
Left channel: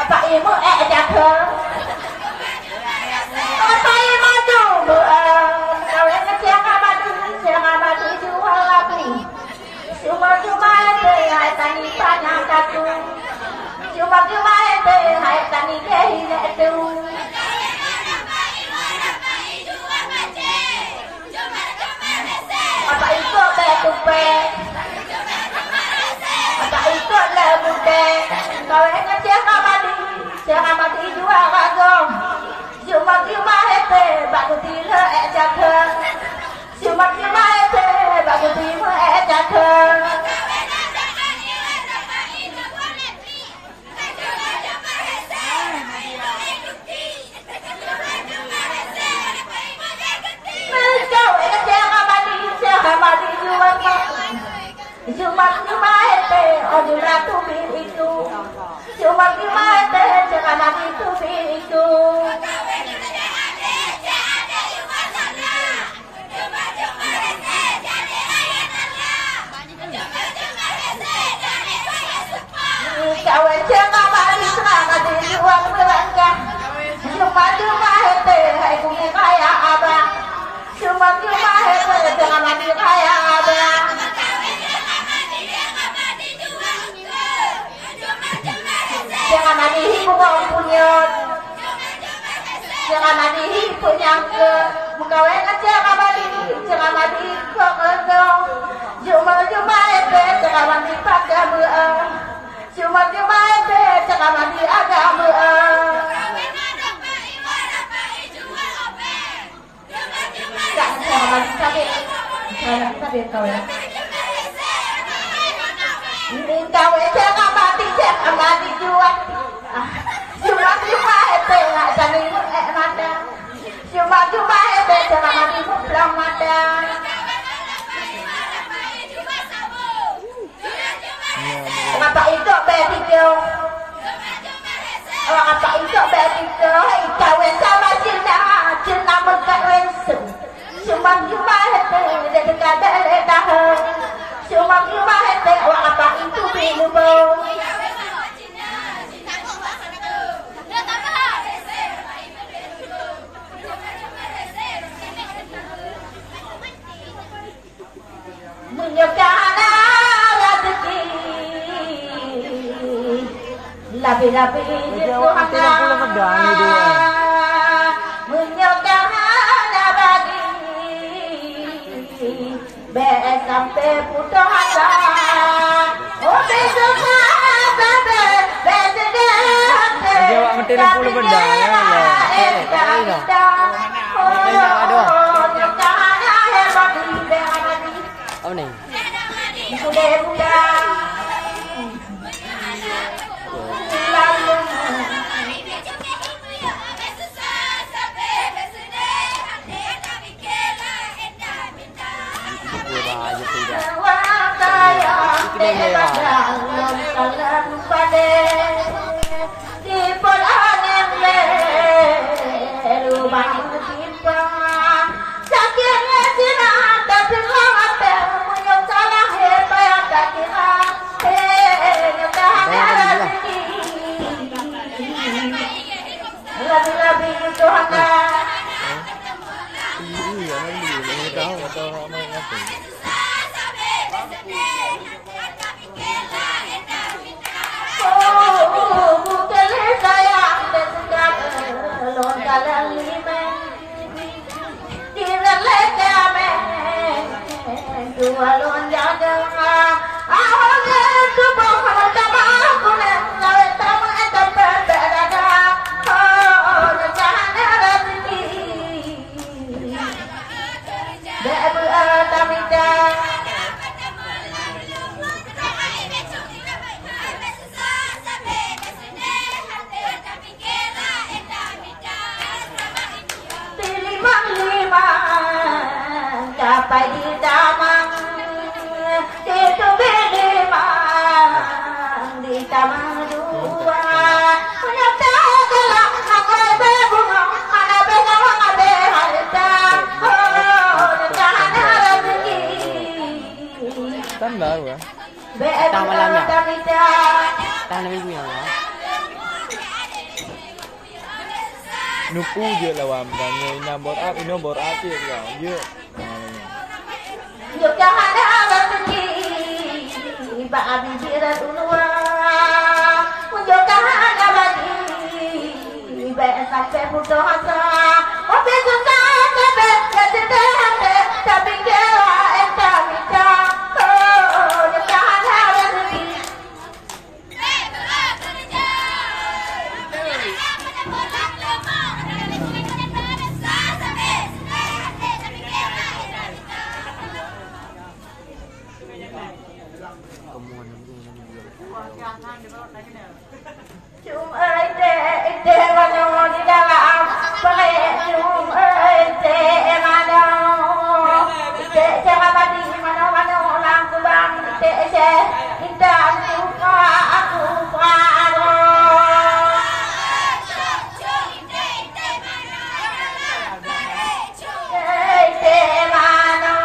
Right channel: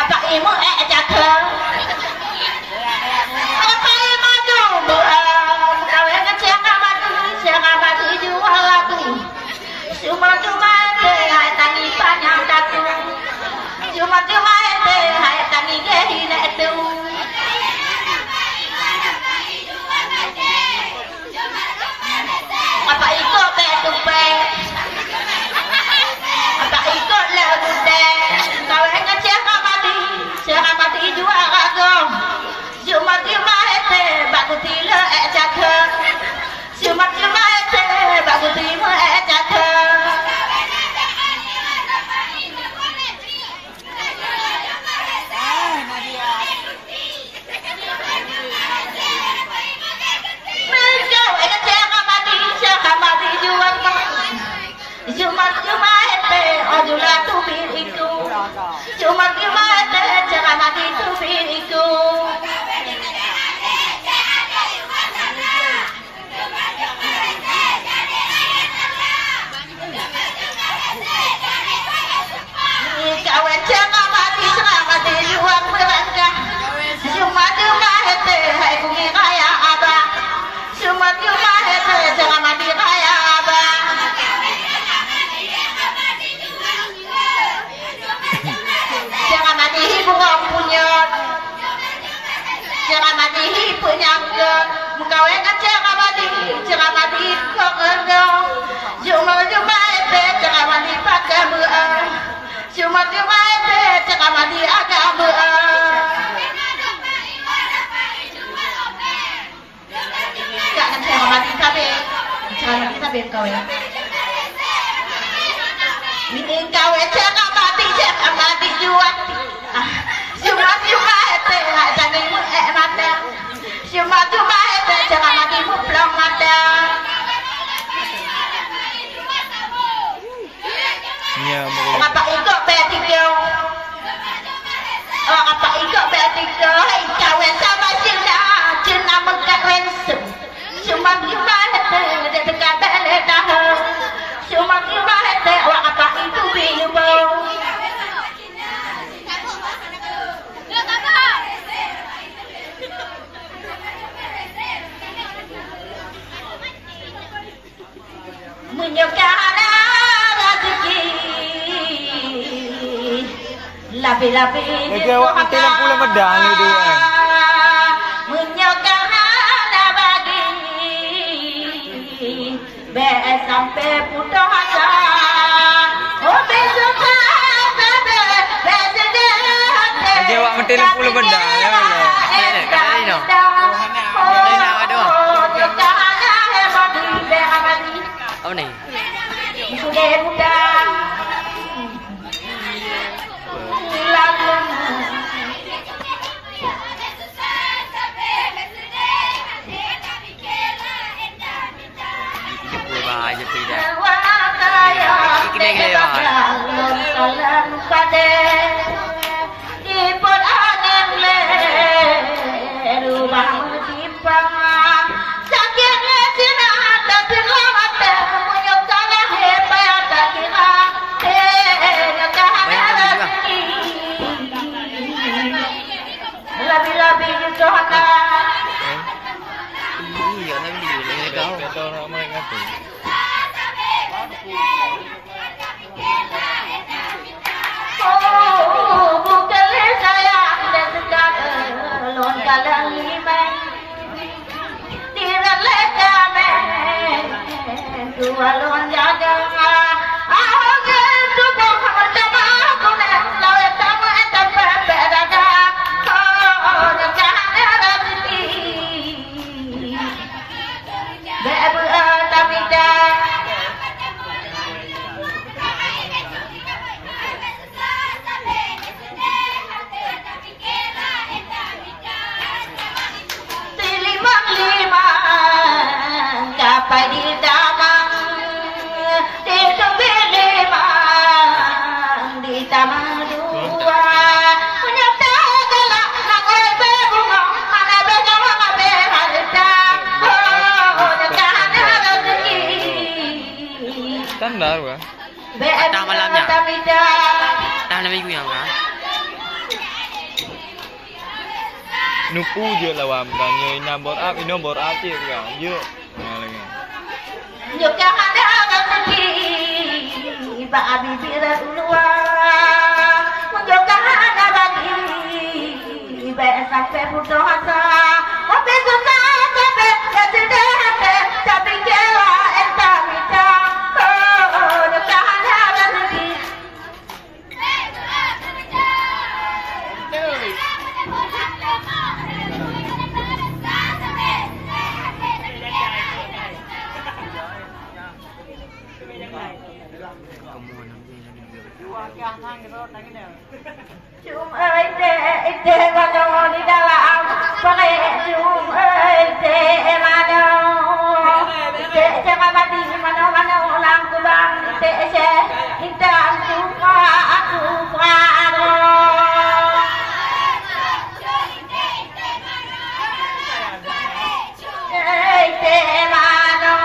apa imu jatuh apa imu jumbo kau yang kecil mati jual lagi cuma ete tangi panjang jatuh cuma ete te hai tani gehi ne tu apa ikut be tu be apa ikut le bude kau enggak cek amadi jua rago cuma cuma te bagu tila ejake cuma te bagu tila ejake Cuma ete ajulah tu biriku cuma ete jangan itu biriku kawan jangan jual berangka cuma ete hai kungi kaya abang cuma ete jangan kaya abang jangan mati buang punya jangan mati punya ke mengkawin jangan mati kok endong cuma ete jangan mati pakai buah cuma ete jangan mati agama jangan mati tapi kawin ini kawin jangan mati jual cuma ete jadi mata cuma ete jangan mati belum mata apa ikut betikyo apa ikut betikyo kawin sama cina mengkawin cuma ete dekat bele dah cuma ete apa itu bilu menyokana rezeki labi-labi Jawab 30 medang itu menyokana bagi be sampai putus asa oh besok be Jawab 30 medang ya kata ini dong ini nak ada apa nih? Sudah muda. Bahaya tidak. Ikut Lebih-lebih itu hendak iya nanti tahu orang mereka tuh bukan saya dan sedang lon kalang lima di lega men dua lon jaga ahonge tubuh sama kuna lawe tama tempat berada oh jangan rezeki bebu tamida dapat di damang di tebelimang di tamang dua nyata gelap naga bunga mana benawa berharga oh jangan rezeki standar wah atau malamnya tahu nama ibu yang lah nupu je lah wam tanya ina bor up je kan yuk yuk jangan rezeki bagi birat ulua yuk jangan bagi pe puto hasa ope sunna pe kesede tapi kela eta mita oh nyakana rezeki Chung ơi tê mà đâu đi đâu làm phải chung ơi tê mà đâu tê cha mà đi mà đâu làm cứ bằng tê che kita chung qua rồi tê mà đâu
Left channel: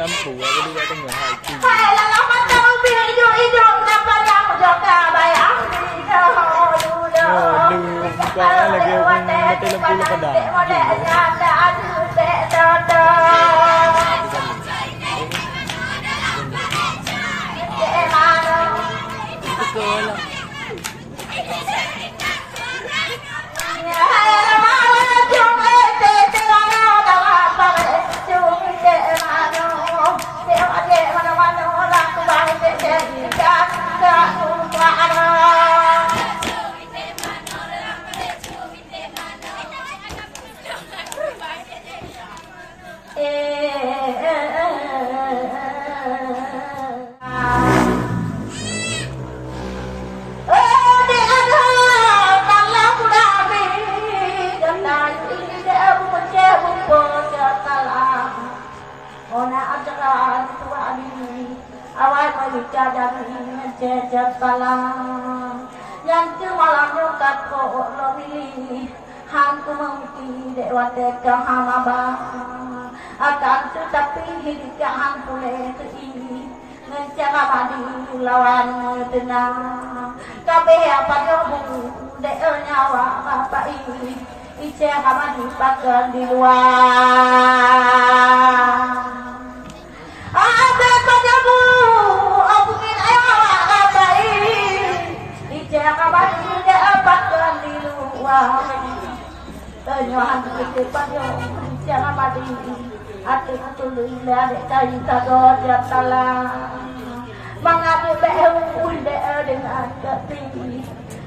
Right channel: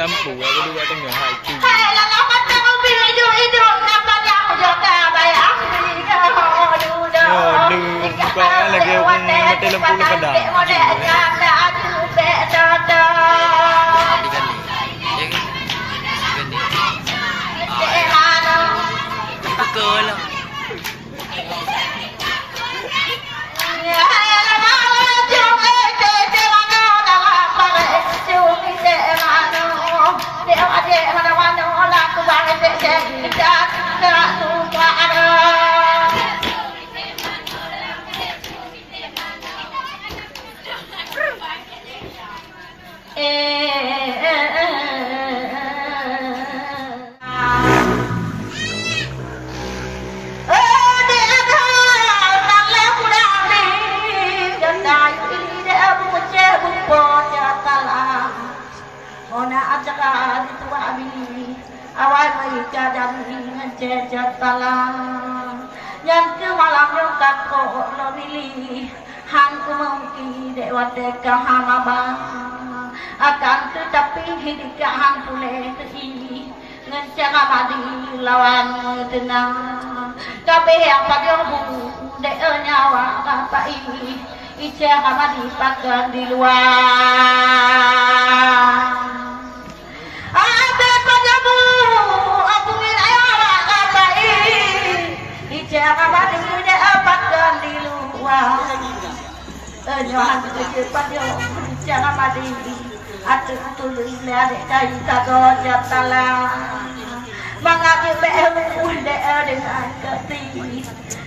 lampu aku dua tengah hati. Yo, buka lagi aku mati lampu lu kadang. Betul lah. Yang malam nyokap kok lo milih hangku mungkin dewa teka hamaba akan tetapi hidup hang pule tei ngencana madi lawan tenang kabeh apa yo de nyawa apa ini ice kamadi pagar di luar ada kajabu abungin ayo apa ini ice kamadi de apa depan yo jangan mati ada tulis ada cai kagak jatala mengambil beu dengan keti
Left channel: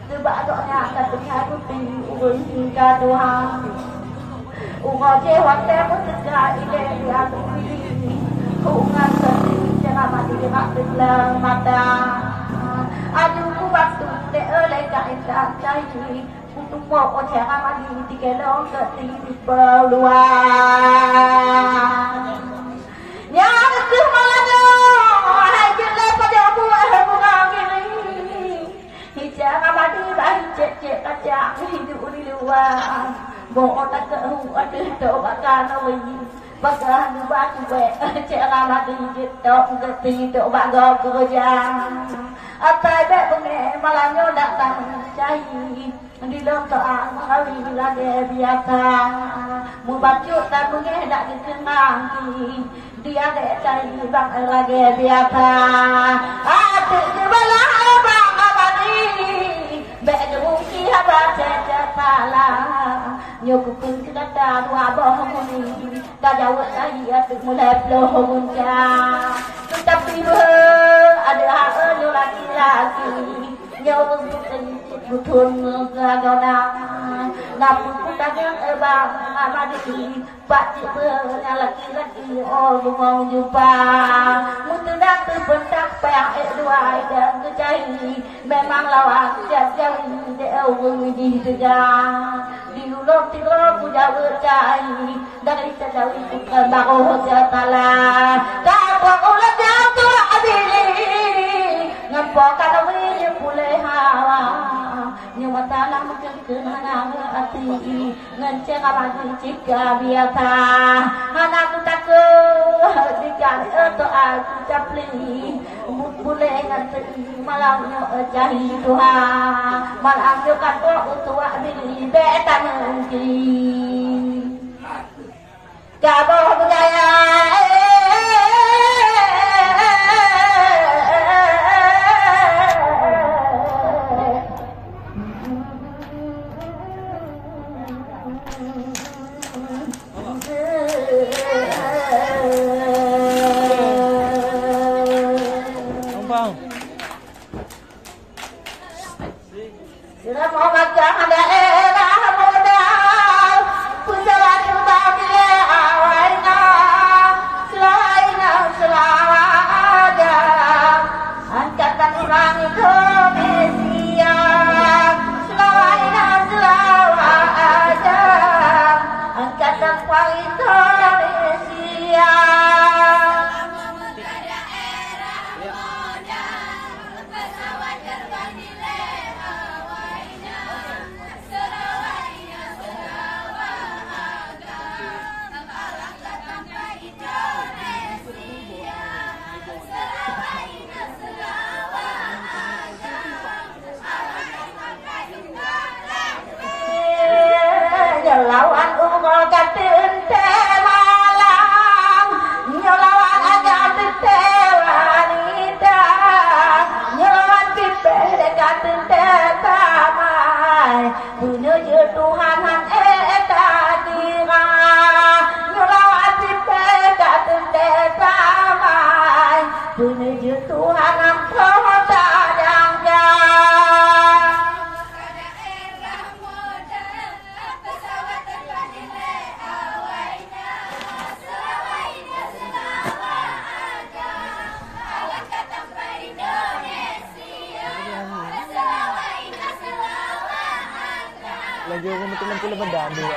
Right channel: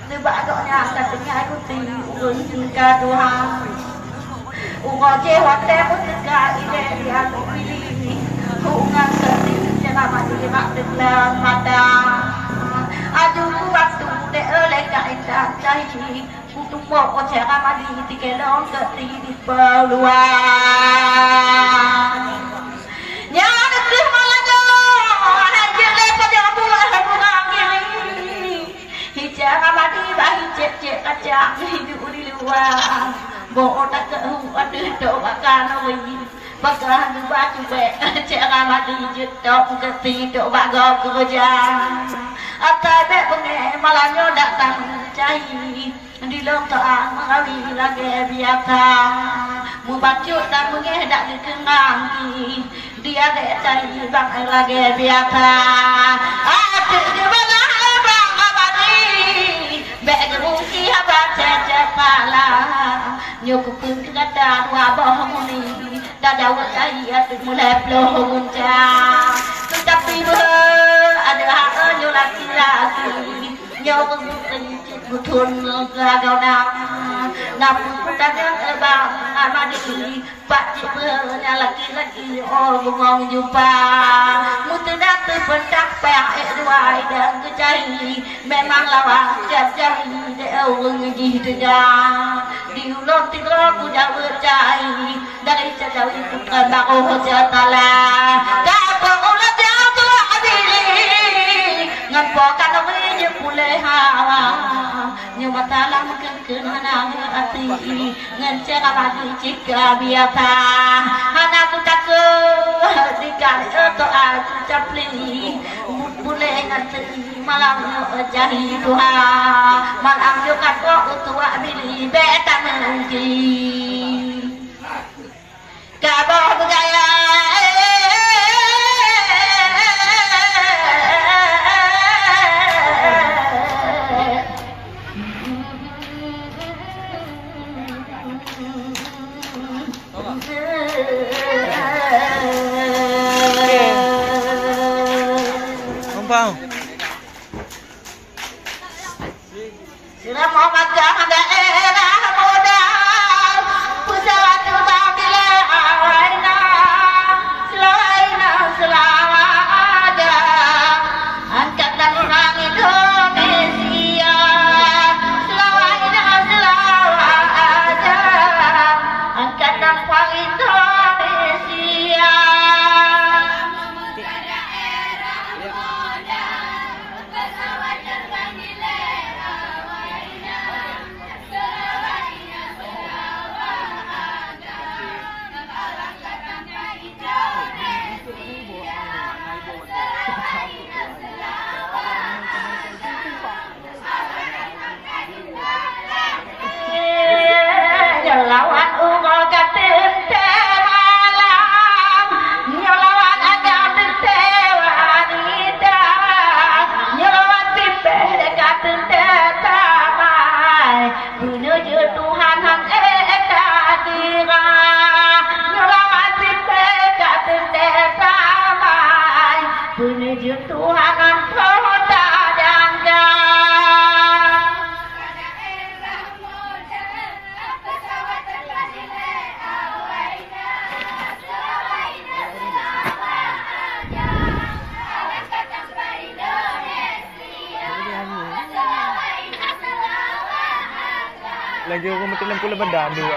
sebagainya katanya kuti ulun kadua ugoje waktu mutka ide dia pilih ungan keti jangan mati mak delang mata aduh waktu de oleh kaita cai untuk mau jangan mati tikelong keti di peluang nyana kemalana hajale pada buah bunga gini jangan mati bahi cek kaca hidup di luar mau tak kehu ada doa kana wi bagan batu be jangan mati jetok keti doa kerja akai be benge malanyo datang cai di longkang mengawi lagi biasa mu bacut dan mengedak di kenangi dia dek cari bang lagi biasa aduh jebala bang abadi bek ruki habat cepala nyukupun kedatan wabah muni dah jauh cai atuk mulai peloh gunca tetapi ada hak laki-laki nyawa betul gagau nam kadang bang amadi pak cipernya laki-laki oh ngomong jumpa mutendang terpentak pek dua dan kecai memang lawan jari deu ngejih tegang diulung tiga puja bercai dari jauh itu kan bago jatala kapok ulah jatuh adili ngapo kana we pulih hawa nyawa talam kenana hati nganceng abadi jika biasa anakku takut dikali atau aku capli pulih nganceng malam jadi duha malam yo kato tua bili betan nanti kabo gaya Sila mau makan daerah modal pusat utang bila awaina selawa ada angkat dan orang Indonesia selawa ada angkat dan orang Indonesia lawan ugo katin tewalang nyolawan aga tewanita nyolawan tipe katin tetamai menuju Tuhan hang eta dira nyolawan tipe katin tetamai menuju Tuhan hang kota jangga lagi aku mesti lampu lebadan dulu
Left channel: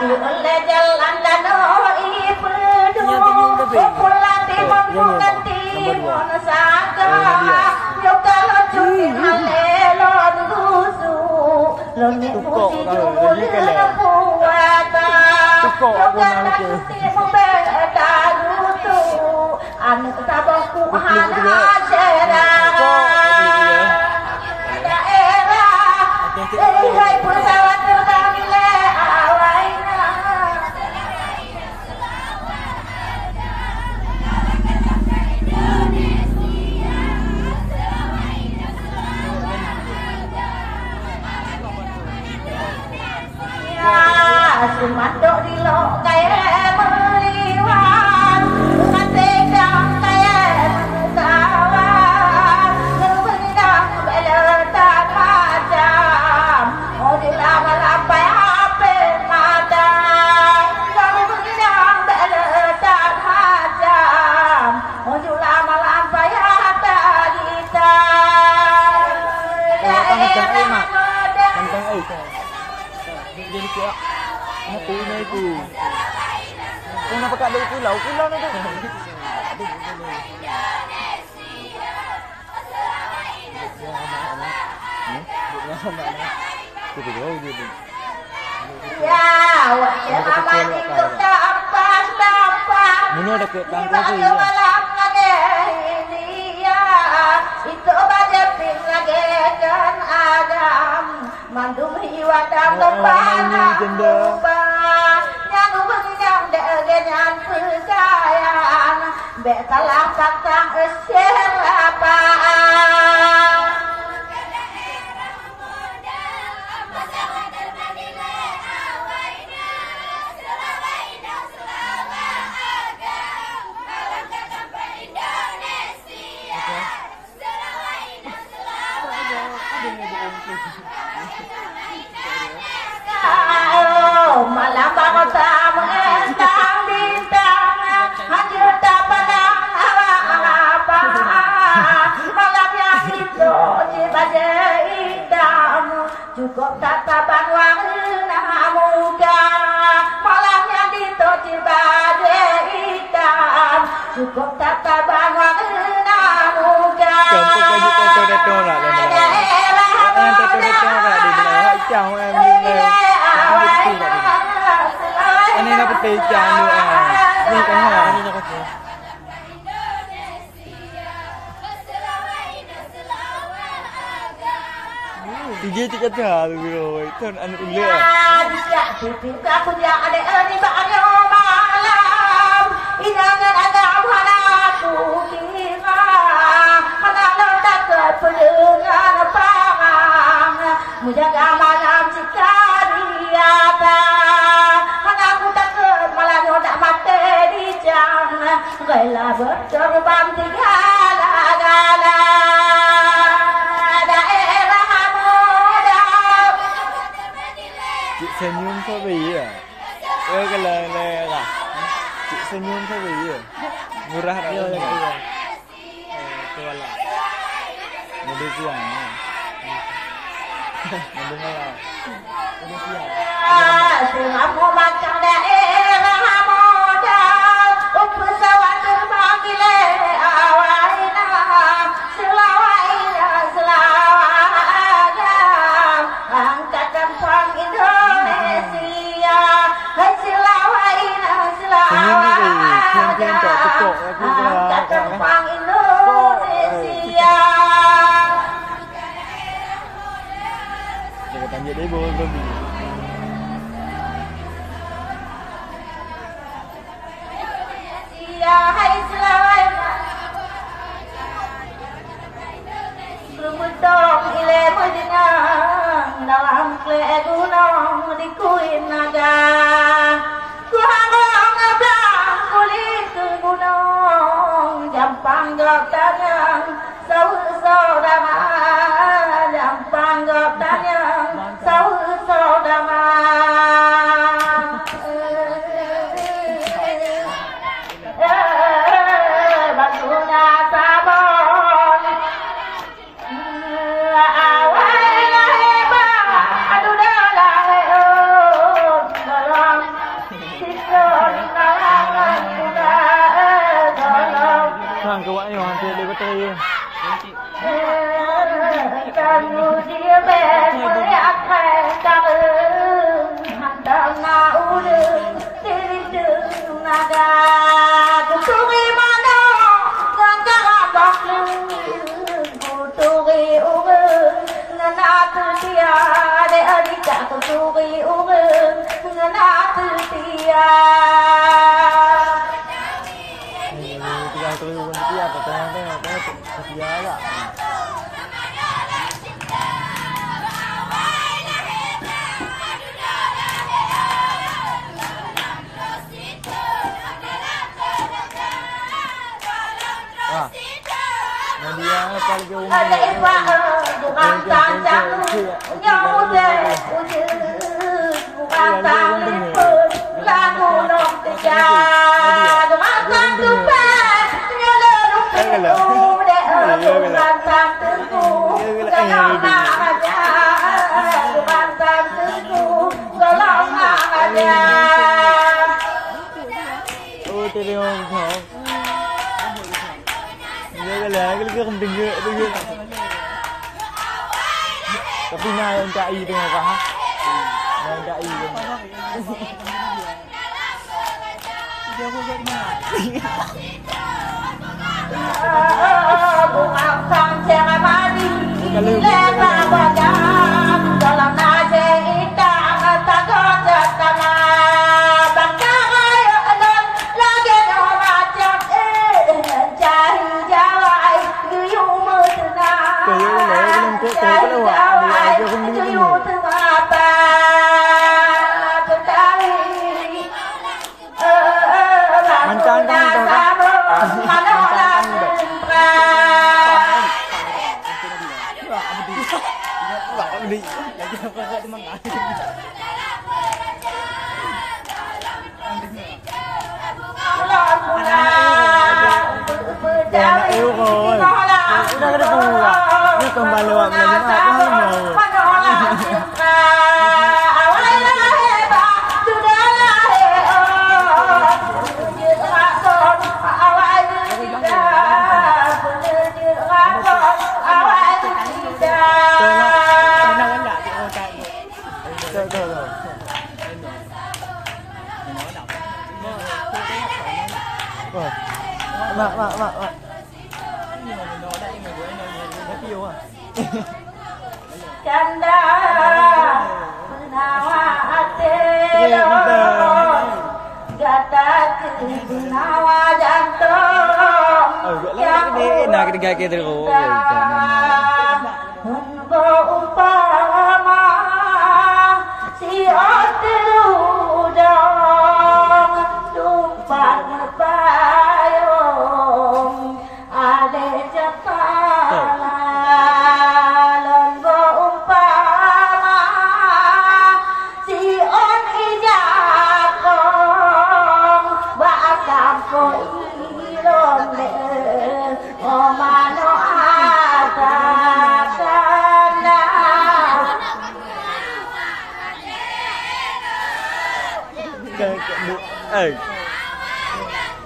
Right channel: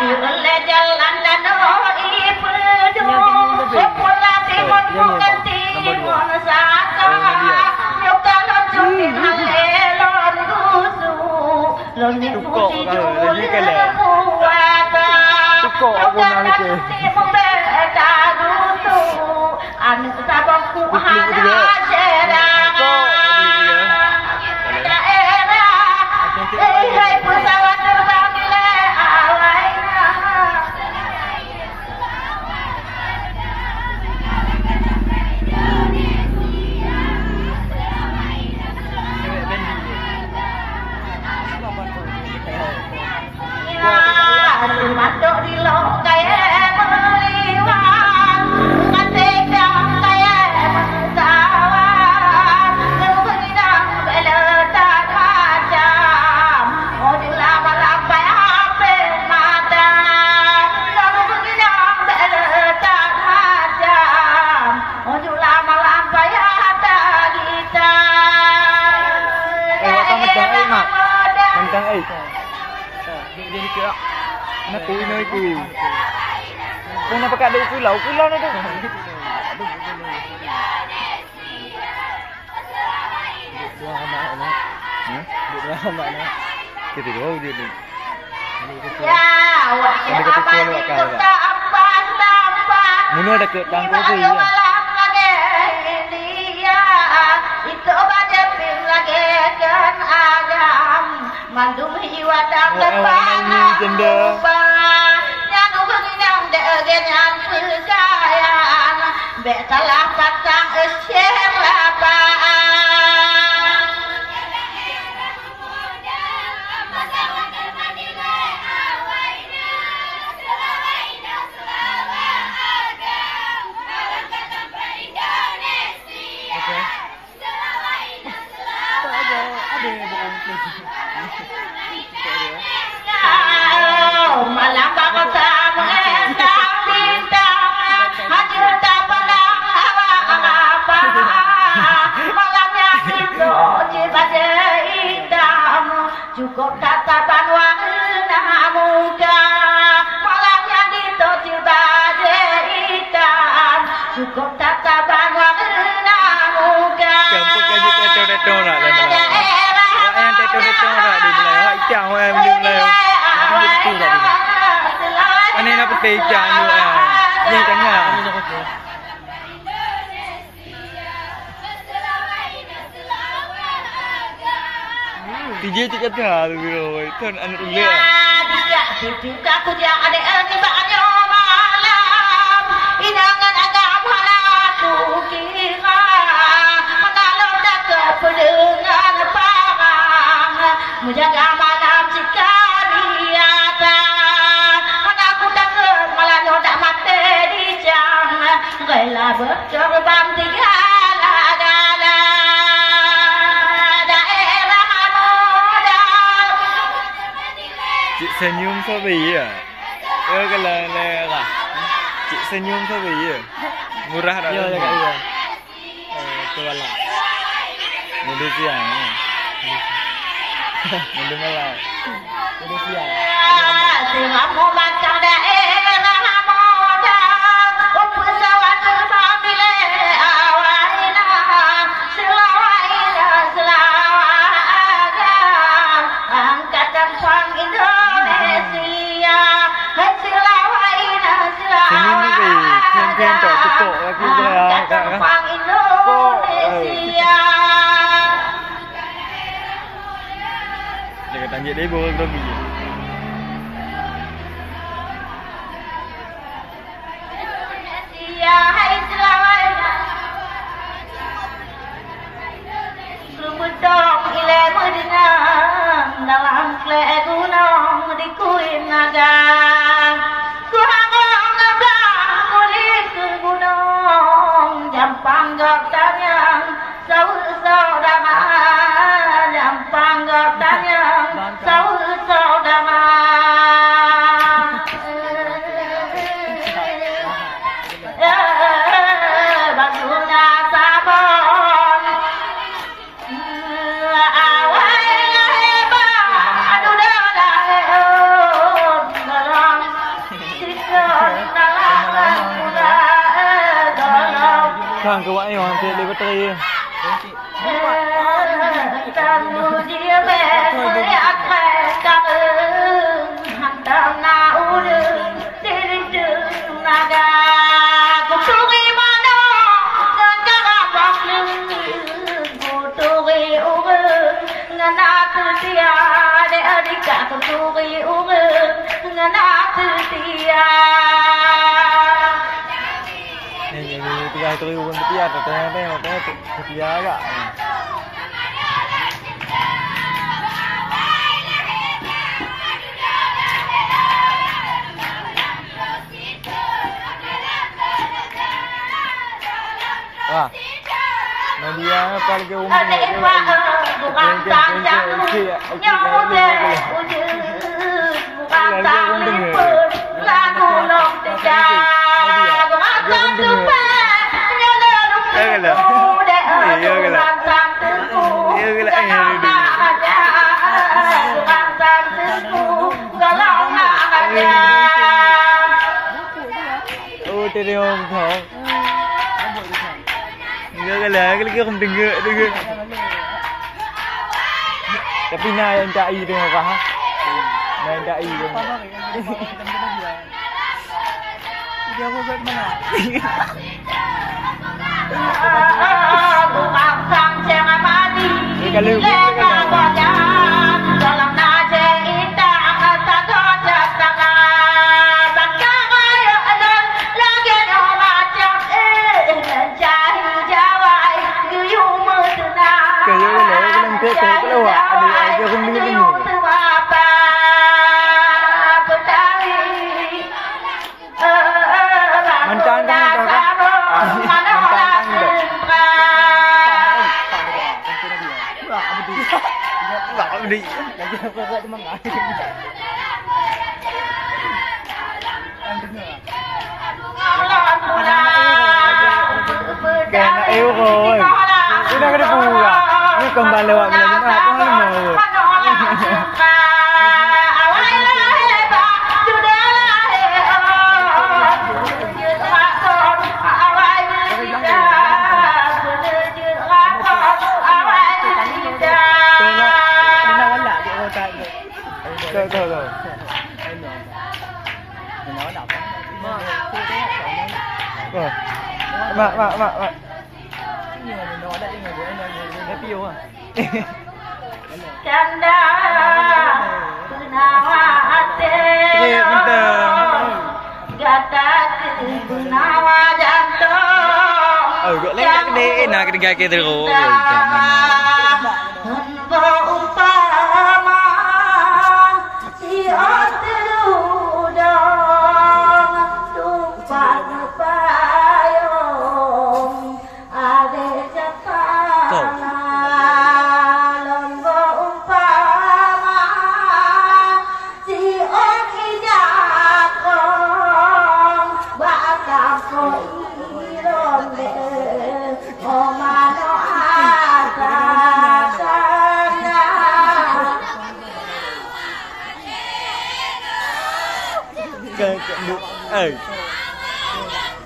di oleh jalan dan ibu pulang timur bukan timur saka nyuka loncutin elon gusu loni putih juli kebuata nyuka timur beta gusu anu sabangku hana serangan hey pesawat terbang gile awaina mandok di lo kaya meliwat ngatek dang kaya tawar ngebenidang beletan macam modul lama lampai ape mata ngebenidang beletan macam modul lama lampai hata kita mak tentang jadi kira nanti ini ku kau nak pakai dulu kulau tu kita dulu dia tu ada ketukar luar kau mana ada ke tangkau tu ya itu baca pin lagi kan agam mandum hiwadang depan yang begini dengan percayaan betalah patang esir lapaan malam bapak tak mengendang bintang hanya tak pandang apa malam yang itu jibaja hitam cukup tatapan warna muka malam yang itu jibaja hitam cukup tatapan warna muka kampung kaji teto nak yang teto nak di belakang hitam em di belakang Ani nak putih jangan lu ni tengah. Tiga tiga tahun biro, itu anak ule. Juga aku jangan ada ni banyak malam. Inangan ada halatu kira. Kalau tak kependengar parang, menjaga malam jika dia aku tak ke malah nyodak mati di jam. Gila berterbang tiga gala. Chị senyum sao vậy à? Cái là chị senyum sao vậy à? Murah dah. Ya. Tu lah. Mudah siang. Mudah malam. Mudah siang. Semua mau makan daerah modal. Pesawat terbang bila awalnya selawanya angkatan pang Indonesia selawanya senyum tu sih, kian tak tekuk lagi angkatan pang Indonesia. Dia tanya dia bawa berapa? Hai selawanya Lumutong ile medinang dalam kle gunung di kuin naga Kuhangong abang kulit ke gunung Jampang gotanyang saudara Jampang gotanyang saudara Sang ke wak yang dia bateri. Kamu dia boleh akan tahun hantam na udung diri naga kuturi mana dan jarabak kuturi urung dan aku dia adik kuturi urung dan aku dia Tengah urun setia atau tengah setia agak. apa lagi umur Adik Pak bukan tanjang nyobek ujung bukan talipun lagu long tiga makan tumpah nyolong dek bukan tangku bukan tangku tolong aja. Oh tadi orang kau. Enggak lah, kalau không dengar. Tapi nak yang cai dengan apa? Nak yang cai dengan. Dia mau buat mana? Bukan tangjang mati. Kalau dalam nasi indah tak ada tanah bangkai alon lagi macam cari jawai yuyung mutuna kayu kalau belum kalau awak ada không dengar. Mantan kan dah. Mantan kan dah. Lak beli. Kena eu rồi. Ini dah kena pula. Ini kembali lewat bulan Jumaat tu hal mau. Thôi. Rồi. Mak. Nó tiêu à? Canda Gunawa hati Gata Gunawa jantung Gọi lấy cái đi nào cái gai kia từ gỗ rồi Hunbo umpama Si Atiludang Tumpang payung Ade jatana Lembo umpama Si on ijakong Bakam koilonde Omano atakana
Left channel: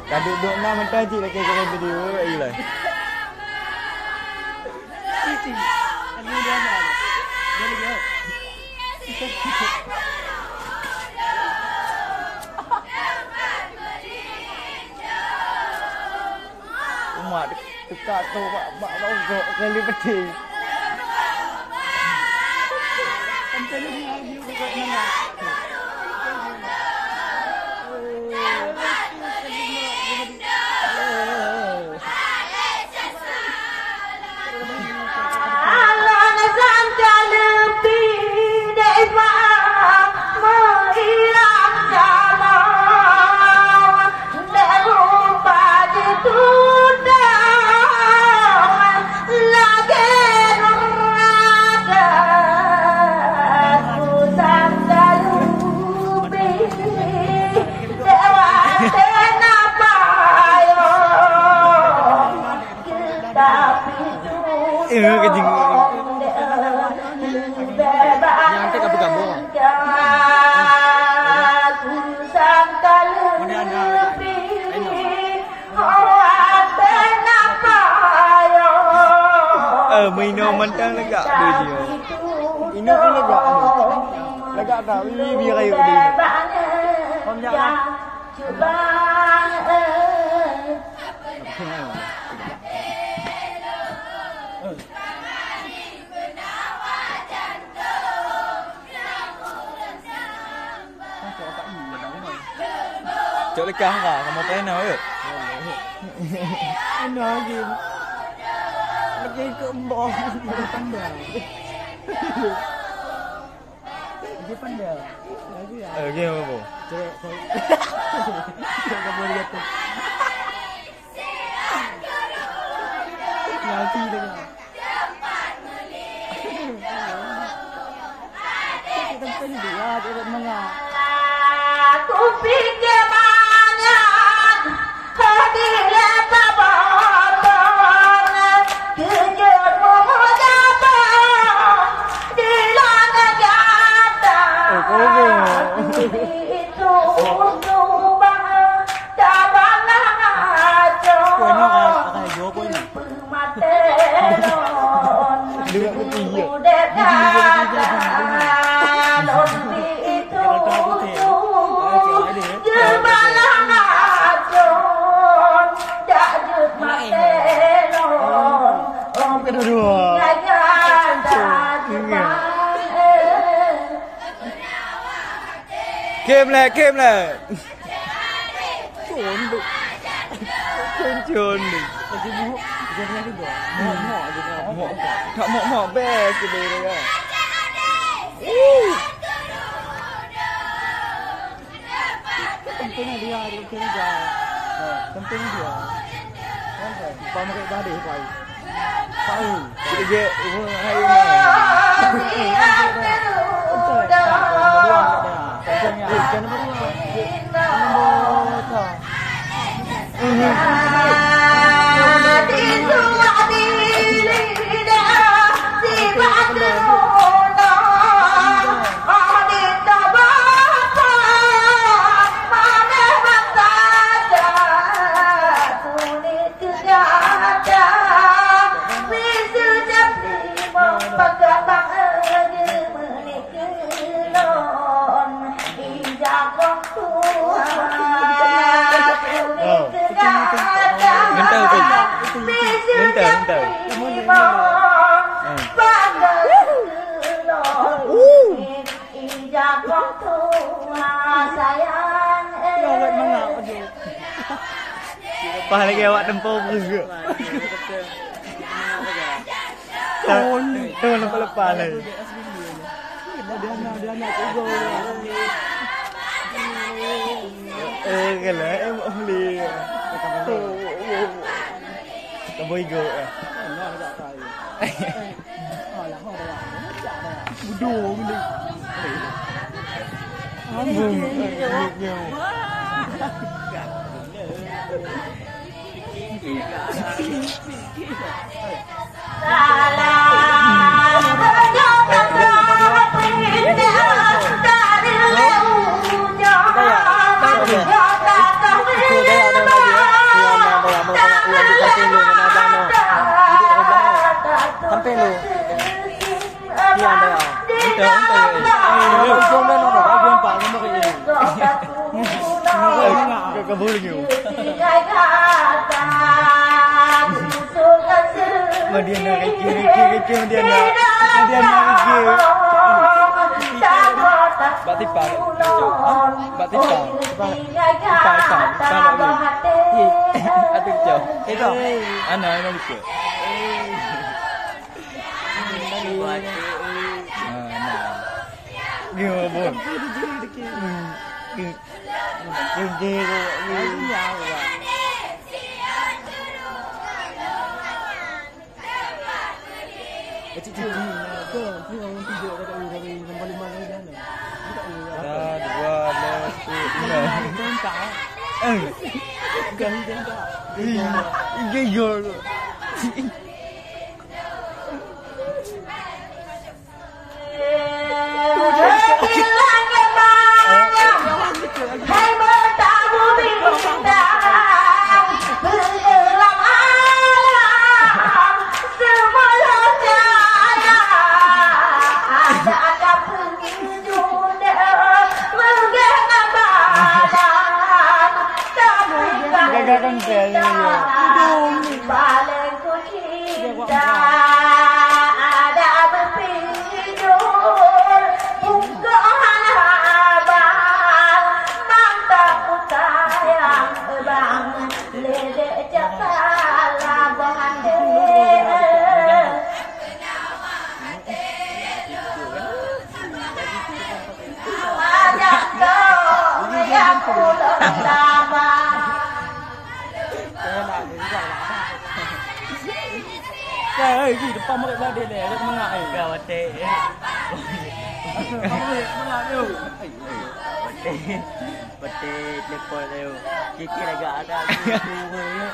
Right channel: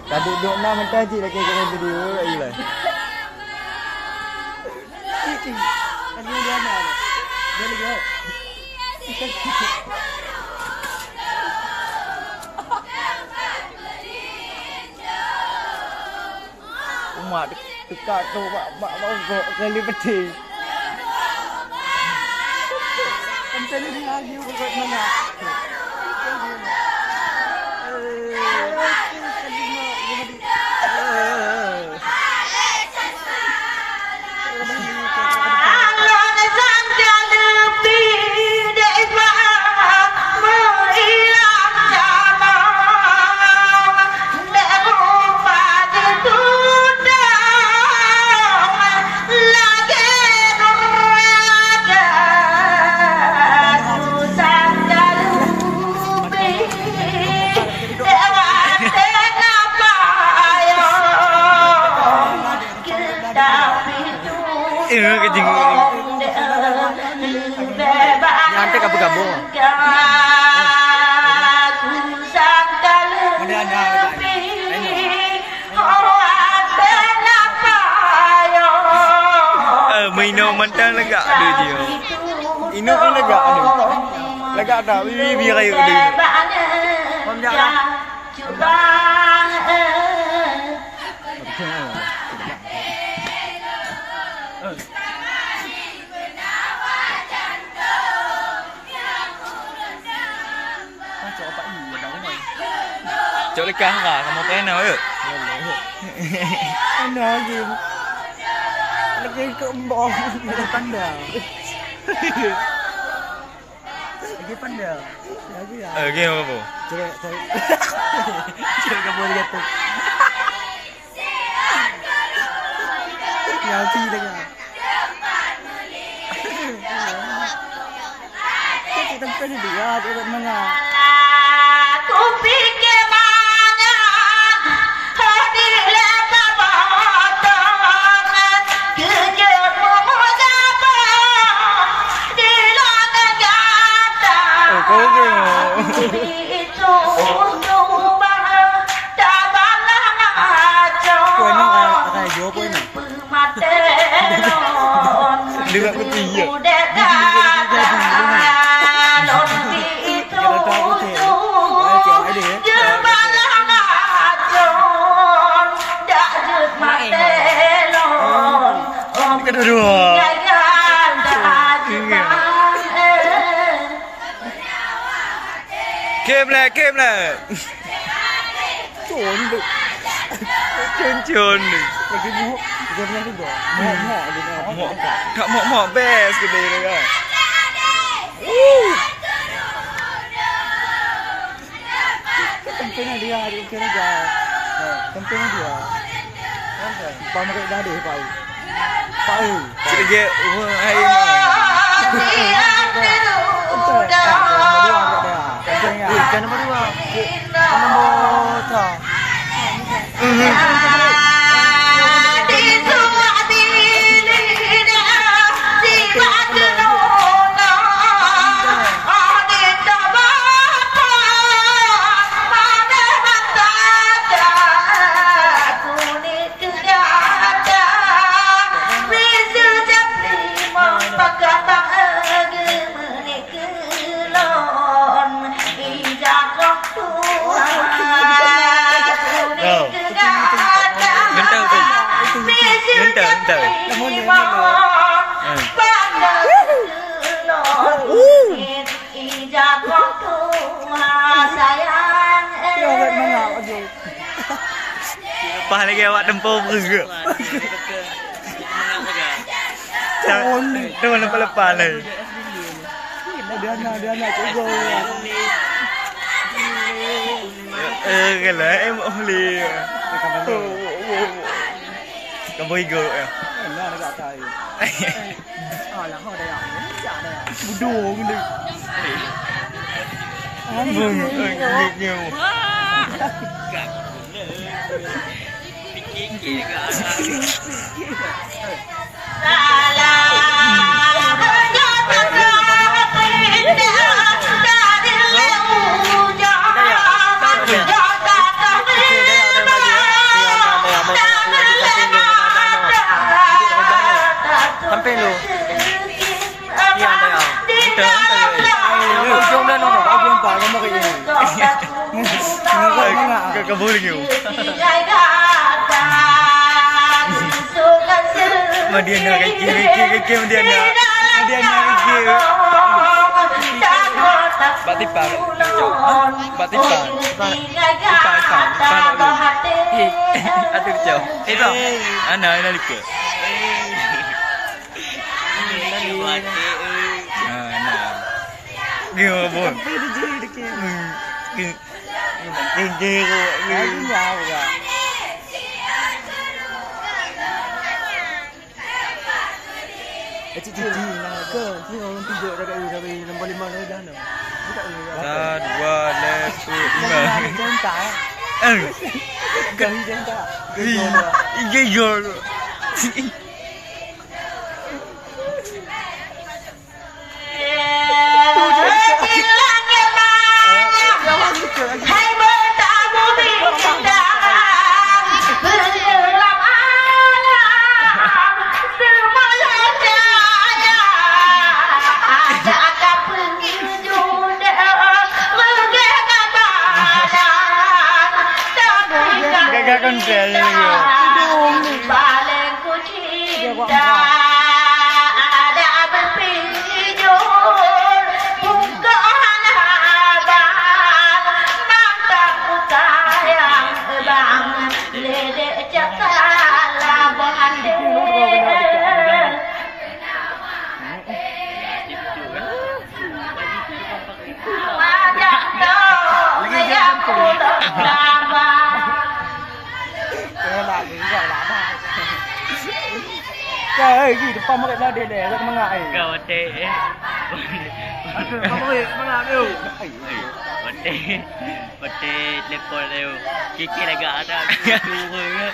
Kan duduk nak mentah cik lagi kau video lagi lah. Umat dekat tu mak gok kali peti. Kejing. Nyantek apa kamu? Maino mentang legak dia je. Ino pun legak ni. Legak tak? Bibi kayu dia. Pam jangan. Chỗ lấy cá vào có một cái nào ấy. Nó gì? Nó cái cơm bò nó pan đào. Cái pan đào. Game apa? Coba. Coba kamu lihat tuh. LT tengah. Kita tempat ni dia, dia mana? Ku fikir mana hadilah tabatangan kerjamu mudaba di lana gata. Oh, kau ke? Itu ubah tabalang aja. Kau nak akan jual kau ni? Dengar kopi ya. Kedua. Kem lah. Cun. Lagi buh. Dia juga. Mak best ke dia kan. Pentingnya dia Pentingnya dia. Kau nak dah deh kau. Tahu. Cik dia hai mak. Jangan berdua. Nombor tak. Gentar. Pas lagi awak tempoh berge. Tuan lepas lah. Kalau em boleh. Kamu boleh go ya. Bodoh benda. Ngeu. Campaign lu. Ni anda ya. Entah. Yang ujung dah nombor. Aku nampak nombor kayak gini. Kau boleh ngeu. Dia nak kaki dia nak kaki. Batipan. Aduh jauh. Itu. Ana lika. Nah. Gimana bon? Gak konten ya. Paling ku cinta ada berpijur bukan abang nantang ku sayang bang ledek cakala bande. Ajak dong aku lama. Lagi depan mereka badai deh, kau mengak eh. Kau batik. Apa mereka mengak tu? Batik lepol tu. Kiki lagi ada turun.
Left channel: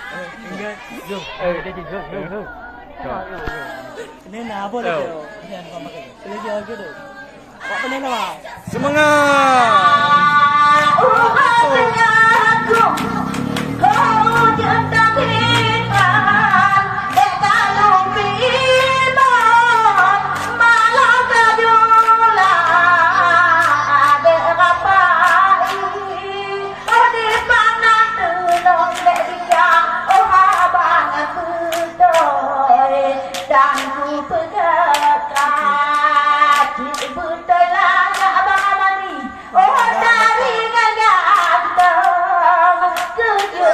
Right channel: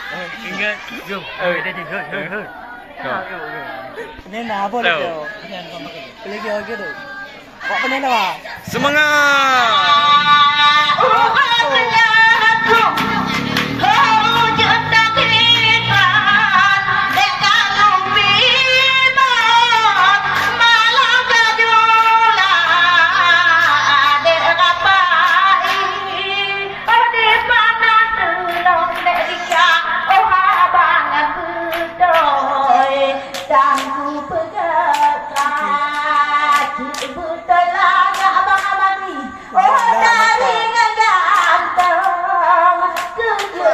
Ingat. Jom. Dah di. Ini apa tu? Ini apa mereka? Lagi tu. Buat apa ni lah?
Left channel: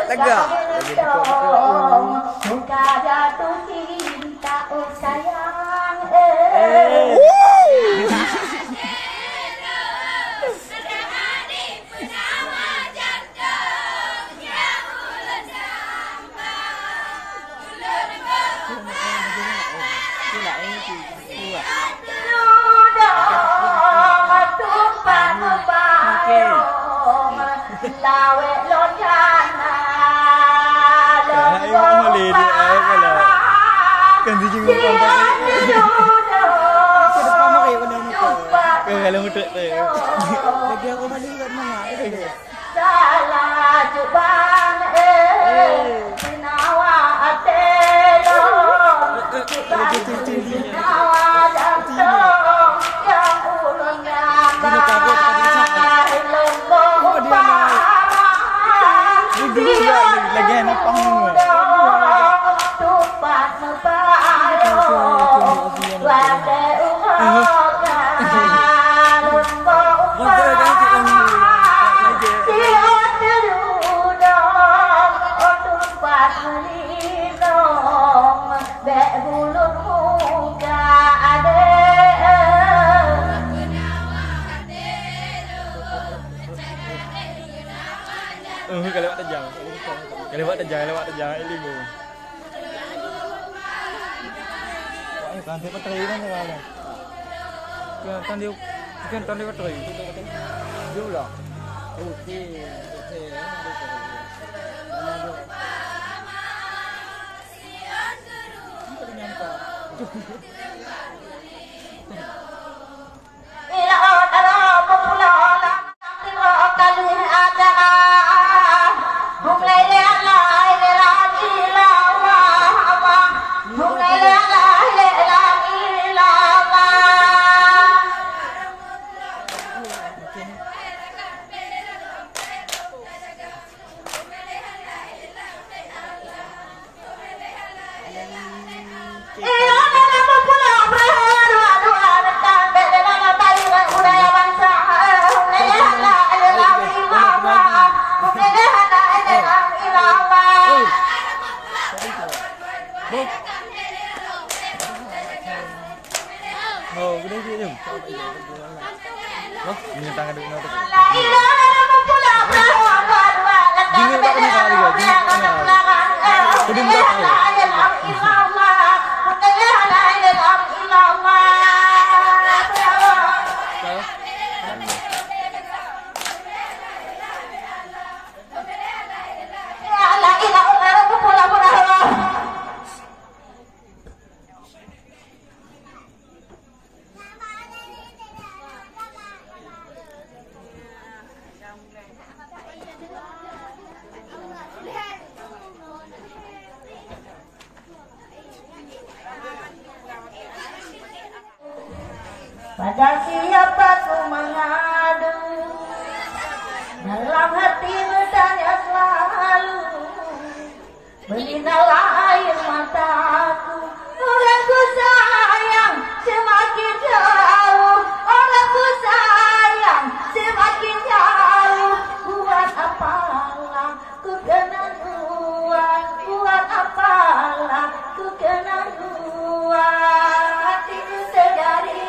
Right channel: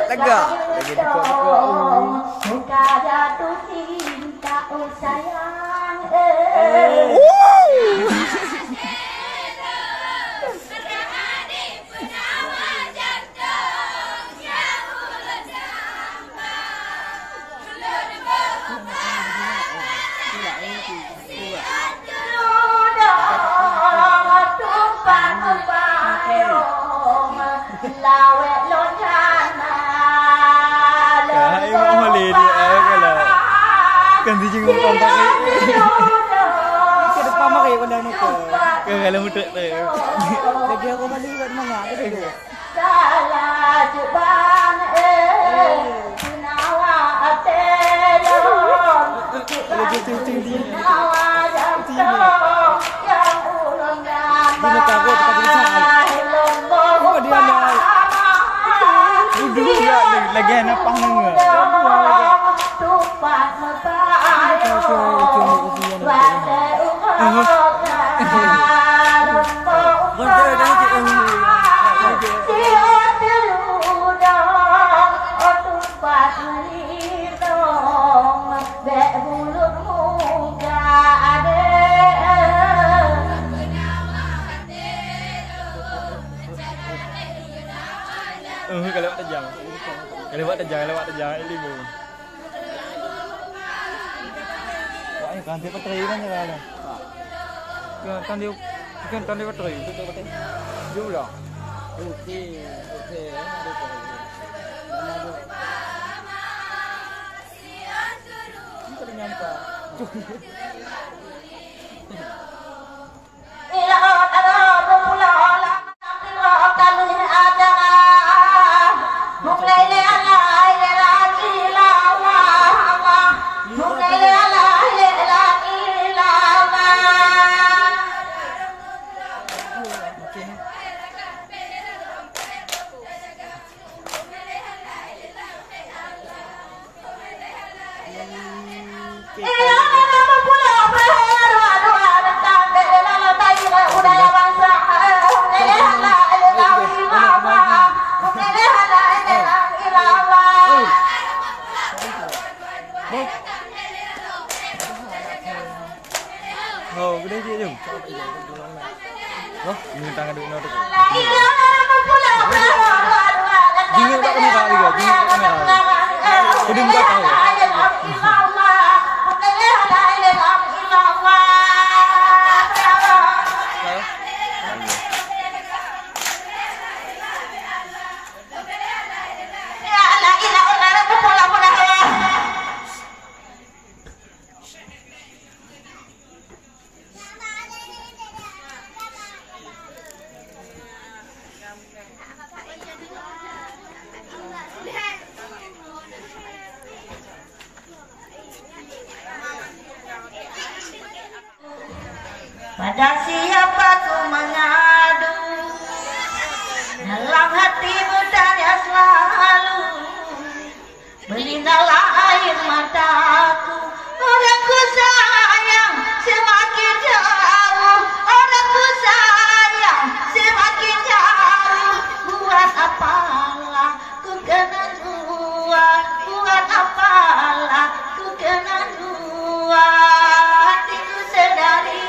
Tegak. Lagi dekat. Muka jatuh cinta sayang. Lawe lonjana. Kahai mau lady kalau kan di jenguk kontak ni. Ke depan mereka kena muka. Kalau mudah tu. Lagi aku balik buat mana? Salah juban nawa atelo. Lagi cincin dia. Nawa jatuh yang ulangnya. Dia takut tak bisa. Oh dia naik. Dulu lagi anak panggung. Kalau lewat terjang libu. Wah, kan dia petri kan kalau. Kan dia petri. Jauh lah. Okey. Oh, gede gitu. Wah, ini tangan dulu tu. Jingle tak kena kali ke? Jingle tak kena kali. Kudin tak kali. Pada siapa ku mengadu, dalam hati bertanya selalu, berlinalah air mataku. Orang ku sayang semakin jauh, orang ku sayang semakin jauh. Buat apalah ku kena dua, buat apalah ku kena dua. Hatiku sedari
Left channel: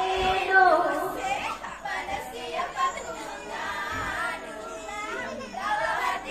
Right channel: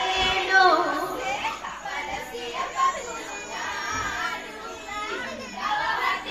pada siapa ku mengadu, dalam hati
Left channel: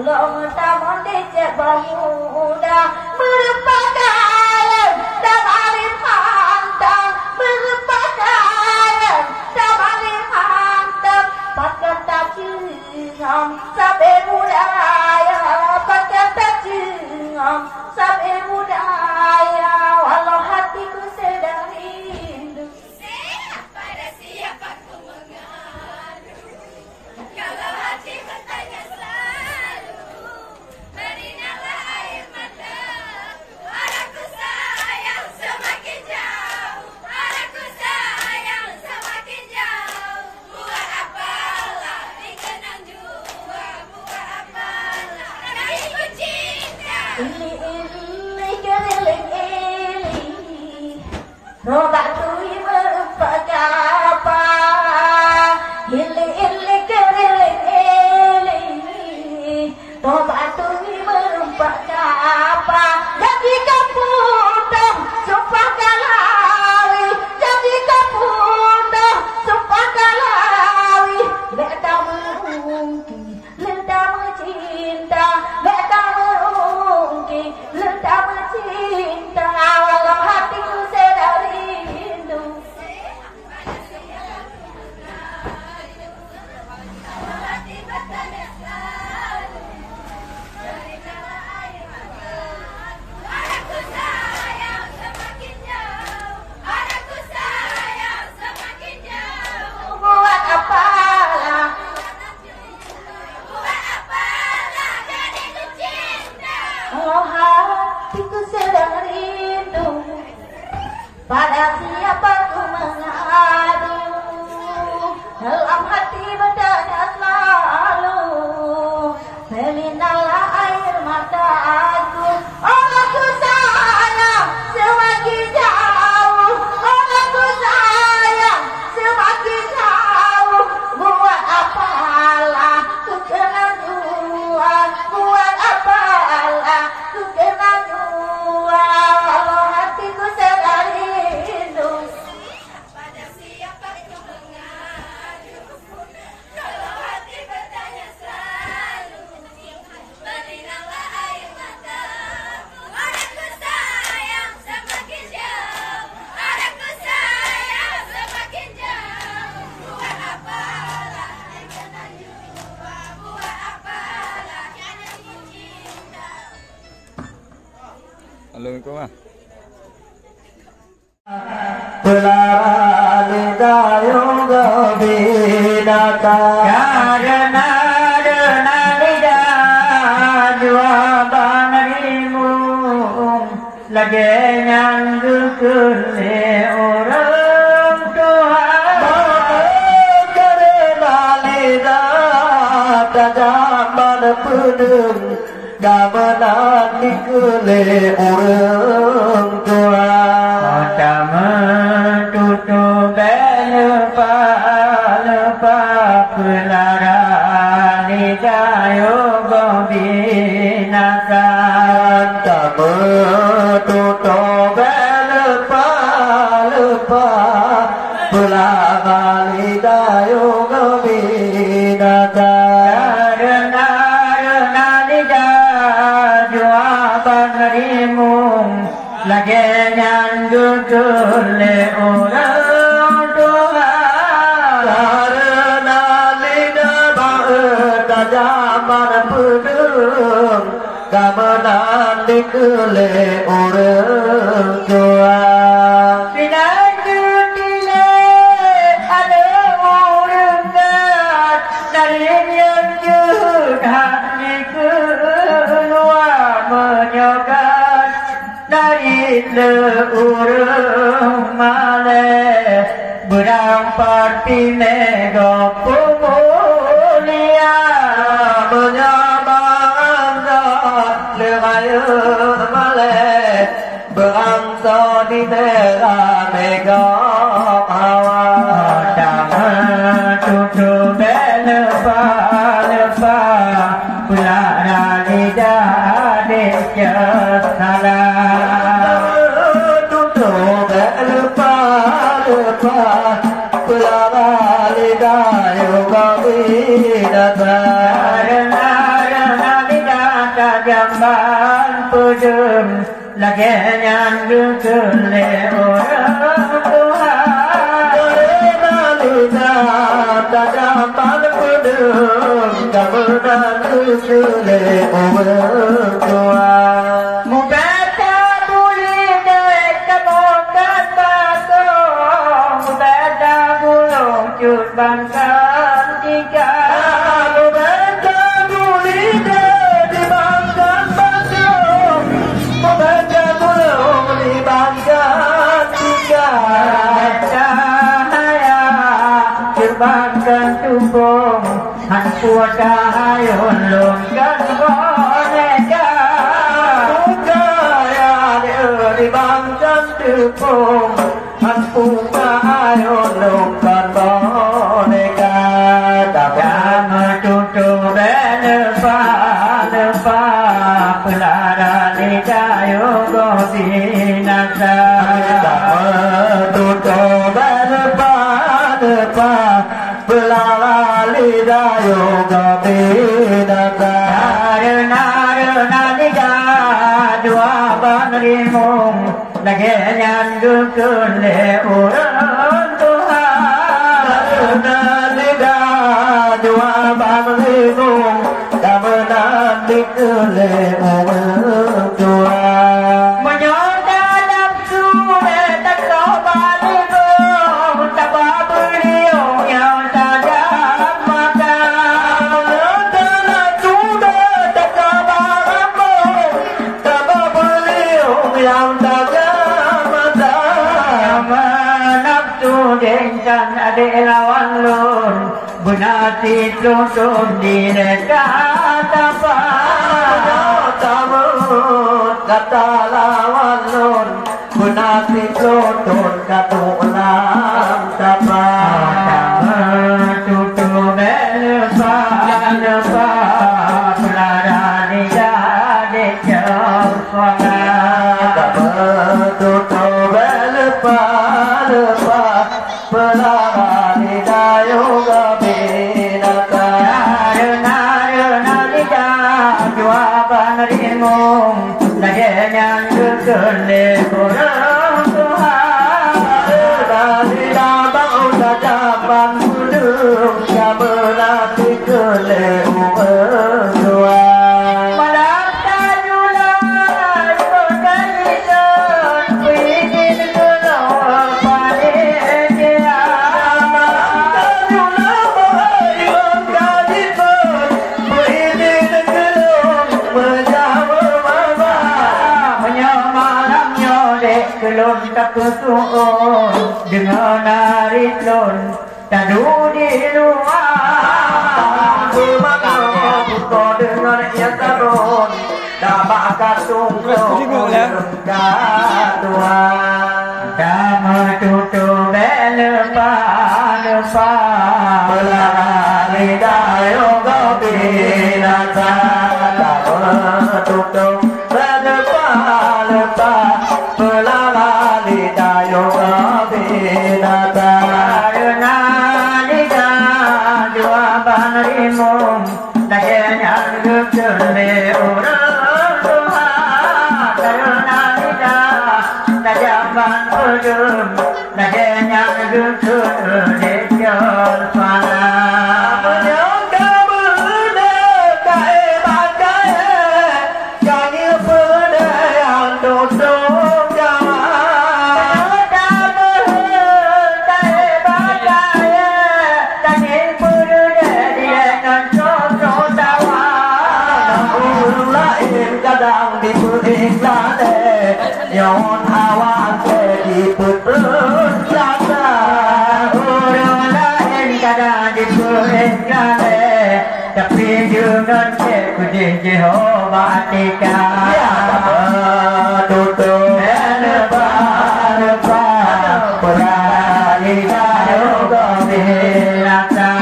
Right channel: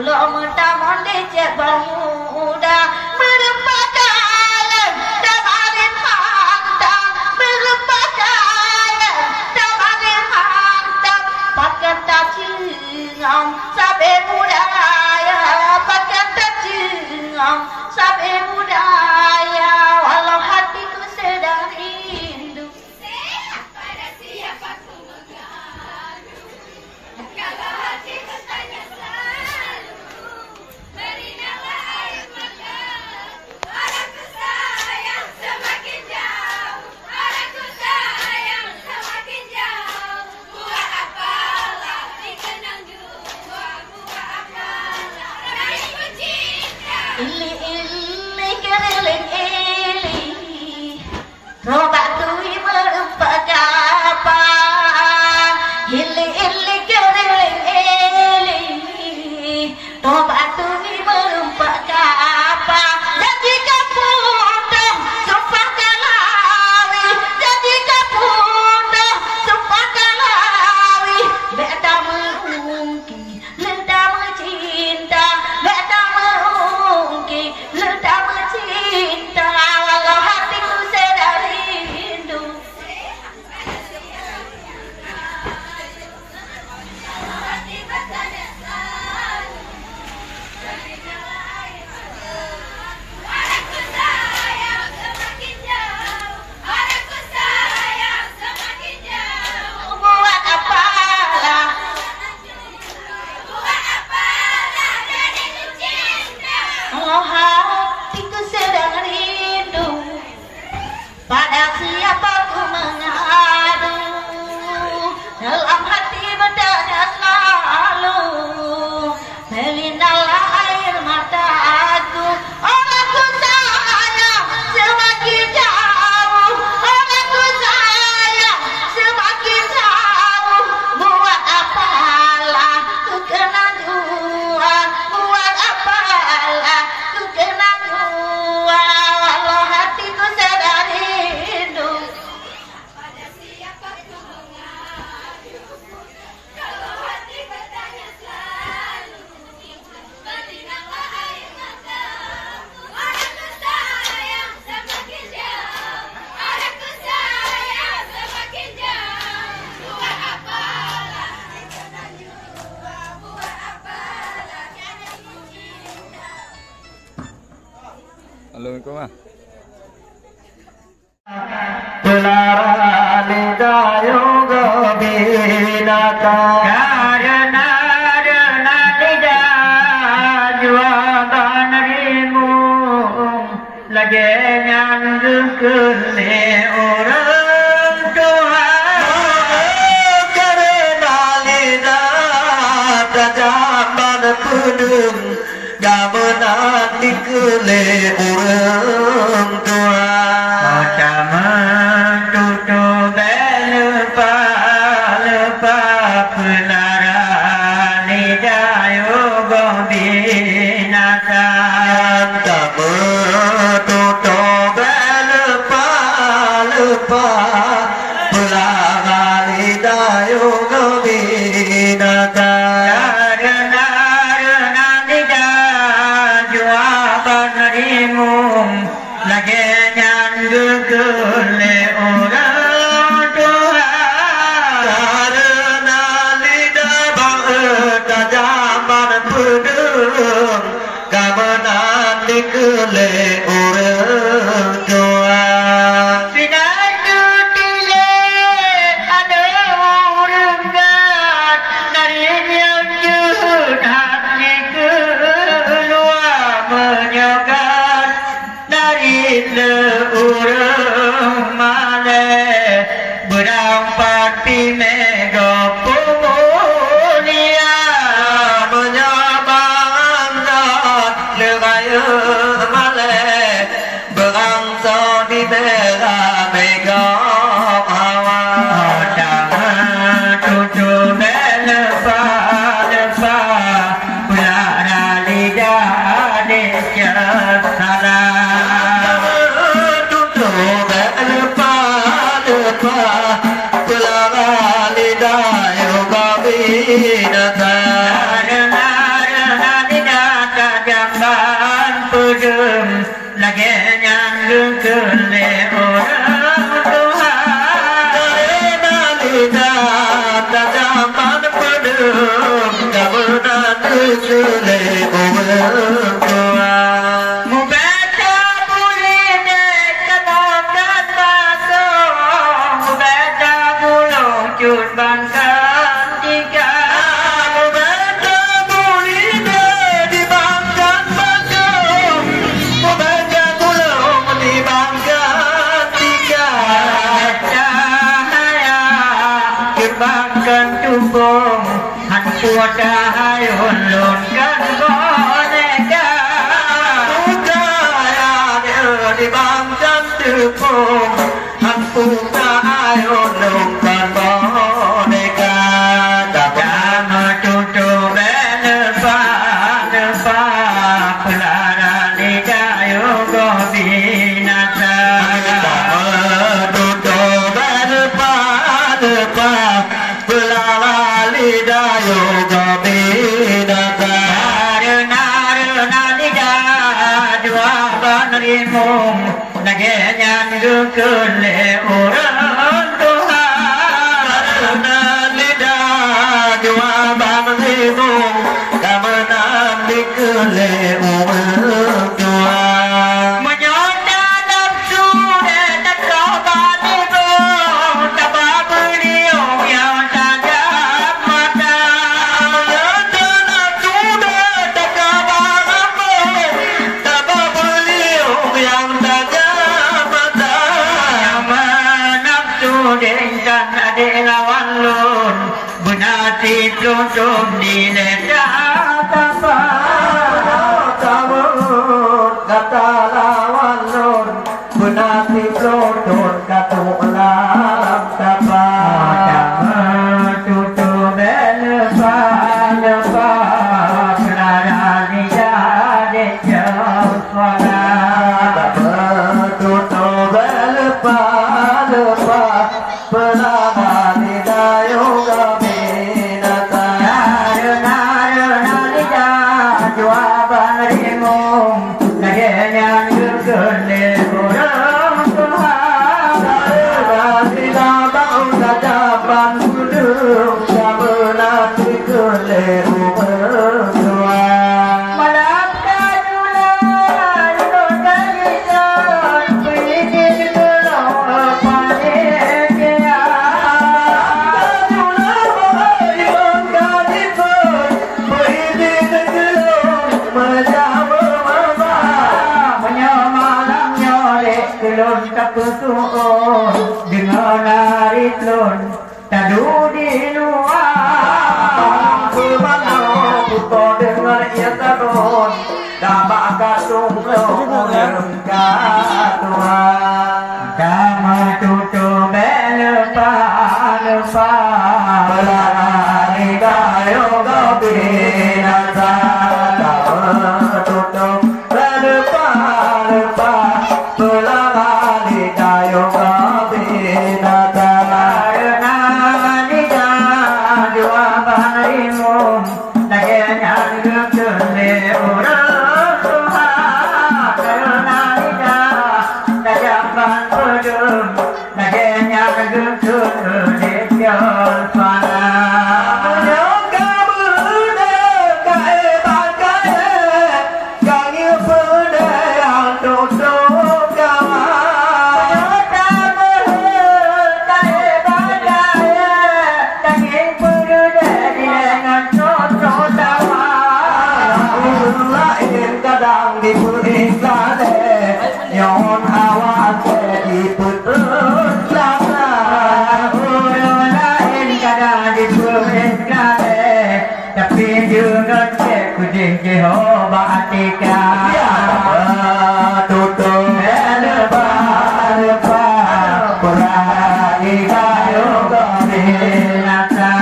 Dulu mentamon dicek muda berpakaian damarin hantam berpakaian damarin hantam pakai tajingam sampai budaya pakai tajingam sampai budaya walau hatiku sedang rindu pada siapa ku mengadu kalau hatiku tanya selalu berinyalah air mata orangku sayang semakin jauh orangku sayang semakin jauh buat apalah dikenang jua buat apalah dariku cinta ili keliling ili roba tui merupakan apa ili keliling ili roba tui merupakan apa dan jika putus sumpah kalawi dan jika putus sumpah kalawi beta mungkin leda mencinta beta mungkin leda mencinta walau hatiku sedang rindu hati bertanya selalu berinyalah air mata orangku sayang semakin jauh orangku sayang semakin jauh buat apalah buat apalah dariku cinta oh hatiku sedang rindu pada siapa ku mengadu dalam hati bertanya selalu melinalah air mata aku orangku sayang semakin jauh orangku sayang semakin jauh buat apalah ku kena jua buat apalah ku kena jua walau hatiku sedang rindu pada siapa ku mengadu kalau hati bertanya selalu berinyalah air mata orangku sayang semakin jauh orangku sayang semakin jauh buat apalah kena jua buat apalah kena cinta Assalamualaikum ah. Belarali dayung binaka Karena dengan lidah jualan rimu lagi nyandukule orang tua karena lidah tajaman pedung gamelan dikele orang tua macam tutup lepa pelara lidah yoga binaka kamu tutup lepa pulang lidah yoga binaka lagi nyandukule orang tua karena lidah bangsa zaman pedung gamelan dikele orang tua pinandutile ada orang gat dari yang judat keluar menyokat dari leurung male berampat pinega pemulia menyabangga lengaya male bangsa di merah mega awal tutup lepa pulara lidah desa salah tutup lepa pulang lidah yoga binatang nyan gương lệ orang Tuhan Nalida dapat pedum kemudian lele orang Tuhan membaca boleh dek kenok dan batong membaca gulung cut bangkan tiga bangkan tumbung hanpua dahai honlonkan boneka budaya di bangkan tumbung hanpua dahai honlonkan boneka jangan tutup lepa lepa pelara lidayo gobinasa tutup lepa lepa pelala lidayo gobinasa Karena lidah dua banrimung Nagenyan gukule orang Tuhan Karena lidah dua banrimung Kemudian dikule orang Tuhan Menyonda nafsu dan kau banimung Tabah beliau yang tajam mata Dengan adik lawan lun Benati tutup di nedak tapak Kata lawan lun Benati tutup kata ulang tapak tutup lepas pelara lidah adik jauh suara tutup lepas pelara lidayo gobinasa Karena lidah dua banrimung Nagenyan gukule orang Tuhan lidah bangsa dapat duduk kemudian dikule orang Tuhan Malapkan julan Yudan isun Pidin gulung Panitia Menyamalang nyolek Kelun tak kusuun Dengan narik lun Tadu di luar Buko dengan yang terun dapat katung Tuhan Kamu tutup lepa lidayo gobinasa tutup lepa pelala lidayo gobinasa Karena lidah dua banrimung Nagenyan gukule orang Tuhan Karena lidah najaman pedum Nagenyan gukule jauh suara Yon awas di putus jasa Lain kadang disulit kare Tapi dengan kudih Jehovah Tika tutup lepa Purani dayo gobinasa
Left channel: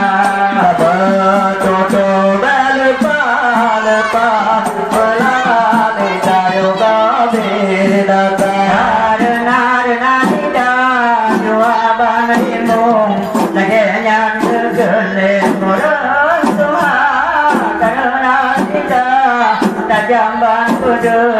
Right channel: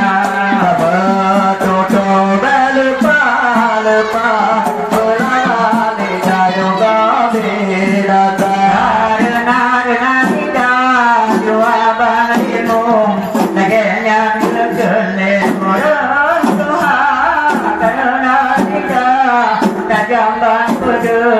tutup lepa pelala lidayo gobinasa Karena lidah dua banrimung Nagenyan gukule orang Tuhan Karena lidah tajam dan pedul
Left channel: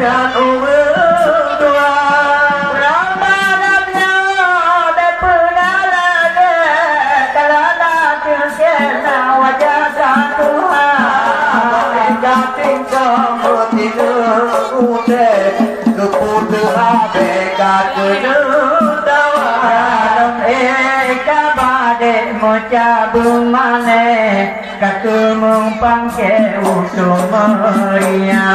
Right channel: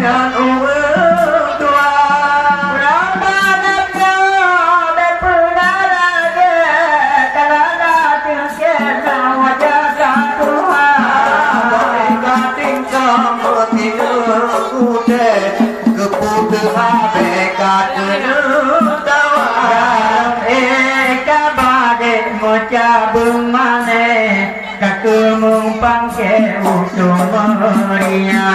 dengan umur tua. Ramadhannya berpengaruh karena tiada wajah Tuhan. Tapi kamu tidur kuda keputu abeka kenutawan. Kabadek mencabung mane kakemung pangke usul meria.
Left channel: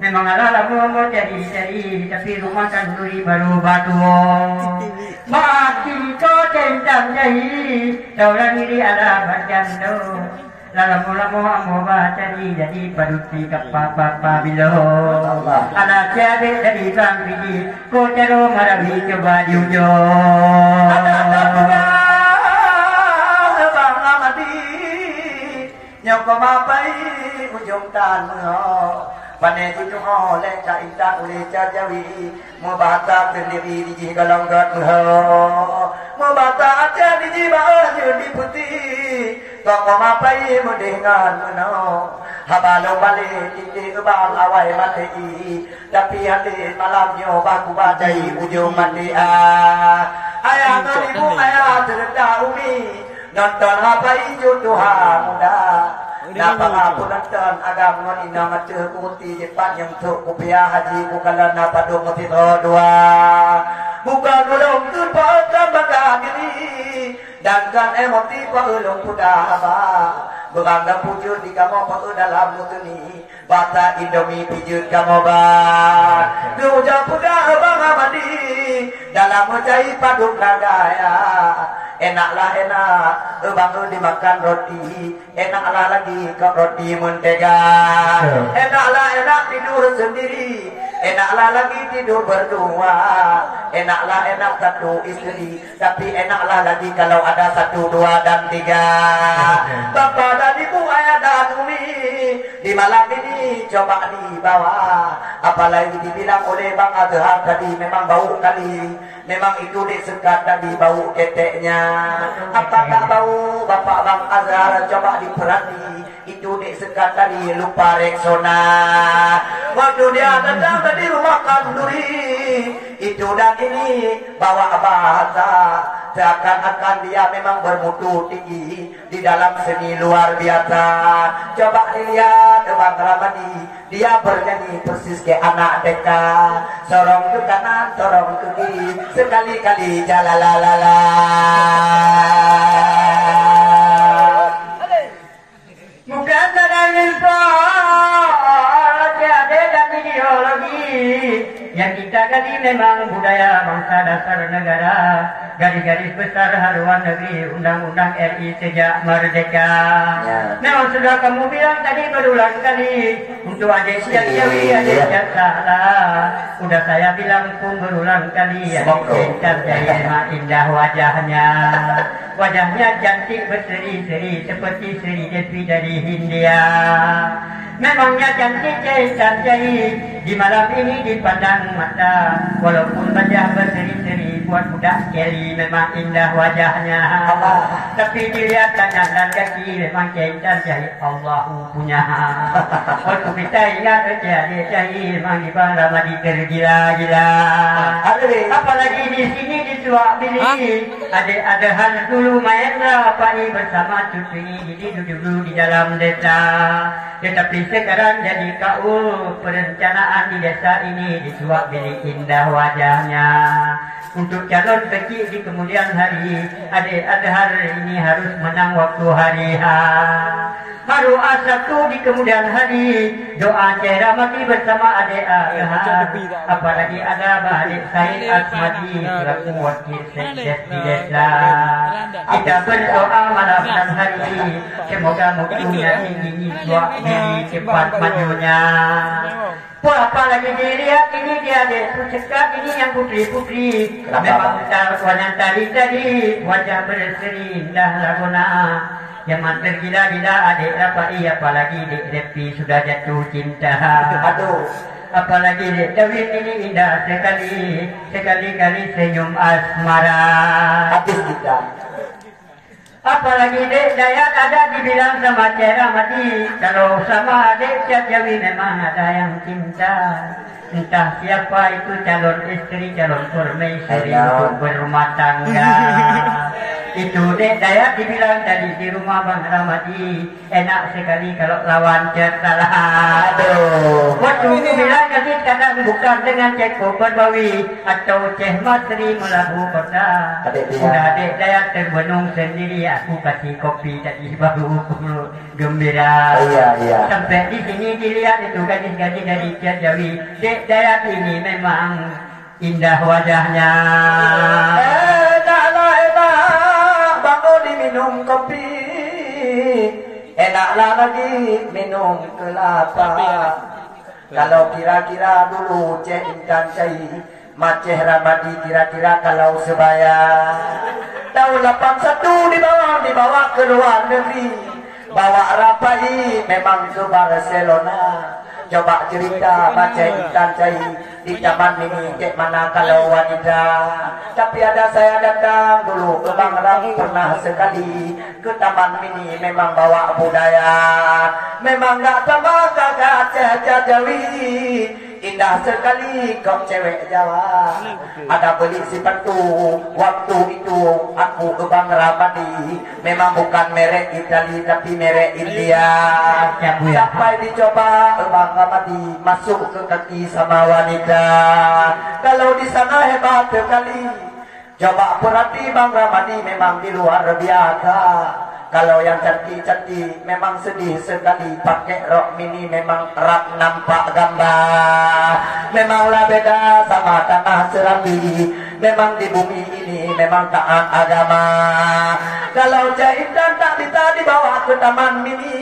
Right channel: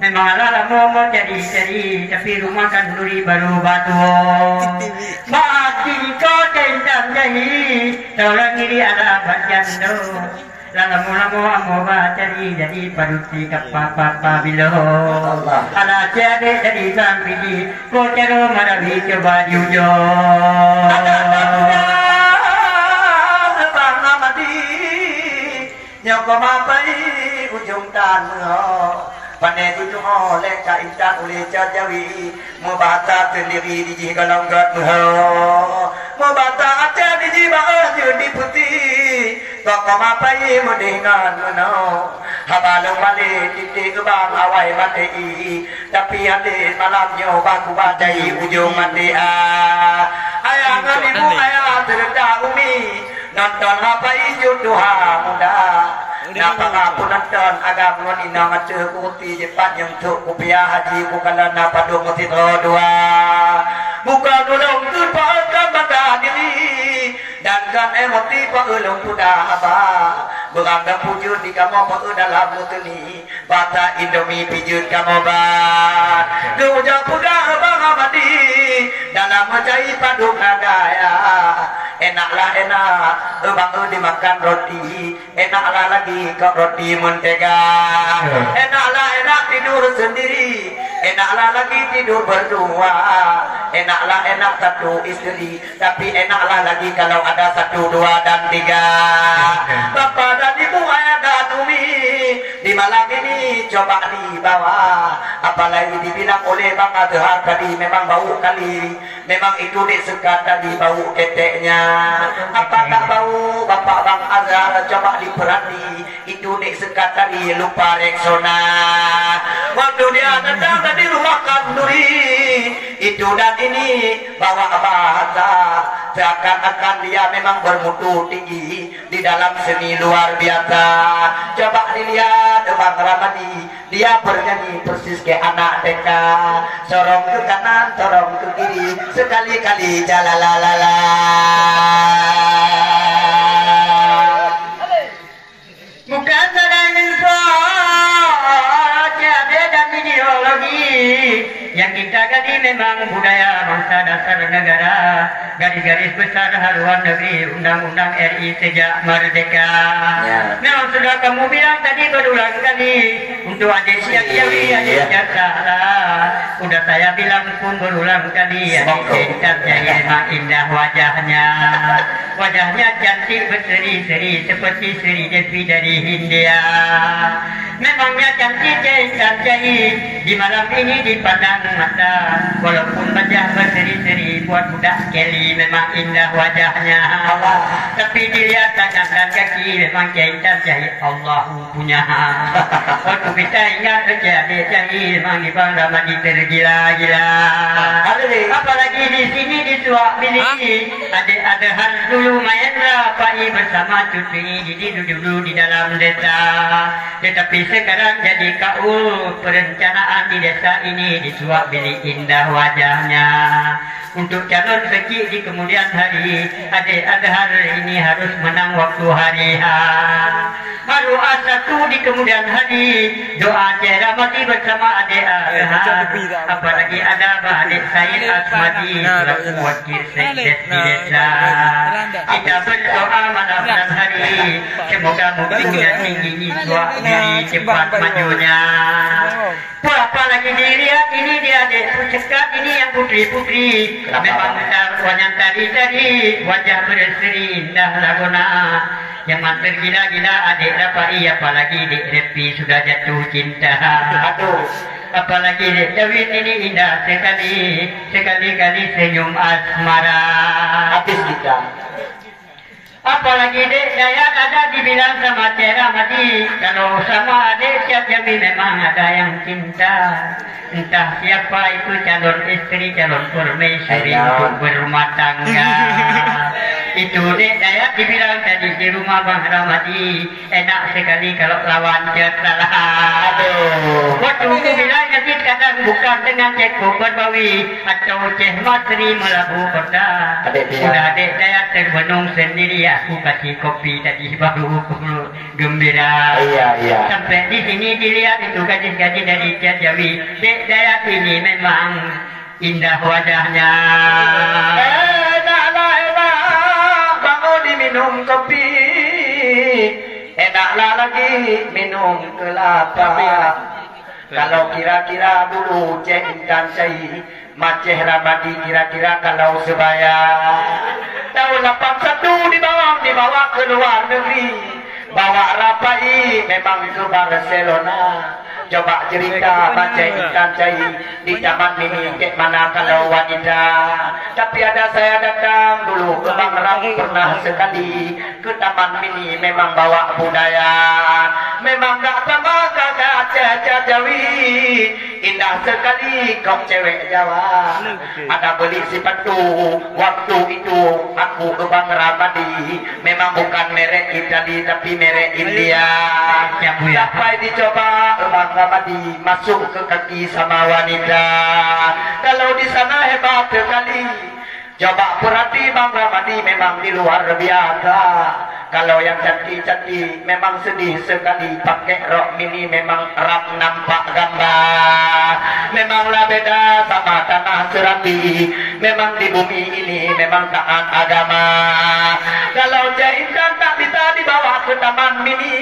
Memang lama jadi tapi rumah kan duri baru batu. Mati kau tentang jahi, tolong diri ada bagian tu. Lama mau jadi paruti kapapa bilo. Ada cewek jadi bang biji, kau cero marabi coba diujo. Bang namadi, nyokap mapai ujung tanah. Pandai tu cuma oleh kaita oleh cajawi, membata sendiri di jigalang gatnuh, membata aja di jiba jadi putih, kau mapai mendengar mano, habalong balik titik kebang awai mati, tapi hari malamnya baku badai ujung mati ayah ibu ayah terda umi, nonton mapai jodoh muda. Napa pun nonton agam ngon inang ace kuti cepat yang tuk kupiah haji bukanlah napa dong mesti dua bukan ulung tu pakai bangga diri dan kan emoti paulung sudah apa beranggap wujud di kamu pau dalam mutuni bata indomie pijut kamu ban du jauh pudah bang amadi dalam macai padu kadaya. Enaklah enak, bangun dimakan roti. Enaklah lagi kau roti mentega. Enaklah enak tidur sendiri. Enaklah lagi tidur berdua. Enaklah enak satu istri. Tapi enaklah lagi kalau ada satu, dua, dan tiga. Bapak dan ibu ayah dan umi di malam ini coba dibawa. Apalagi dibilang oleh Bang Adhar tadi memang bau kali. Memang itu disekat tadi bau keteknya. Apa tak bau Bapak Bang Azhar coba diperhati itu dek sekat tadi lupa Rexona waktu dia datang tadi rumah kanduri itu dan ini bawa bahasa seakan-akan dia memang bermutu tinggi di dalam seni luar biasa. Coba dilihat Bang Ramadi dia bernyanyi persis kayak anak TK, sorong ke kanan sorong ke kiri sekali-kali jalalalala. Bukan sedang info, jadi dan ideologi Yang kita gali memang budaya bangsa dasar negara, garis-garis besar haluan negeri, undang-undang RI sejak merdeka. Memang sudah kamu bilang tadi berulang kali, untuk adik siap-siapi adik salah. Udah saya bilang pun berulang kali, adik cinta jadi memang indah wajahnya. Wajahnya cantik berseri-seri seperti Sri Devi dari Hindia. Memangnya cantik jahit di malam ini dipandang mata. Walaupun wajah berseri-seri buat budak Kelly memang indah wajahnya. Tapi dilihat tangan dan kaki memang jahit Allah punya. Waktu kita ingat adik jahit memang di Bang Ramadi tergila-gila. Apalagi di sini di Suak Bilik adik adahan dulu Mahendra Pai bersama cucu duduk di dalam desa. Tetapi sekarang jadi KU perencanaan di desa ini di Suak Bilik indah wajahnya. Untuk calon kecil di kemudian hari, adik adhar ini harus menang waktu hari H. Haru A1 di kemudian hari, doa Cahaya mati bersama adik adhar. Apalagi ada adik Said Asmadi selaku wakil sekdes di desa. Kita berdoa malam dan hari, semoga mutunya tinggi Suak Bilik cepat majunya. Apalagi dilihat ini dia adik pucekat ini yang putri-putri. Memang yang tadi wajah berseri indah laguna. Yang mampir gila-gila adik Rapai, apalagi Dek Repi sudah jatuh cinta. Aduh, apalagi Dek Dawin ini indah sekali-kali senyum asmara. Habis kita. Apalagi Dek Dayat ada dibilang sama Cera Mati, kalau sama adik siap Jami memang ada yang cinta. Entah siapa itu calon istri, calon permaisuri untuk berumah tangga. Itu Dek Dayat dibilang tadi di rumah Bang Ramadi, enak sekali kalau lawan kalah. Aduh, waktu dia bilang jadi kadang bukan dengan Cek Bogor Bawi atau Cek Matri Melabu Kota. Sudah Dek Dayat terbenung sendiri, aku kasih kopi tadi baru gembira. Iya. Sampai di sini dilihat itu gadis-gadis dari Jawi. Dek Dayat ini memang indah wajahnya. Minum kopi, enaklah lagi minum kelapa. Kalau kira-kira dulu Cek Intan Cai Maceh Ramadi kira-kira kalau sebaya tahun 81 dibawa ke luar negeri, bawa Rapai memang ke Barcelona. Coba cerita baca Intan Cai di zaman ini ke mana kalau wanita. Tapi ada saya datang dulu ke Bang Ram pernah sekali ke Taman Mini, memang bawa budaya. Memang gak apa-apa kakak Caca Jawi, indah sekali kau cewek Jawa. Ada beli sepatu waktu itu aku ke Bang Ramadi, memang bukan merek Itali tapi merek India. Sampai dicoba Bang Ramadi masuk ke kaki sama wanita. Kalau di sana hebat sekali. Coba perhati Bang Ramadi memang di luar biasa. Kalau yang cantik-cantik memang sedih sekali, pakai rok mini memang erat nampak gambar. Memanglah beda sama tanah Serabi, memang di bumi ini memang taat agama. Kalau jahitan tak bisa dibawa ke Taman Mini,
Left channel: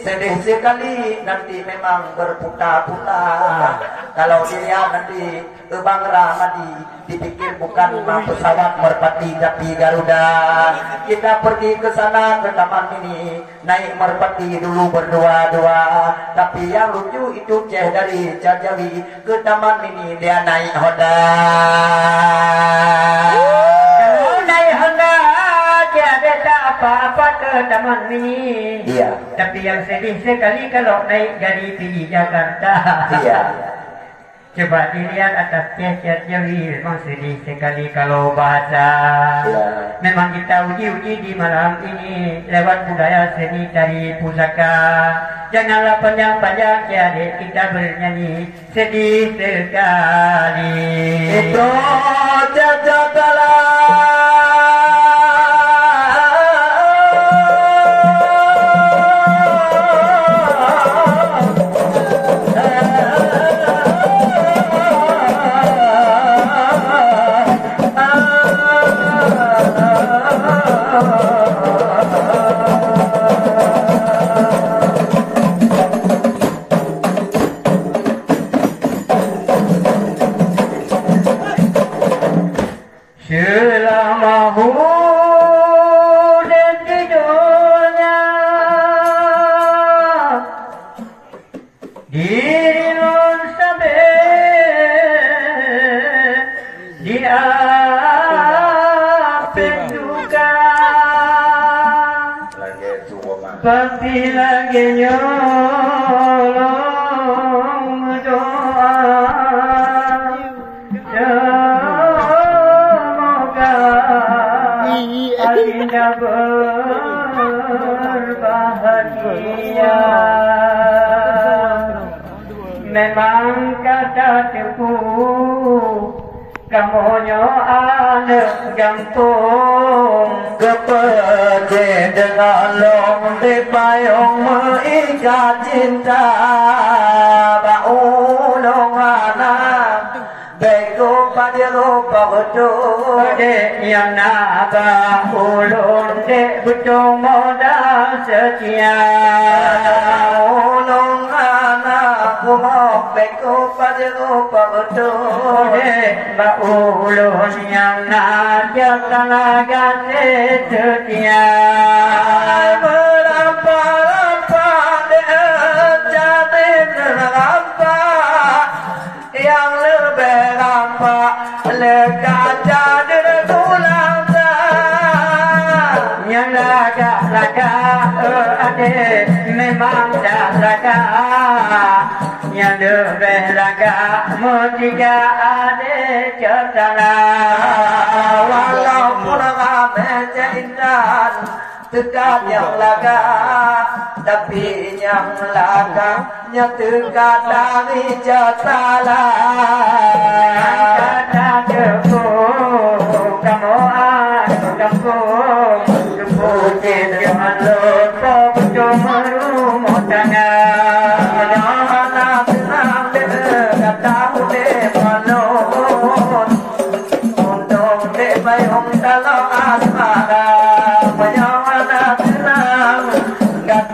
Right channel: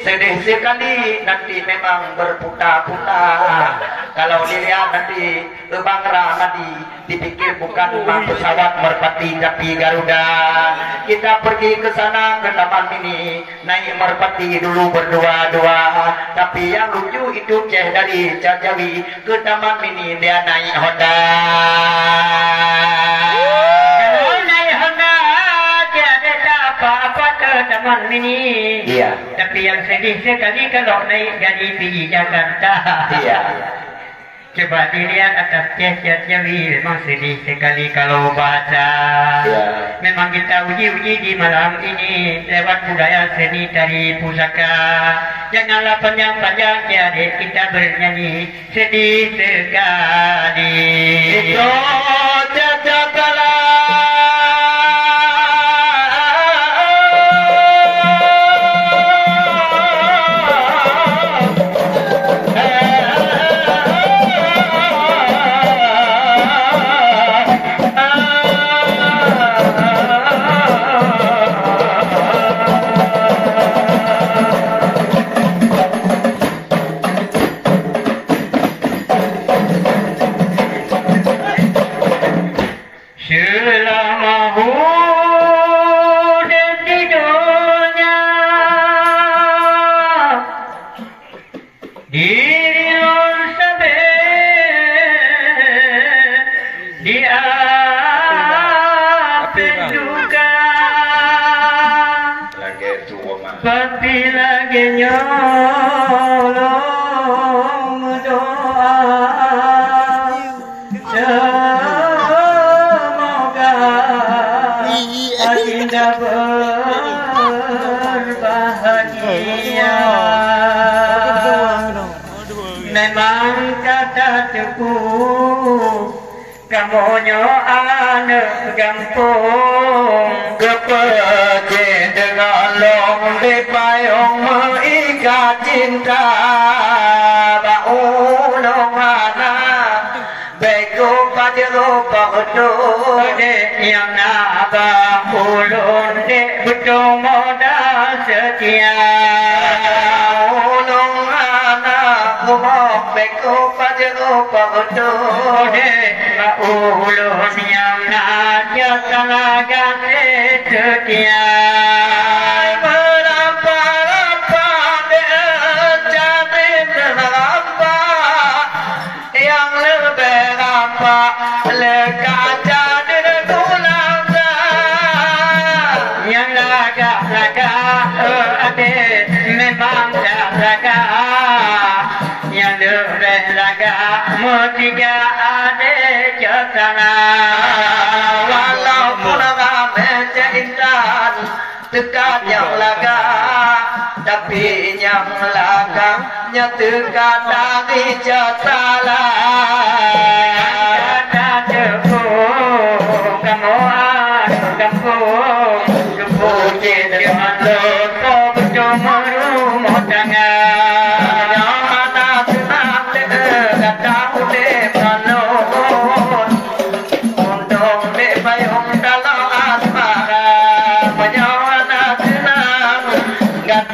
sedih sekali nanti memang berputar-putar. Kalau dilihat nanti Bang Ramadi dipikir bukan pesawat merpati tapi Garuda. Kita pergi ke sana ke Taman Mini, naik merpati dulu berdua-dua. Tapi yang lucu itu Ceh dari Cacawi ke Taman Mini dia naik Honda. Kalau naik Honda tiada apa-apa ke Taman Mini. Iya. Tapi yang sedih sekali kalau naik dari pergi Jakarta. Iya. Coba dilihat atas Ceh Jawi, memang sedih sekali kalau bahasa. Ya. Memang kita uji-uji di malam ini lewat budaya seni tari pusaka. Janganlah panjang-panjang adik kita bernyanyi sedih sekali. Itu jajakalah. selama hidup di dunia diri non sampai di api duka tapi lagi nyolong doa Adinda berbahagia memang kata tepu kamunya anak gampung kepeje dengan long di payung mengikat cinta baulong anak beko pajero pagodo de yang apa ulun de betul modal setia ulung anak kumok beko pajero pagodo de ba ulun yang najak kalagang setia berapa de jadi terlampa yang lebih nampak lekaja di tulang yang lagak-lagak adik memang lagak yang lagak mutiga adik cetana walaupun ramai seintan dekat yang lagak tapi yang lagaknya dekat dari jatala kata debu kamuan kampung debu dengan loto bercuma rumah tangan anak senang dekat tahu dekat loto untung debayung kalau asmara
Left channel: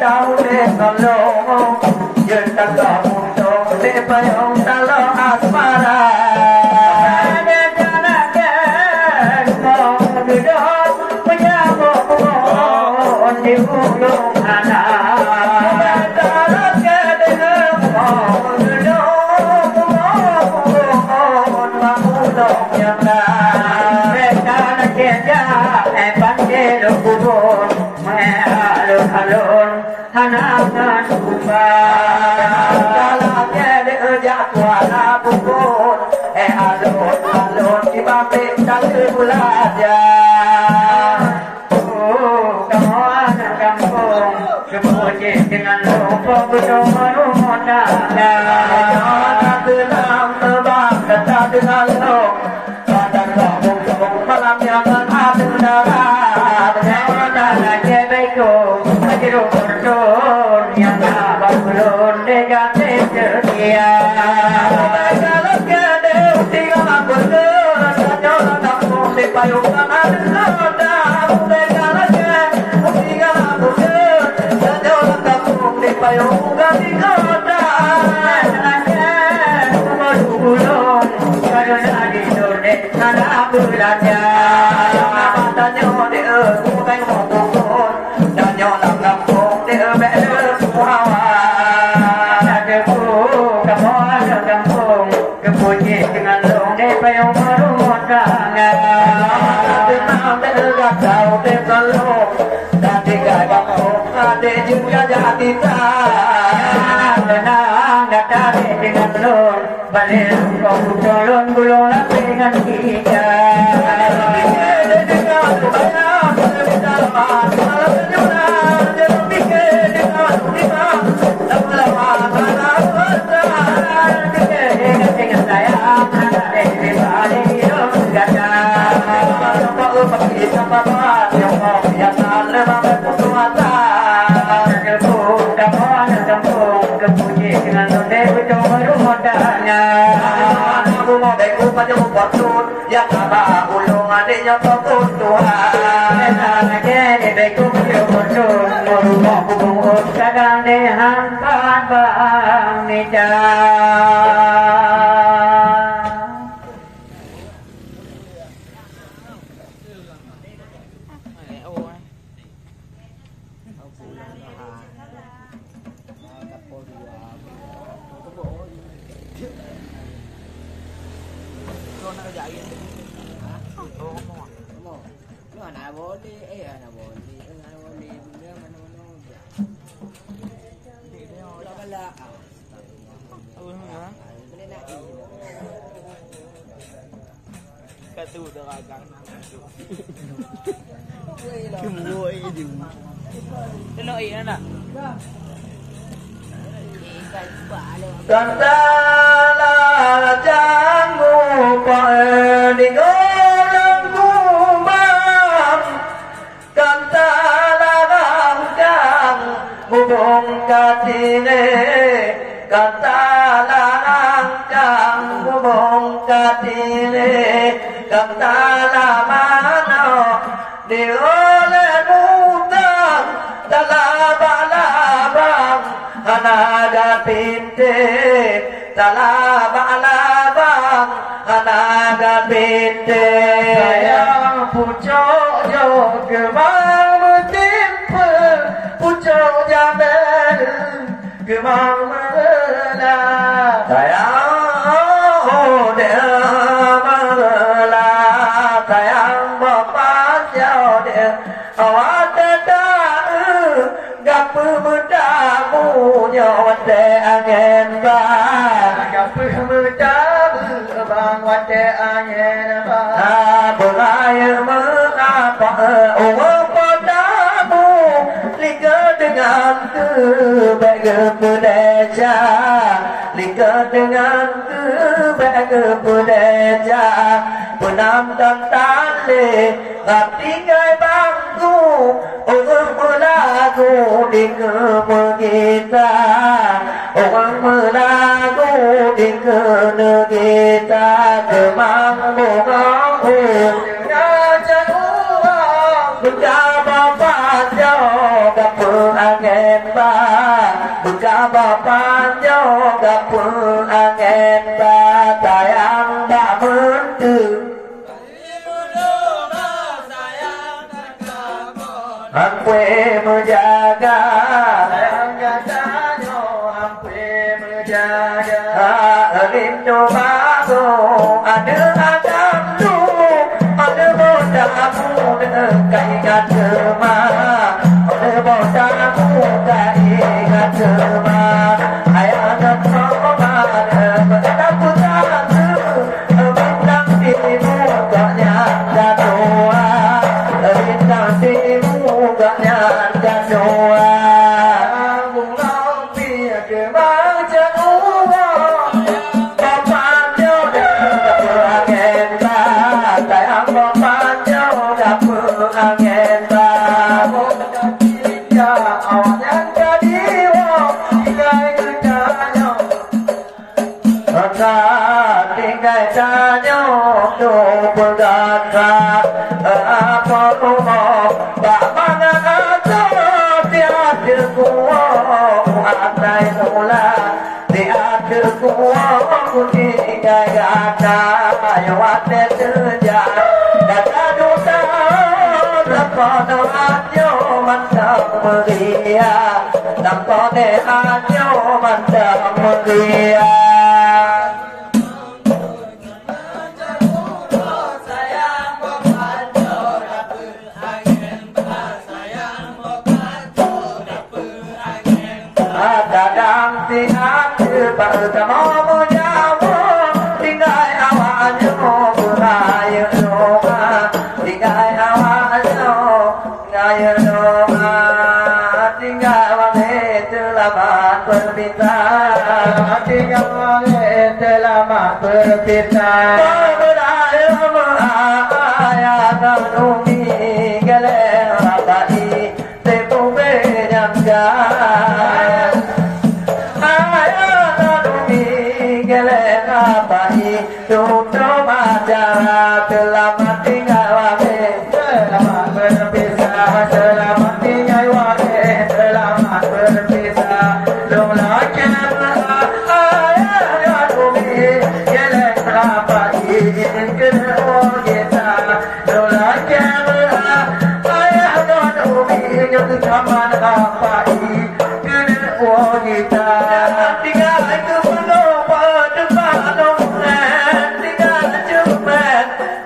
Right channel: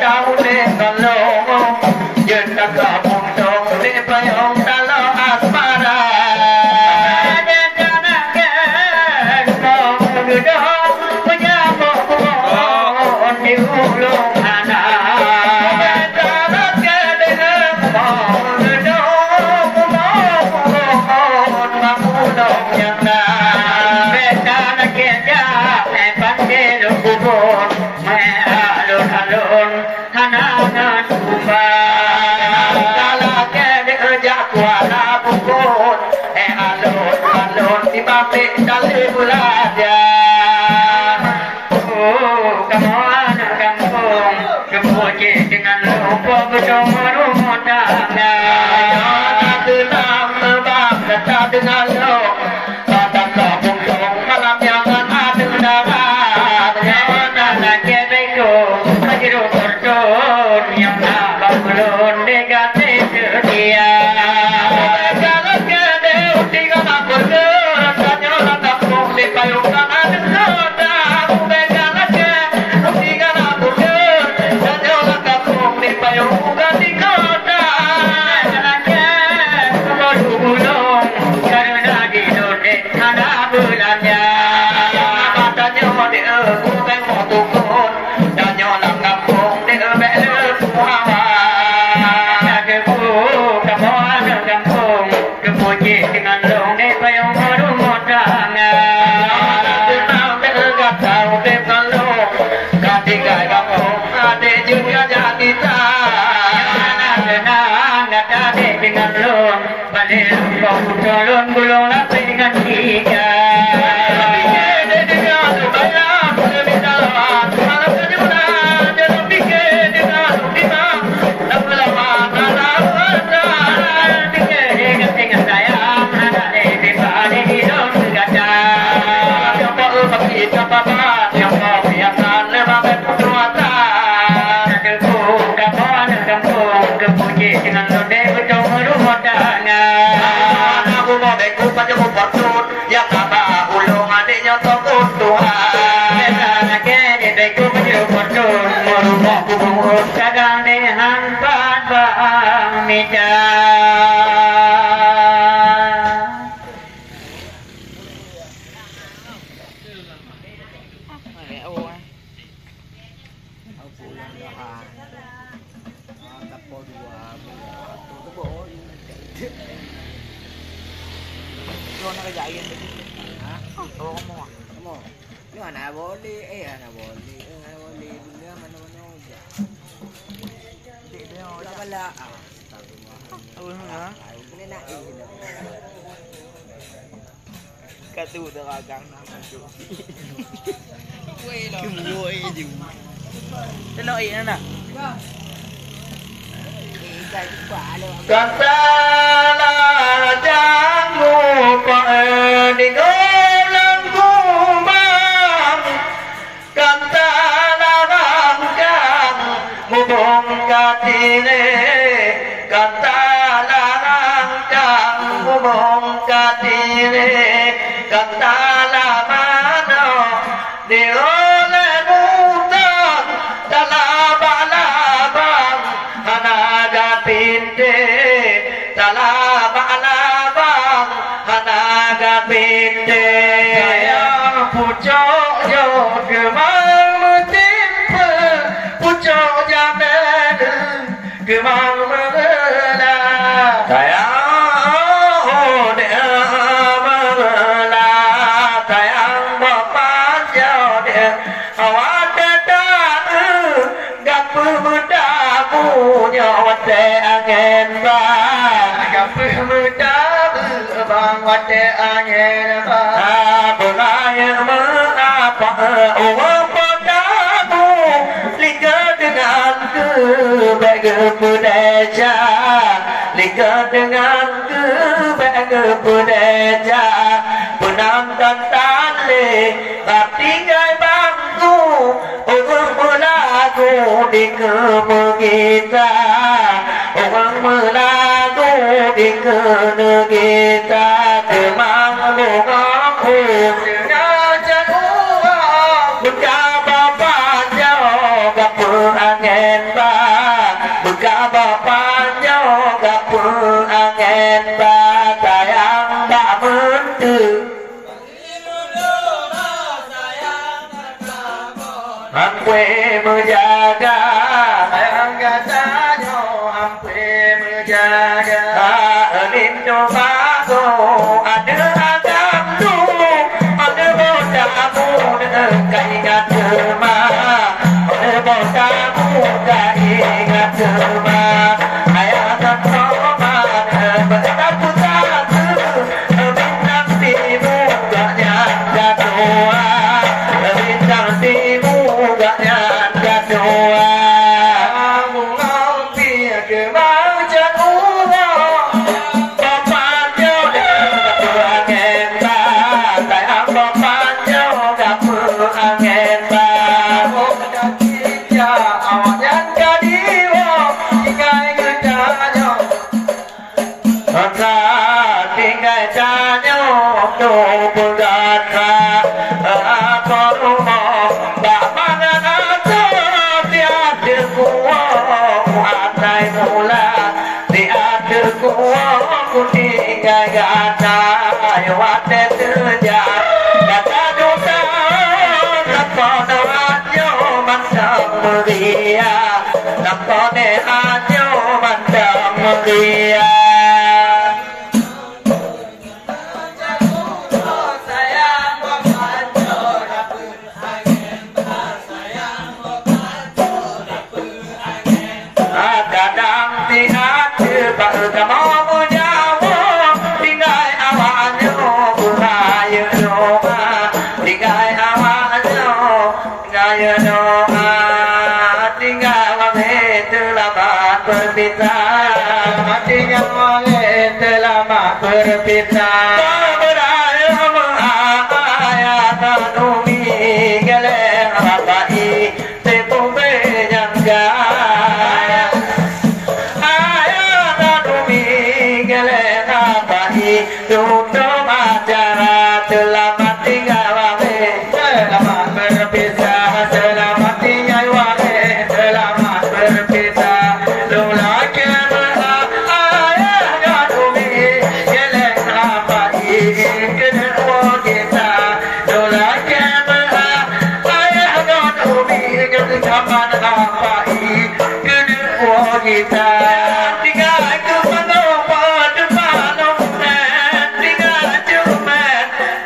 tahu deh kalau kita gabung dong di payung kalau asmara ada tanah mau duduk menyambut di ulung anak tanah kedengar mau duduk ulung yang dah tanah kerja pandai kubur alun hananan kumbang dalam kerja kuala bubur alun di pabrik tali bulaja kamu anak kampung kepuji dengan lupa bercuma rumah tangga tenang terbang dekat dengan lo kata kampung malam jangan ada mendarat jangan kedeku Hidup bertun yang abang belum dekati setia kalau kedek tinggal aku rasanya kampung di payung tangan soda kalau kedek tinggal aku rasanya kampung di payung ganti kota anaknya baru belum karena di dunia ada bulannya matanya dia bukan waktu pun nyolang kampung dia bel puawa kepu kamu ada kampung kepuji dengan long de payung rumah tangga kenal belgap tahu de kalau ketiga kampung ada juga jadi tak enggak ada dengan long balik kau tolong gulung lapis dengan tiga yang apa ulung adiknya tokut Tuhan anak ini beku berjubutun merumah kubur kadang di hampa bamija boleh. Anak boleh. Anak boleh. Dia mana-mana aja. Dia dah bala. Apa mana? Boleh nak katu deragang nama tu. Wei lah. Wei je. Tenok ini nak. Katalah jangan lupa dengan kumam. Katalah rangkang mubong katile. Katalah rangkang mubong katile. Katalah mana dioleh mutang talabang-labang hanaga pinte talabang-labang hanaga pinte sayang pucuk yo kemang mentimpa pucuk jamen kemang mengelah sayang wate angin bang gape mudabu bang wate angin bang boleh mengapa orang padamu liga dengan kebaikan budaya liga dengan kebaikan budaya penantan tali hati gai bangku orang melagu di kemegita orang melagu di kenegita kemang bungaku dengan uang berkaba panjang gapur angin bang berkaba panjang gapur angin bang sayang tak mentu Ampwe menjaga sayang katanya ampwe menjaga Lindo bago ada agakmu ada bodamu tak ingat cema ada bodamu tak ingat cema ayah dan mama berapa satu bintang timu tak nyangka doa bintang timu gak nyangka doa Mungau dia kemauan uang bapaknya gak berangin tak sayang bapaknya gak berangin tak dia awak yang kadiwa tinggal kerjanya maka tinggal kerjanya untuk bergata apa rumah tak mana ada tiada kuah andai mula tiada kuah ku tinggal gata wate kerja kata duka lakon anjo mandang meria lakon anjo mandang meria kadang tiada bertemu menjawab tinggal awalnya beraya doa tinggal awalnya tinggal doa tinggal wangi terlambat berpisah tinggal wangi terlambat berpisah beraya beraya dan umi geleng rapai sepupu nyangga Tutup acara selamat tinggal wame selamat berpisah selamat tinggal wame selamat berpisah long lagi ayah gadumi geleng rapati kena kita long lagi ayah gadumi geleng kapan rapati kena kita tinggal itu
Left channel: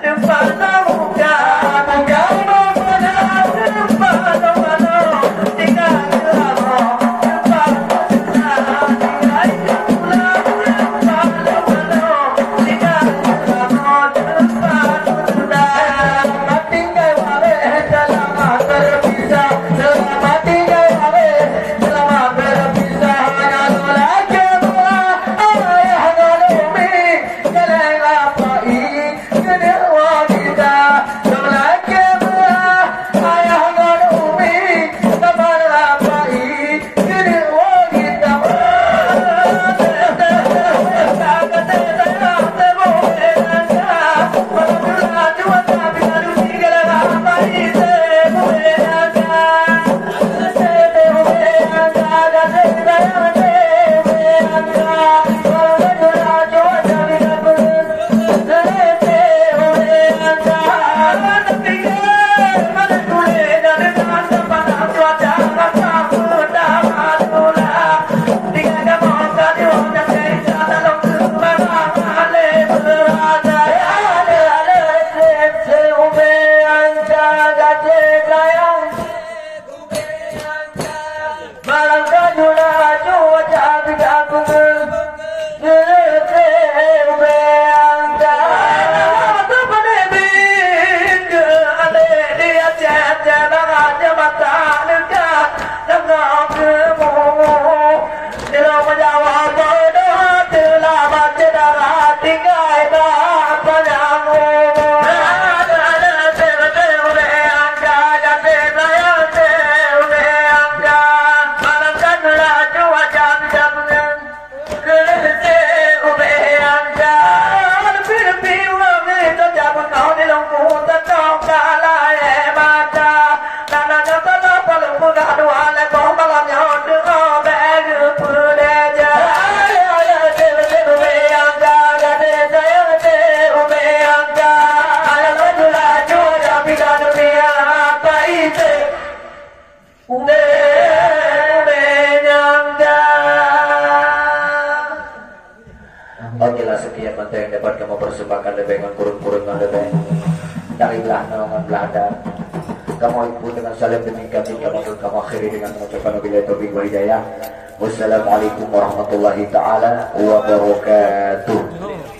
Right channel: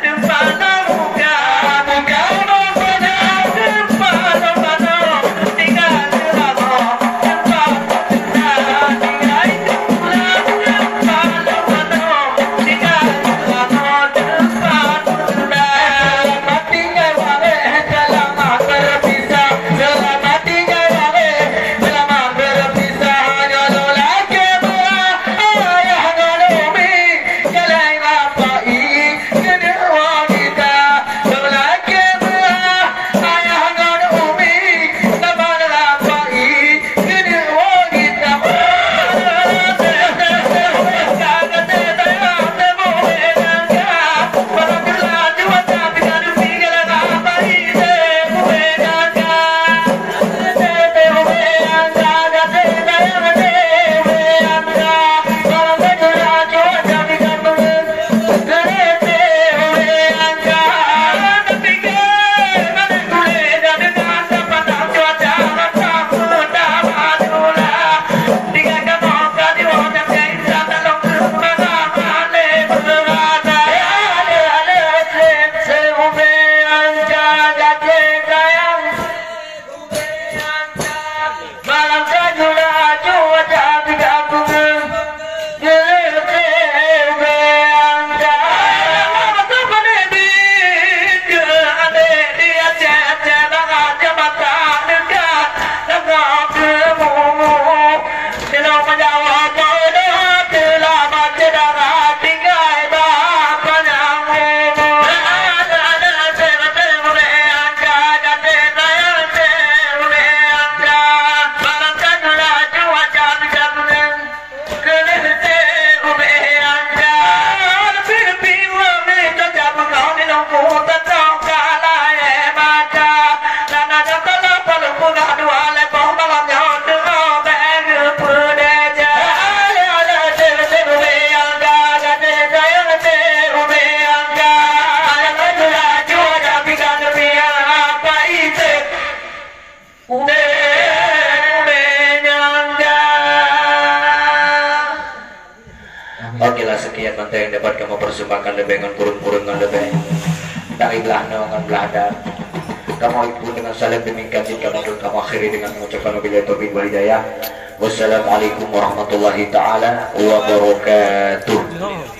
depan Oke lah, sekian mantap yang dapat kamu persembahkan lebih dengan kurung-kurungan lebih. Takilah nawangan belanda. Kamu ibu dengan salam demikian jika menurut kamu akhiri dengan mengucapkan wabillahi taufiq wal hidayah. Wassalamualaikum warahmatullahi taala wabarakatuh.